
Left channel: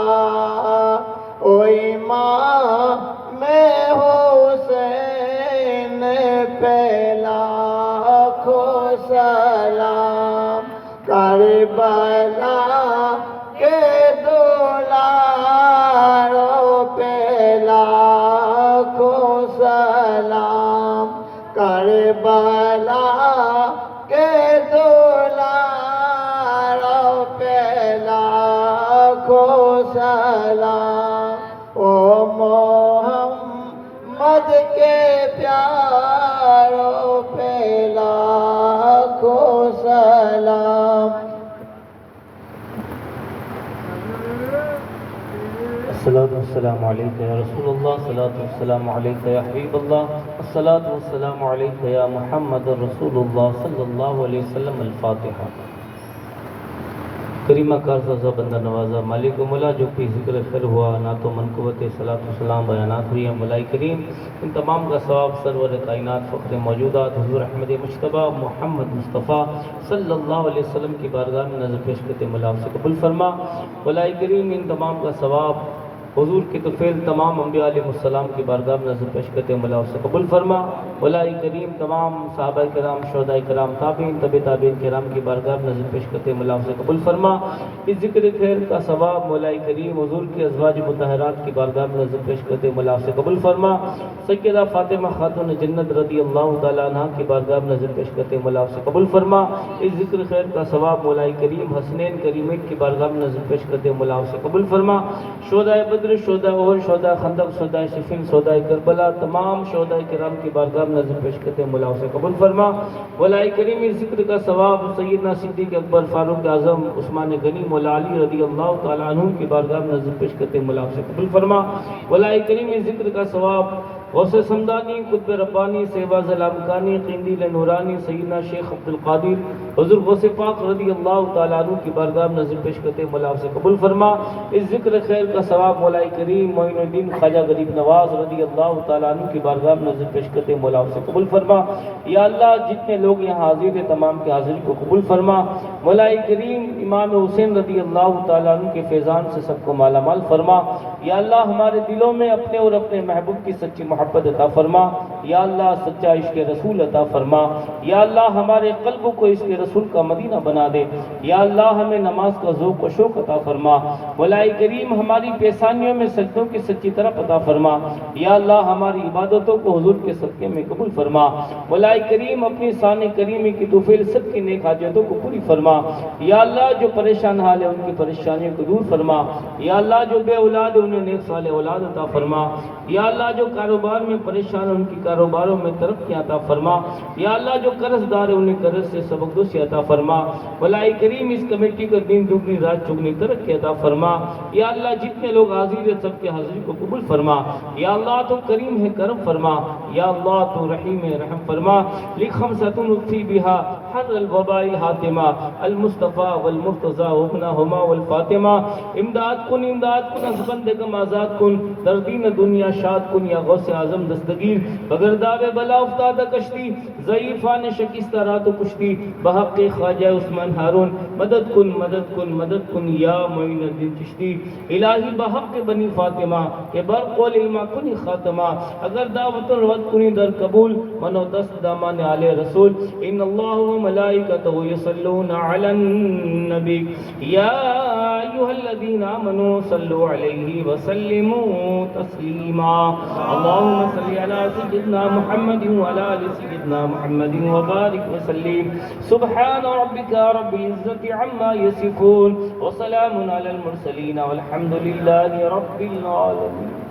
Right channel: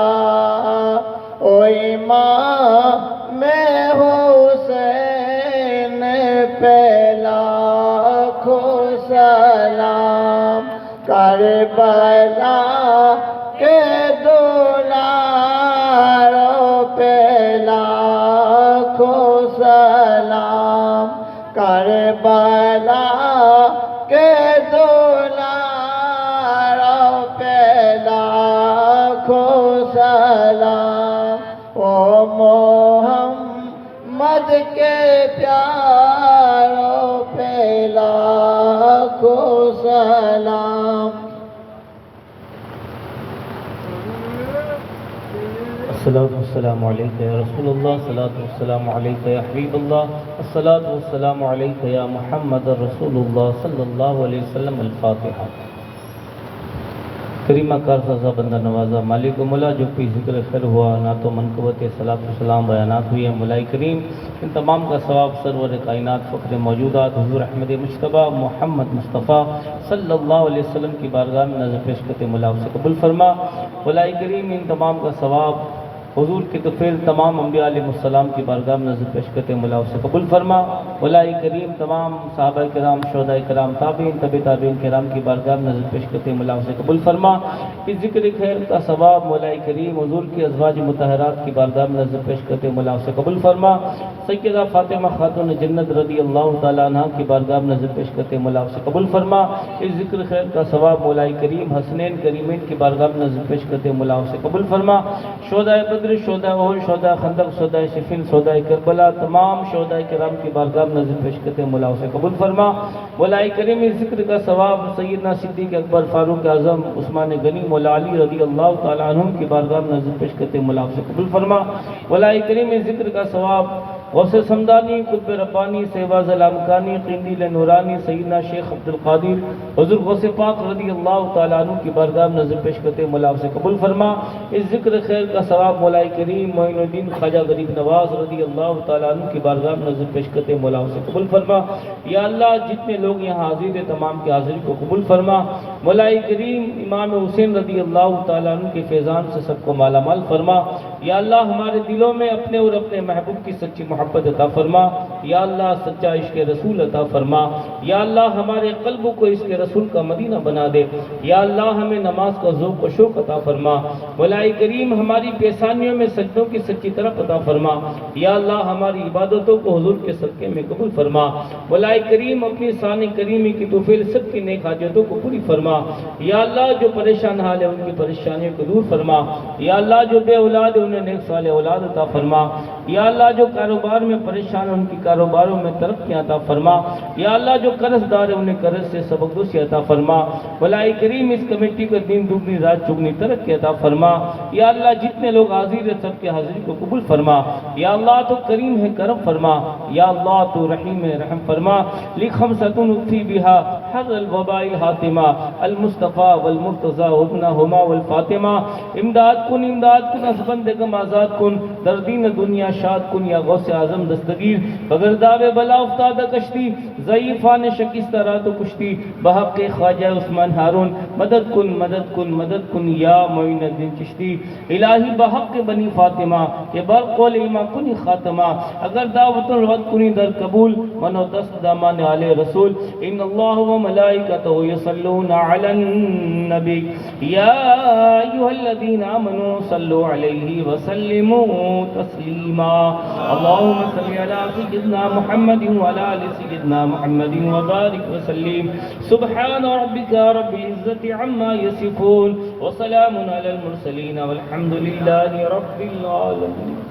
او امام حسین پہلا کھو سلام، کربلا کے دلاروں پہلا کھو سلام، کربلا کے دلاروں پہلا کھو سلام، او محمد کے پیاروں پہلا کھو سلام۔ الصلاة والسلام عليك يا رسول الله، الصلاة والسلام عليك يا حبيب الله، الصلاة والسلام عليك يا محمد رسول الله صلى الله عليه وسلم۔ الفاتحة۔ کریمہ کارسازہ بندہ نوازہ مالک و مولا جو بھی ذکر خیر ہوا نہ تو منقبت صلاۃ والسلام بیانات ہوئی ہیں مولا کریم ان تمام کا ثواب سرور کائنات فخر موجودات حضور احمد مصطفیٰ محمد مصطفیٰ صلی اللہ علیہ وسلم کی بارگاہ میں نظر پیش کرتے مولا سے قبول فرما مولا کریم ان تمام کا ثواب حضور کی طفیل تمام انبیاء علیہ السلام کی بارگاہ میں نظر پیش کرتے مولا سے قبول فرما مولا کریم تمام صحابہ کرام شہداء کرام تابعین تبع تابعین کرام کی بارگاہ میں نظر پیش کرتے مولا سے قبول فرما اس ذکر خیر کا ثواب مولا کریم حضور کی ازواج مطہرات کی بارگاہ میں نظر پیش کرتے مولا سے قبول فرما سیدہ فاطمہ خاتون جنت رضی اللہ تعالیٰ عنہ کی بارگاہ میں نظر پیش کرتے مولا سے قبول فرما اس ذکر خیر کا ثواب مولا کریم حسنین کریمین کی بارگاہ میں نظر پیش کرتے مولا سے قبول فرما شہداء بدر شہداء احد شہداء خندق شہداء صفین شہداء کربلا تمام شہداء کرام کی بارگاہ میں نظر پیش کرتے مولا سے قبول فرما مولا کریم اس ذکر کا ثواب سیدنا صدیق اکبر فاروق اعظم عثمان غنی مولا علی رضی اللہ تعالیٰ عنہ کی بارگاہ میں نظر پیش کرتے مولا سے قبول فرما مولا کریم اس ذکر کا ثواب غوث سمدانی قطب ربانی سیواز الامکانی قندیل نورانی سیدنا شیخ عبدالقادر حضور غوث پاک رضی اللہ تعالیٰ عنہ کی بارگاہ میں نظر پیش کرتے مولا سے قبول فرما اس ذکر خیر کا ثواب مولا کریم معین الدین خواجہ غریب نواز رضی اللہ تعالیٰ عنہ کی بارگاہ میں نظر پیش کرتے مولا سے قبول فرما یا اللہ جتنے لوگ یہاں حاضر ہیں تمام کی حاضری کو قبول فرما مولا کریم امام حسین رضی اللہ تعالیٰ عنہ کے فیضان سے سب کو مالا مال فرما یا اللہ ہمارے دلوں میں اپنے اور اپنے محبوب کی سچی محبت عطا فرما یا اللہ سچا عشق رسول عطا فرما یا اللہ ہمارے قلب کو عشق رسول کا مدینہ بنا دے یا اللہ ہمیں نماز کا ذوق و شوق عطا فرما مولا کریم ہماری پیشانیوں میں سجدوں کی سچی طرف عطا فرما یا اللہ ہماری عبادتوں کو حضور کے صدقے میں قبول فرما مولا کریم اپنی شان کریمی کی توفیل سب کی نیک حاجتوں کو پوری فرما یا اللہ جو پریشان حال ہے ان کی پریشانیوں کو دور فرما یا اللہ جو بے اولاد ہے انہیں نیک صالح اولاد عطا فرما یا اللہ جو کاروبار میں پریشان ہیں ان کی کاروباروں میں ترقی عطا فرما یا اللہ جو قرض دار ہیں انہیں قرض سے سبکدوسی عطا فرما مولا کریم اس کمیٹی کو دین دگنی رات چگنی ترقی عطا فرما یا اللہ جتنے لوگ حاضر ہیں سب کے حاضری کو قبول فرما یا اللہ تو کریم ہے کرم فرما یا اللہ تو رحیم ہے رحم فرما لخمسۃ اکفی بہا حر الوباء الحاتمہ المصطفیٰ والمرتضیٰ ابنہما والفاطمہ امداد کن از بندگم آزاد کن در دین دنیا شاد کن یا غوث اعظم دستگیر بغیر داغ بلا افتاد کشتی ضعیفان شکستہ رات و کشتی بحق خواجہ عثمان ہارون مدد کن یا معین الدین چشتی الہی بحق بنی فاطمہ کہ برقول علمہ کنی خاتمہ اگر دعوت الوقت کنی در قبول منو دست دامان آل رسول ان اللہ و ملائکتہ یصلون علی النبی یا ایہا الذین آمنوا صلوا علیہ وسلموا تسلیما اللہم صلی علی سیدنا محمد وعلی آل سیدنا محمد وبارک وسلم سبحان ربک رب العزت عما یصفون وسلام علی المرسلین والحمد للہ رب العالمین.